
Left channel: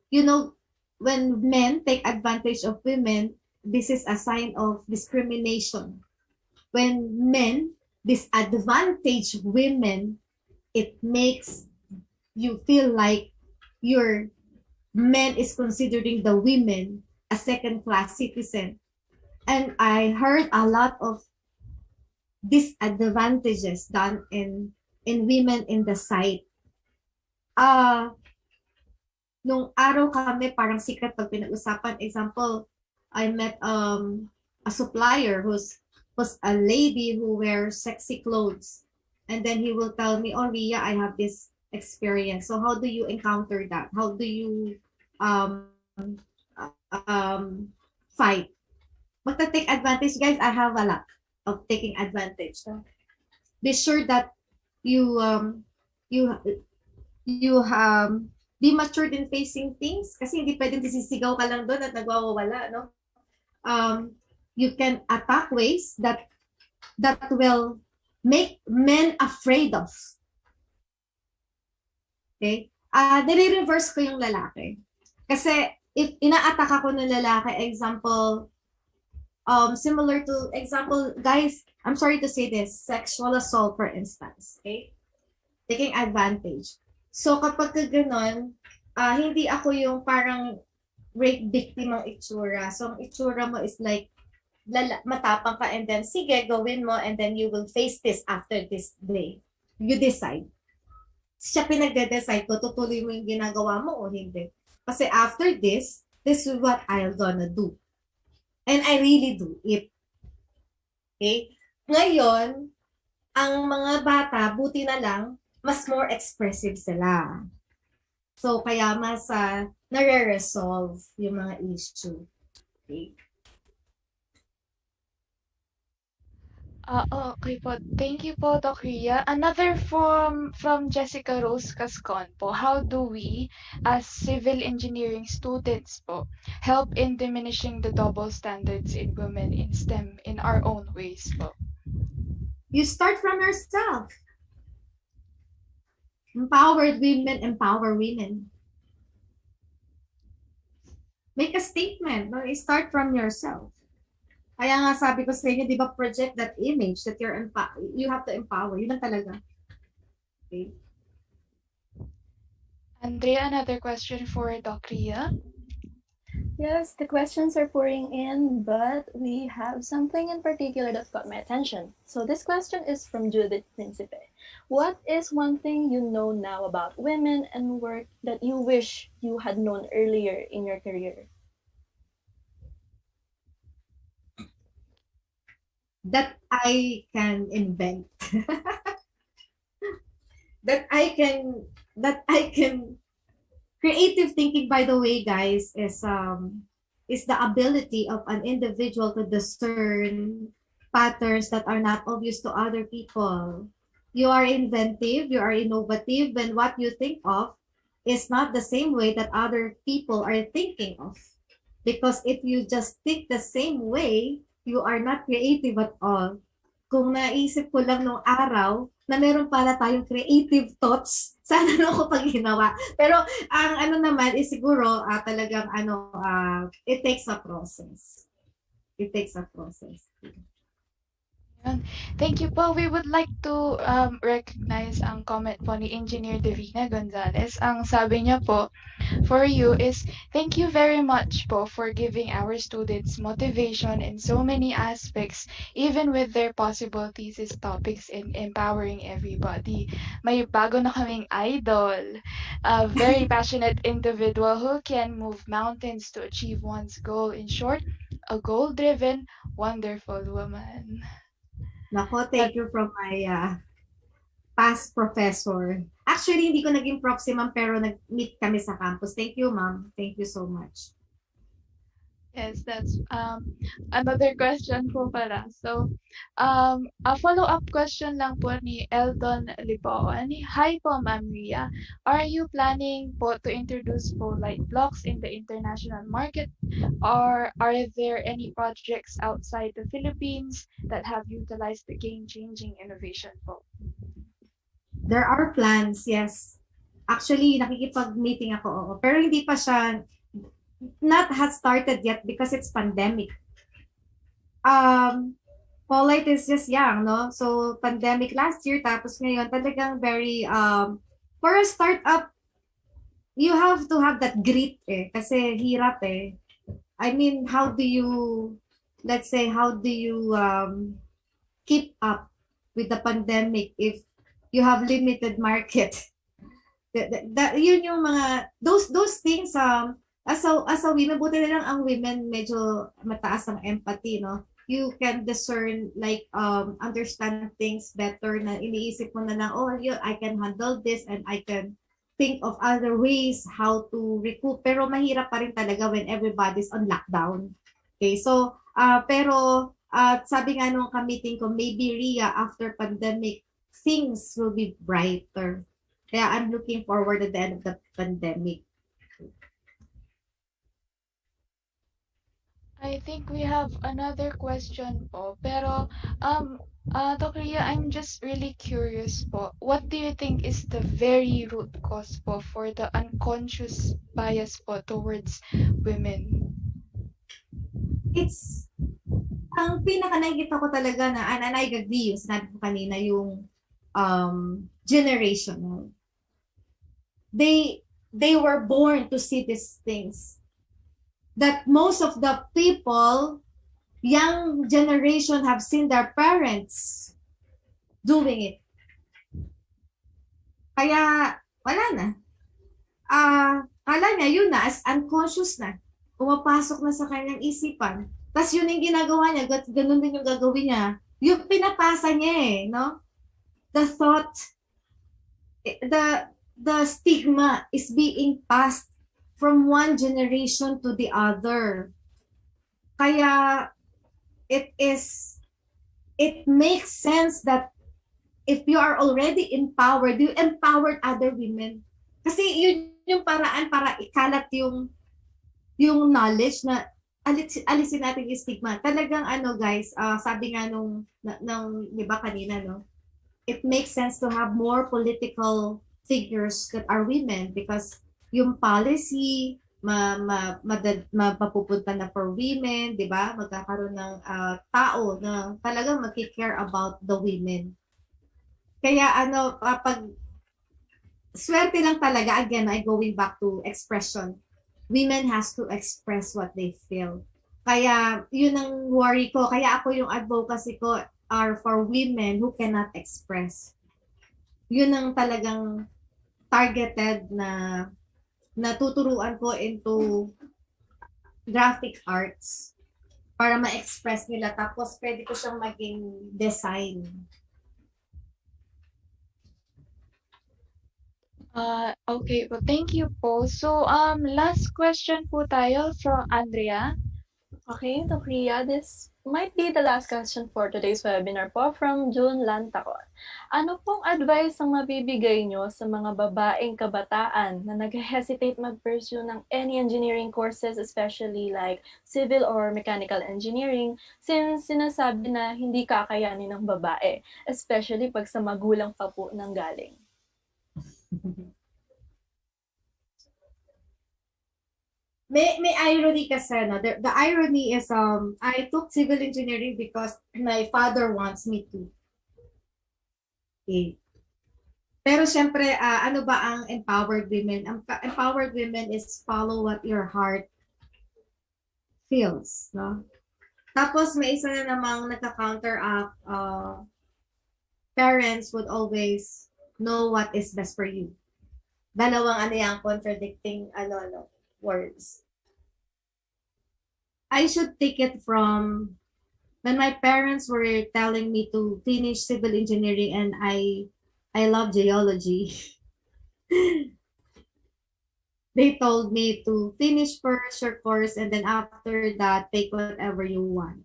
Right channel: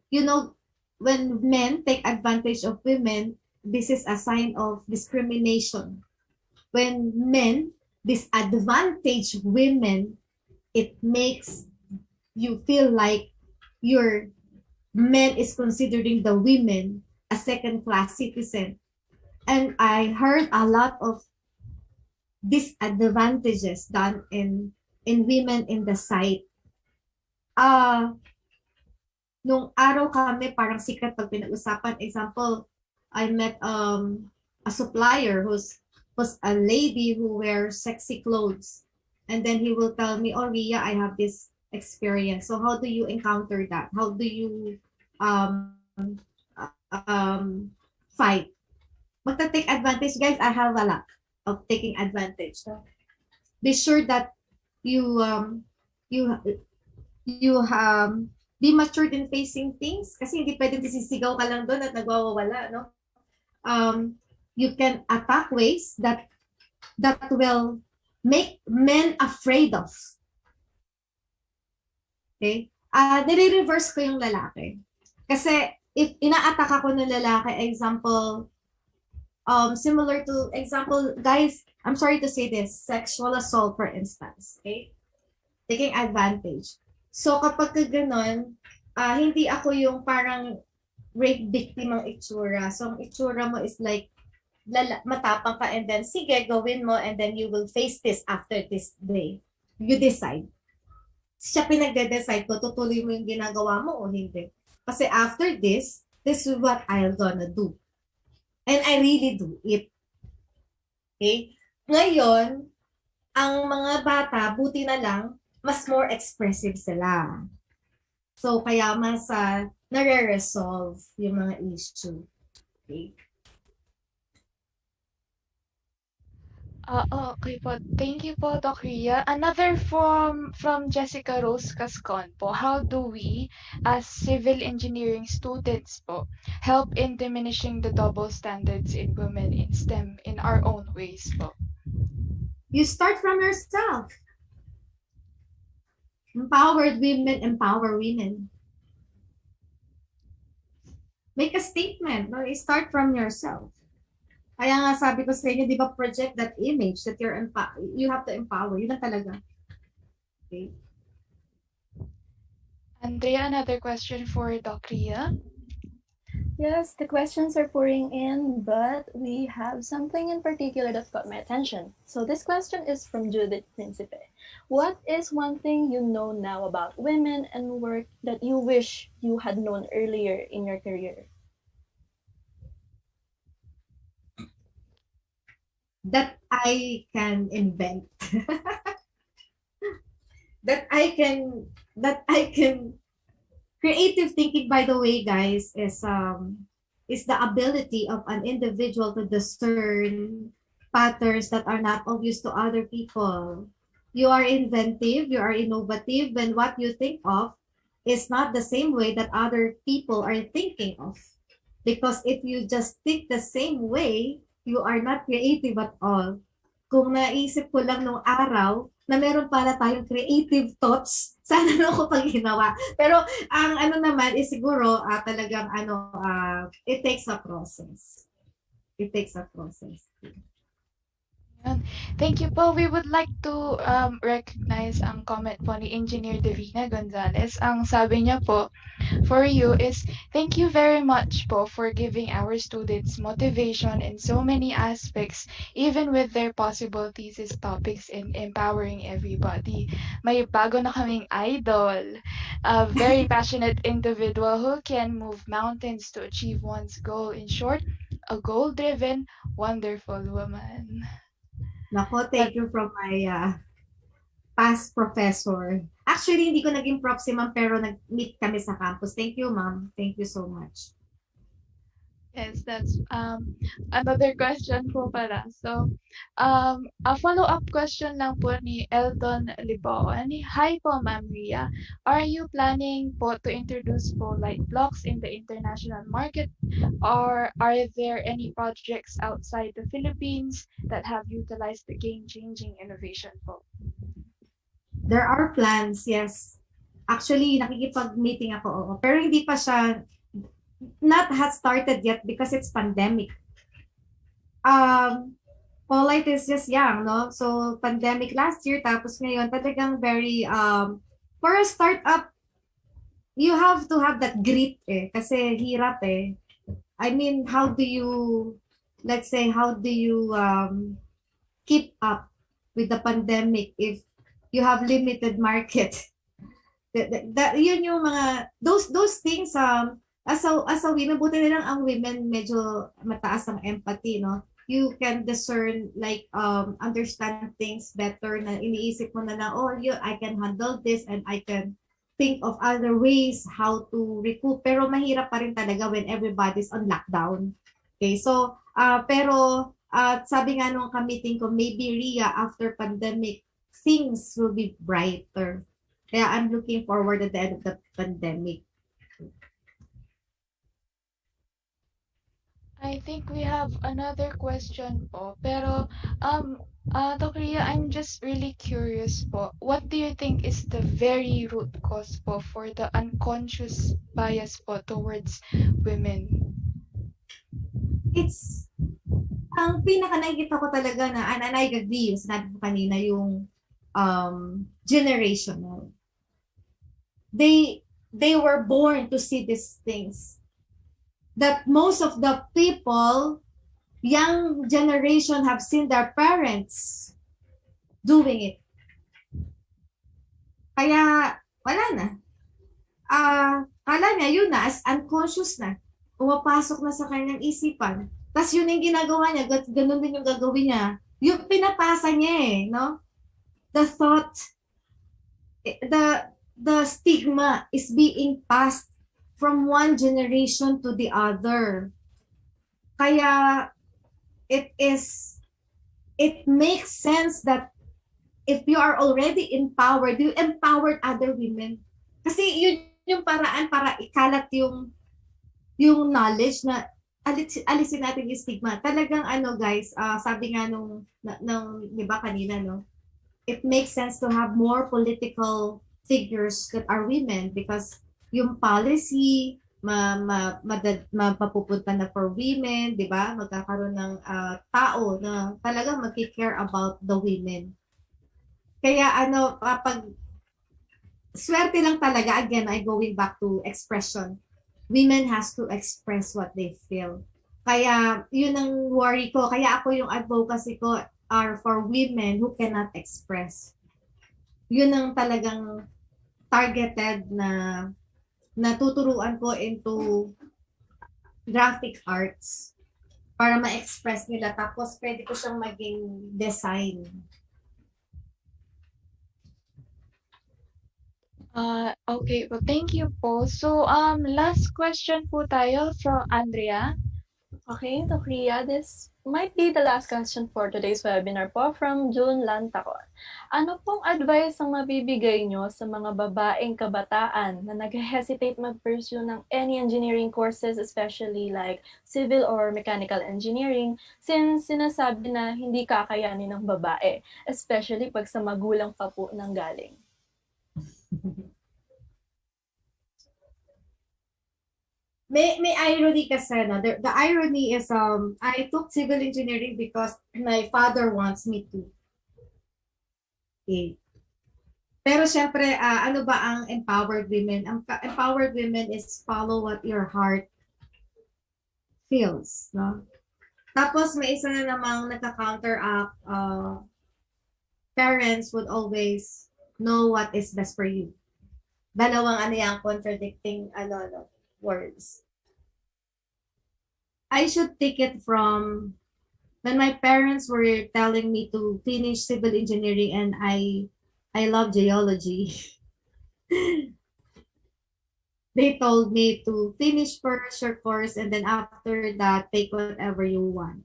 when men take advantage of women, this is a sign of discrimination. When men disadvantage women, it makes you feel like your man is considering the women a second-class citizen. And I heard a lot of disadvantages done in women in the site. Nung araw kami, parang secret pag pinag-usapan. Example, I met a supplier who's a lady who wears sexy clothes. And then he will tell me, oh, Ria, I have this experience. So how do you encounter that? How do you fight? Magta-take advantage, guys. I have a lot of taking advantage. So be sure that you be matured in facing things. Kasi hindi pwedeng sisigaw ka lang doon at nagwawala, no? You can attack ways that will make men afraid of. Okay? Nire-reverse ko yung lalaki. Kasi if ina-attack ako ng lalaki, example, similar to, example, guys, I'm sorry to say this, sexual assault, for instance. Okay? Taking advantage. So, kapag gano'n, hindi ako yung parang rape victim ang itsura. So, ang itsura mo is like, matapang ka and then, sige, gawin mo and then you will face this after this day. You decide. Siya pinagde-decide ko, tutuloy mo yung ginagawa mo o hindi. Kasi after this is what I'm gonna do. And I really do it. Okay? Ngayon, ang mga bata, buti na lang, mas more expressive sila. So, kaya mas nare-resolve yung mga issue. Okay? Okay po. Thank you po, Doc Ria. Another from Jessica Rose Cascon po. How do we, as civil engineering students po, help in diminishing the double standards in women in STEM in our own ways po? You start from yourself. Empowered women empower women. Make a statement. No? You start from yourself. Kaya nga sabi ko sa inyo, di ba, project that image that you have to empower. Yun lang talaga. Okay. Andrea, another question for Doc Ria. Yes, the questions are pouring in, but we have something in particular that got my attention. So this question is from Judith Principe. What is one thing you know now about women and work that you wish you had known earlier in your career? That I can invent. that I can creative thinking, by the way, guys, is the ability of an individual to discern patterns that are not obvious to other people. You are inventive, you are innovative when what you think of is not the same way that other people are thinking of. Because if you just think the same way, you are not creative at all. Kung naisip ko lang nung araw na meron pala tayong creative thoughts, sana na ako pag ginawa. Pero ang ano naman is siguro talagang it takes a process. It takes a process. Yun. Thank you po. We would like to recognize ang comment po ni Engineer Divina Gonzalez. Ang sabi niya po, for you is, thank you very much po for giving our students motivation in so many aspects, even with their possible thesis topics in empowering everybody. May bago na kaming idol, a very passionate individual who can move mountains to achieve one's goal. In short, a goal-driven, wonderful woman. Nako, thank you from my past professor. Actually, hindi ko naging prof si ma'am, pero nag-meet kami sa campus. Thank you, ma'am. Thank you so much. Yes, that's another question po pala. So, a follow-up question lang po ni Eldon Liboan. Hi po, Ma'am Ria. Are you planning po to introduce po light blocks in the international market, or are there any projects outside the Philippines that have utilized the game-changing innovation po? There are plans, yes. Actually, nakikipag-meeting ako, oo. Pero hindi pa siya, not has started yet because it's pandemic. Polite is just young, no? So, pandemic last year, tapos ngayon, talagang very, for a startup, you have to have that grit eh. Kasi hirap eh. I mean, how do you, let's say, how do you keep up with the pandemic if you have limited market? Yun yung mga, those things, as a women, buti na lang ang women medyo mataas ang empathy, no? You can discern, like, understand things better na iniisip mo na lang, oh, I can handle this and I can think of other ways how to recoup. Pero mahirap pa rin talaga when everybody's on lockdown. Okay, so, pero sabi nga nung ka-meeting ko, maybe Ria, after pandemic, things will be brighter. Kaya I'm looking forward at the end of the pandemic. I think we have another question po. Pero, Dr. Ria, I'm just really curious po. What do you think is the very root cause po for the unconscious bias po towards women? It's, ang pinaka nakikita ko talaga na, and I agree yung sinabi ko kanina, yung generational. They were born to see these things. That most of the people, young generation, have seen their parents doing it. Kaya, wala na. Kala niya, yun na, as unconscious na. Pumapasok na sa kanyang isipan. Tapos yun yung ginagawa niya, ganun din yung gagawin niya. Yung pinapasa niya eh, no? The thought, the stigma is being passed from one generation to the other. Kaya it makes sense that if you are already empowered, you empowered other women. Kasi yun yung paraan para ikalat yung knowledge na alisin natin yung stigma. Talagang guys, sabi nga nung di ba kanina, no? It makes sense to have more political figures that are women because yung policy mapapupunta na for women, di ba? Magkakaroon ng tao na talagang mag-care about the women. Kaya pag swerte lang talaga, again, I going back to expression. Women has to express what they feel. Kaya yun ang worry ko. Kaya ako yung advocacy ko are for women who cannot express. Yun ang talagang targeted na natuturuan ko into graphic arts para ma-express nila. Tapos pwede ko siyang maging design. Okay po. Thank you po. So, last question po tayo from Andrea. Okay, Dr. Ria, this might be the last question for today's webinar po from June Lantacon. Ano pong advice ang mabibigay nyo sa mga babaeng kabataan na nag-hesitate mag-pursue ng any engineering courses, especially like civil or mechanical engineering, since sinasabi na hindi kakayanin ng babae, especially pag sa magulang pa po nang galing? May irony kasi, no? The irony is I took civil engineering because my father wants me to. Okay. Pero syempre, ano ba ang empowered women? Ang empowered women is follow what your heart feels, no? Tapos may isa na namang nagka-counteract, parents would always know what is best for you. Dalawang ano yan, contradicting words. I should take it from when my parents were telling me to finish civil engineering and I love geology. They told me to finish first your course and then after that, take whatever you want.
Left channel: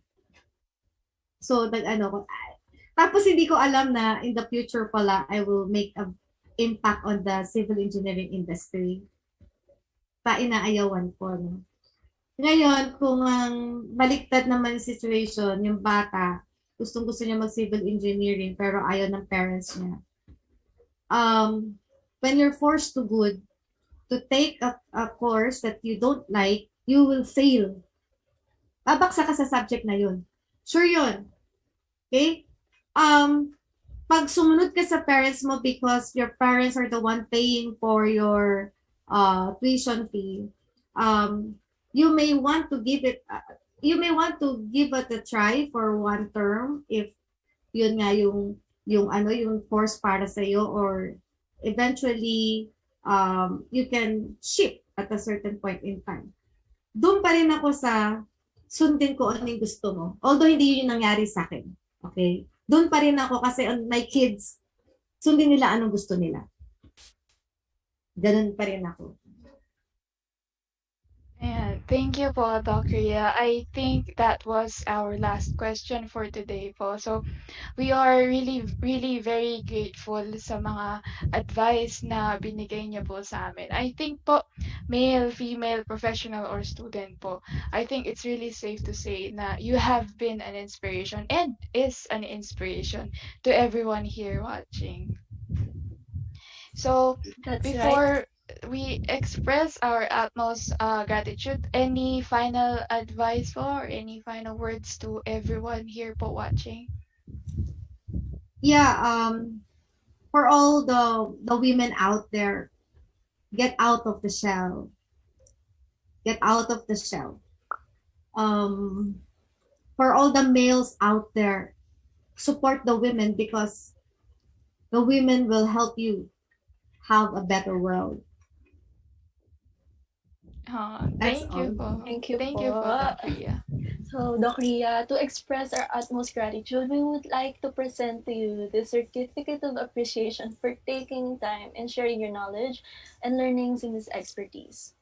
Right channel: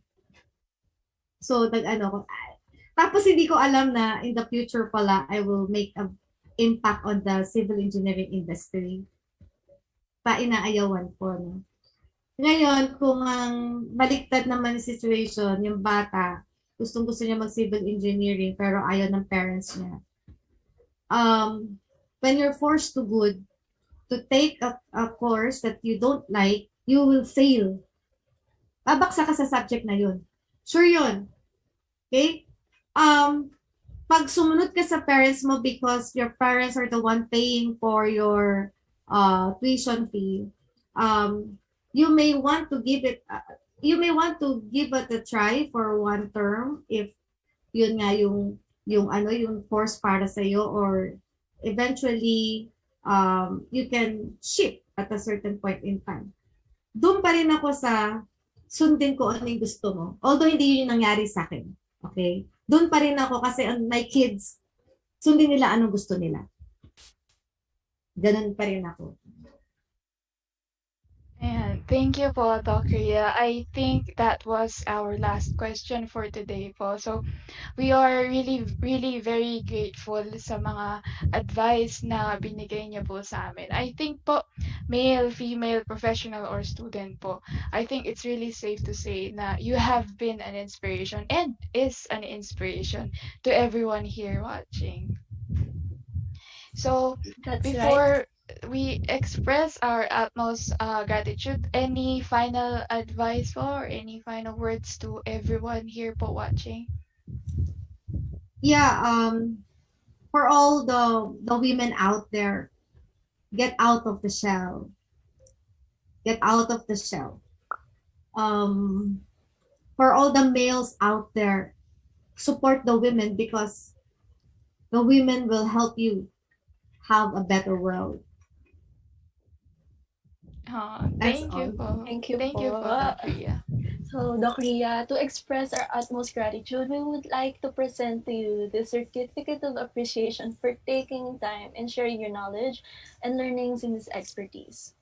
So, tapos hindi ko alam na in the future pala, I will make a impact on the civil engineering industry. Inaayawan ko, no? Ngayon, kung ang baliktad naman yung situation, yung bata, gustong-gusto niya mag-civil engineering pero ayaw ng parents niya. When you're forced to take a course that you don't like, you will fail. Babaksa ka sa subject na yun. Sure yun. Okay? Pag sumunod ka sa parents mo because your parents are the one paying for your tuition fee, you may want to give it a try for one term if yun nga yung course para sa iyo, or eventually you can shift at a certain point in time. Doon pa rin ako sa sundin ko ano yung gusto mo. Although hindi yun nangyari sa akin. Okay? Doon pa rin ako kasi my kids, sundin nila anong gusto nila. Ganun pa rin ako. And thank you po, Doc Rhea. I think that was our last question for today po. So, we are really, really very grateful sa mga advice na binigay niyo po sa amin. I think po, male, female, professional, or student po, I think it's really safe to say na you have been an inspiration and is an inspiration to everyone here watching. So, That's before we express our utmost gratitude, any final advice po or any final words to everyone here po watching? Yeah, for all the women out there, get out of the shell. Get out of the shell. For all the males out there, support the women because the women will help you have a better world. Thank you po. Thank you Thank you po. po, Doc Rhea. So, Doc Rhea, to express our utmost gratitude, we would like to present to you the Certificate of Appreciation for taking time and sharing your knowledge and learnings in this expertise.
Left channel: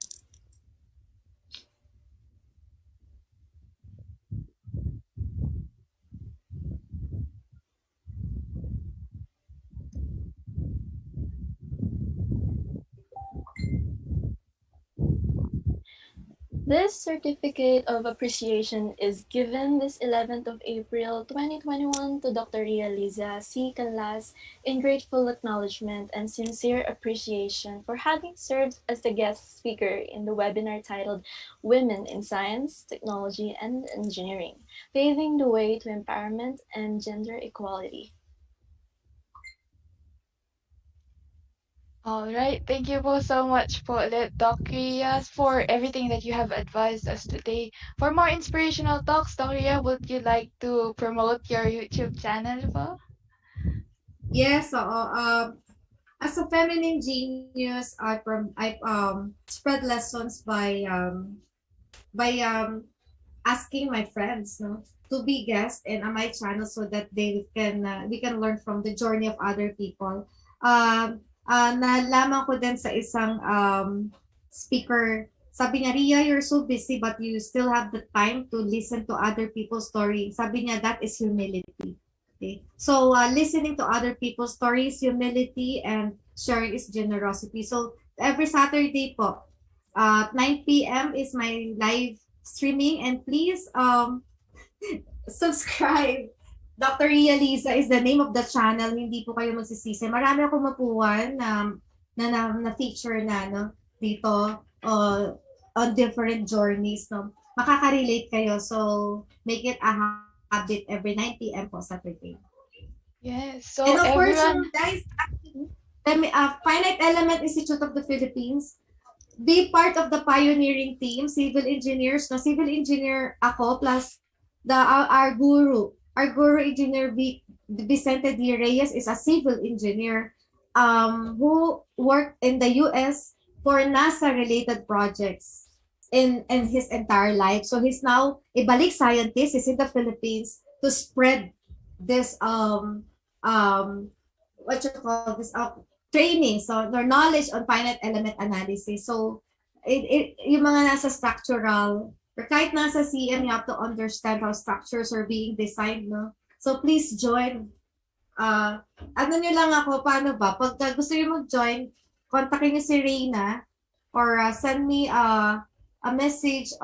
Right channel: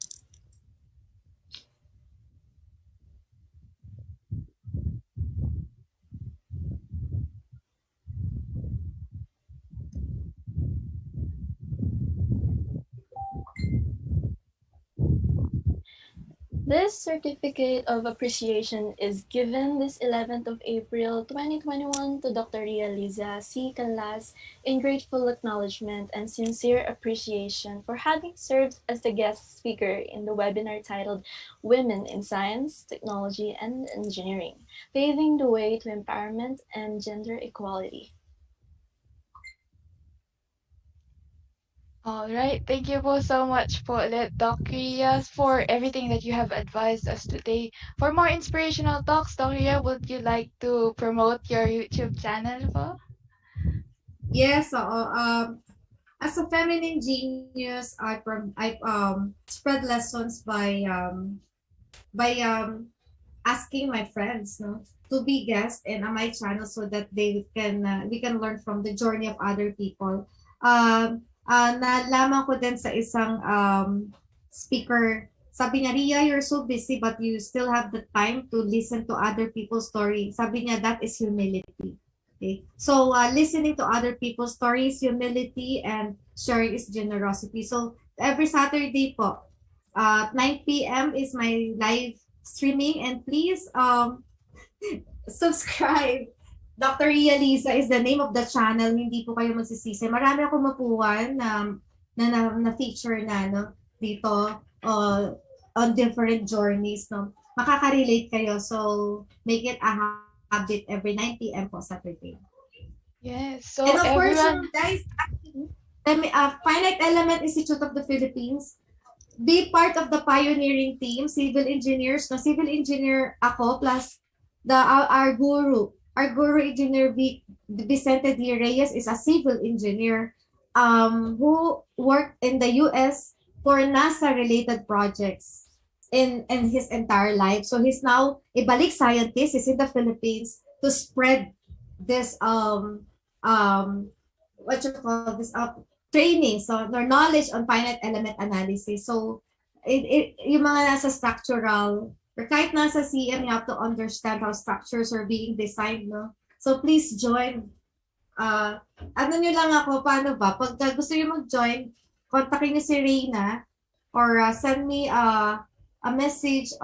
This Certificate of Appreciation is given this 11th of April 2021 to Dr. Rhea Liza C. Canlas in grateful acknowledgement and sincere appreciation for having served as the guest speaker in the webinar titled Women in Science, Technology, and Engineering, Paving the Way to Empowerment and Gender Equality. All right. Thank you po so much po ulit, Doc Rhea, for everything that you have advised us today. For more inspirational talks, Doc Rhea, would you like to promote your YouTube channel po? Yes, as a feminine genius, I spread lessons by asking my friends, no, to be guests in my channel so that we can learn from the journey of other people. Nalaman ko din sa isang speaker Sabi niya, Ria, you're so busy but you still have the time to listen to other people's story. Sabi niya, that is humility. Okay? So, listening to other people's stories, humility, and sharing is generosity. So, every Saturday po, 9 p.m. is my live streaming, and please subscribe. Dr. Ria Lisa is the name of the channel. Hindi po kayo magsisisi. Marami akong mapuwan na feature na no dito on different journeys no. Makaka-relate kayo. So make it a habit every 9 p.m. po Saturday. Yes. And So of course, everyone, guys, Finite Element Institute of the Philippines, be part of the pioneering team, civil engineers. No, civil engineer ako plus our guru. Our guru engineer Vicente D. Reyes is a civil engineer who worked in the US for NASA related projects in his entire life. So he's now a balik scientist. He's in the Philippines to spread this what you call this training, so their knowledge on finite element analysis. So yung mga nasa structural or kahit nasa CM, you have to understand how structures are being designed, no? So please join. Ano nyo lang ako, paano ba? Pag gusto nyo mag-join, kontakin nyo si Reina or send me a message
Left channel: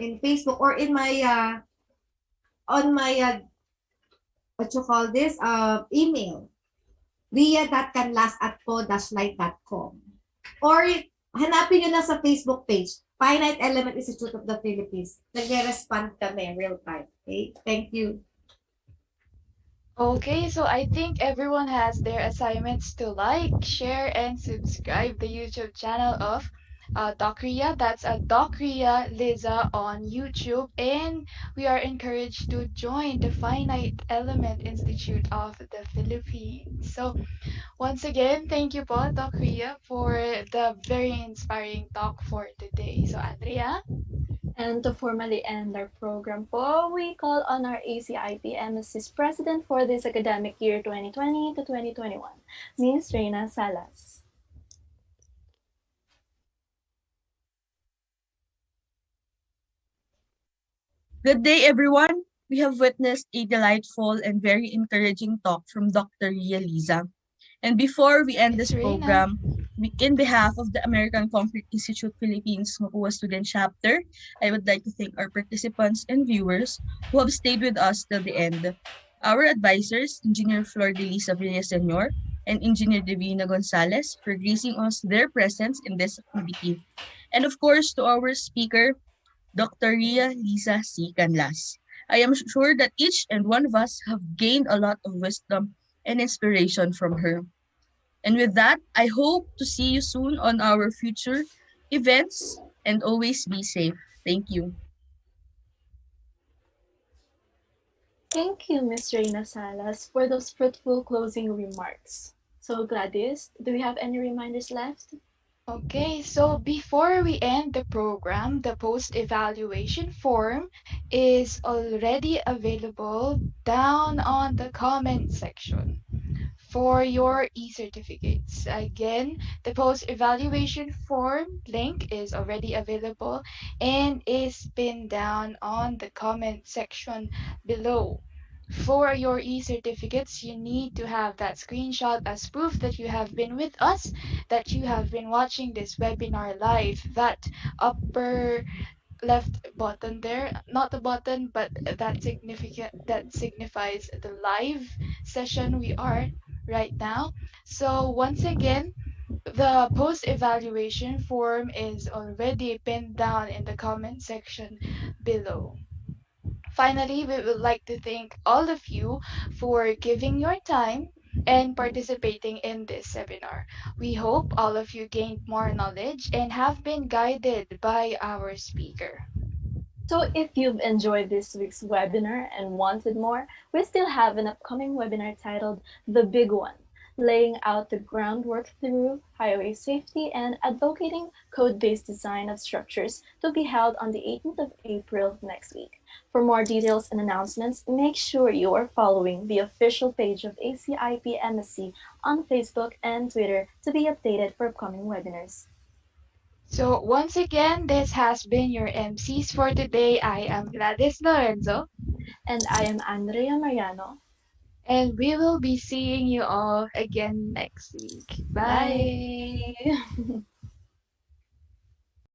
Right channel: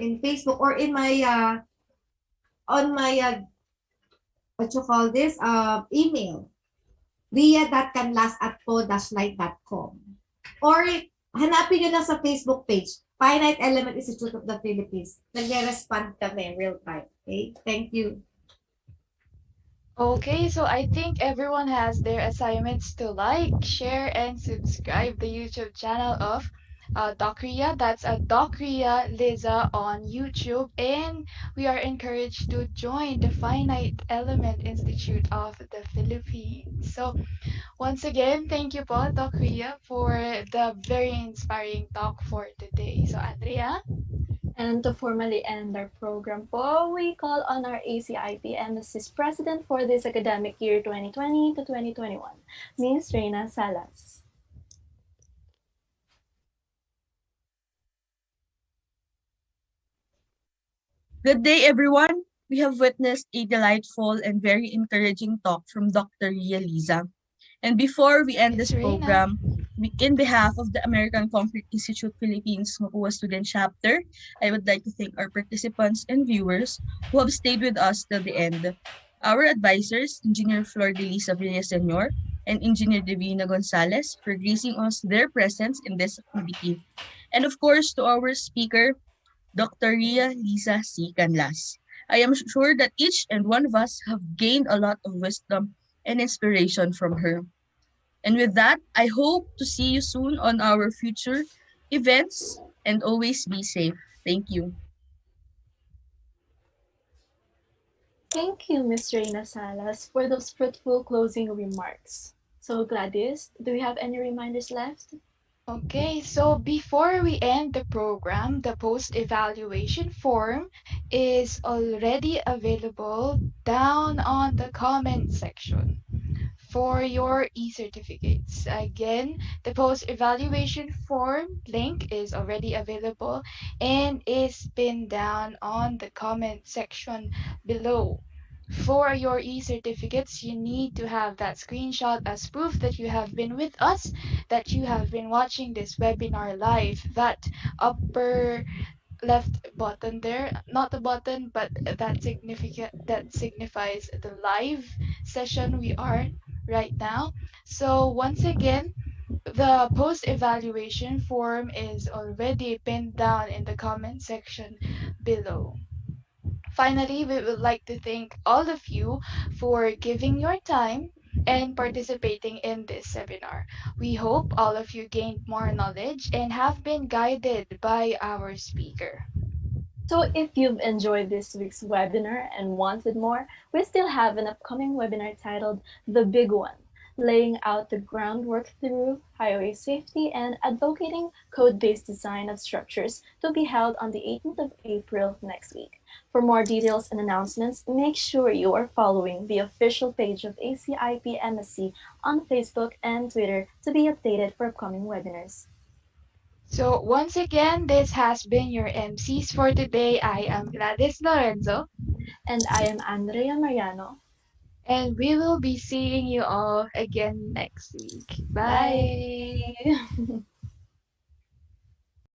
in Facebook or in my on my what you call this email, ria.canlas@po-light.com, or hanapin nyo lang sa Facebook page, Finite Element Institute of the Philippines. Nagre-respond kami real time. Okay? Thank you. okay, so I think everyone has their assignments to like, share, and subscribe the YouTube channel of Doc Ria. That's Doc Ria Liza on YouTube. And we are encouraged to join the Finite Element Institute of the Philippines. So once again, thank you po, Doc Ria, for the very inspiring talk for today. So Andrea? And to formally end our program po, we call on our ACIP MSC's president for this academic year 2020 to 2021, Ms. Reina Salas. Good day, everyone. We have witnessed a delightful and very encouraging talk from Dr. Ria Liza. And before we end Miss this Reina? program, in behalf of the American Concrete Institute Philippines Mapua Student Chapter, I would like to thank our participants and viewers who have stayed with us till the end. Our advisors, Engineer Flor de Lisa Villa Sr. and Engineer Divina Gonzalez, for gracing us their presence in this activity. And of course, to our speaker, Dr. Ria Lisa C. Canlas. I am sure that each and one of us have gained a lot of wisdom and inspiration from her. And with that, I hope to see you soon on our future events and always be safe. Thank you. Thank you, Ms. Reina Salas, for those fruitful closing remarks. So, Gladys, do we have any reminders left? Okay, so before we end the program, the post evaluation form is already available down on the comment section for your e-certificates. Again, the post-evaluation form link is already available and is pinned down on the comment section below. For your e-certificates, you need to have that screenshot as proof that you have been with us, that you have been watching this webinar live. That upper left button there, not the button, but that signifies the live session we are right now. So once again, the post evaluation form is already pinned down in the comment section below. Finally, we would like to thank all of you for giving your time and participating in this seminar. We hope all of you gained more knowledge and have been guided by our speaker. So if you've enjoyed this week's webinar and wanted more, we still have an upcoming webinar titled The Big One, laying out the groundwork through highway safety and advocating code-based design of structures, to be held on the 18th of April next week. For more details and announcements, make sure you are following the official page of ACIP MSC on Facebook and Twitter to be updated for upcoming webinars. So, once again, this has been your MCs for today. I am Gladys Lorenzo, And I am Andrea Mariano. and we will be seeing you all again next week. Bye. Bye.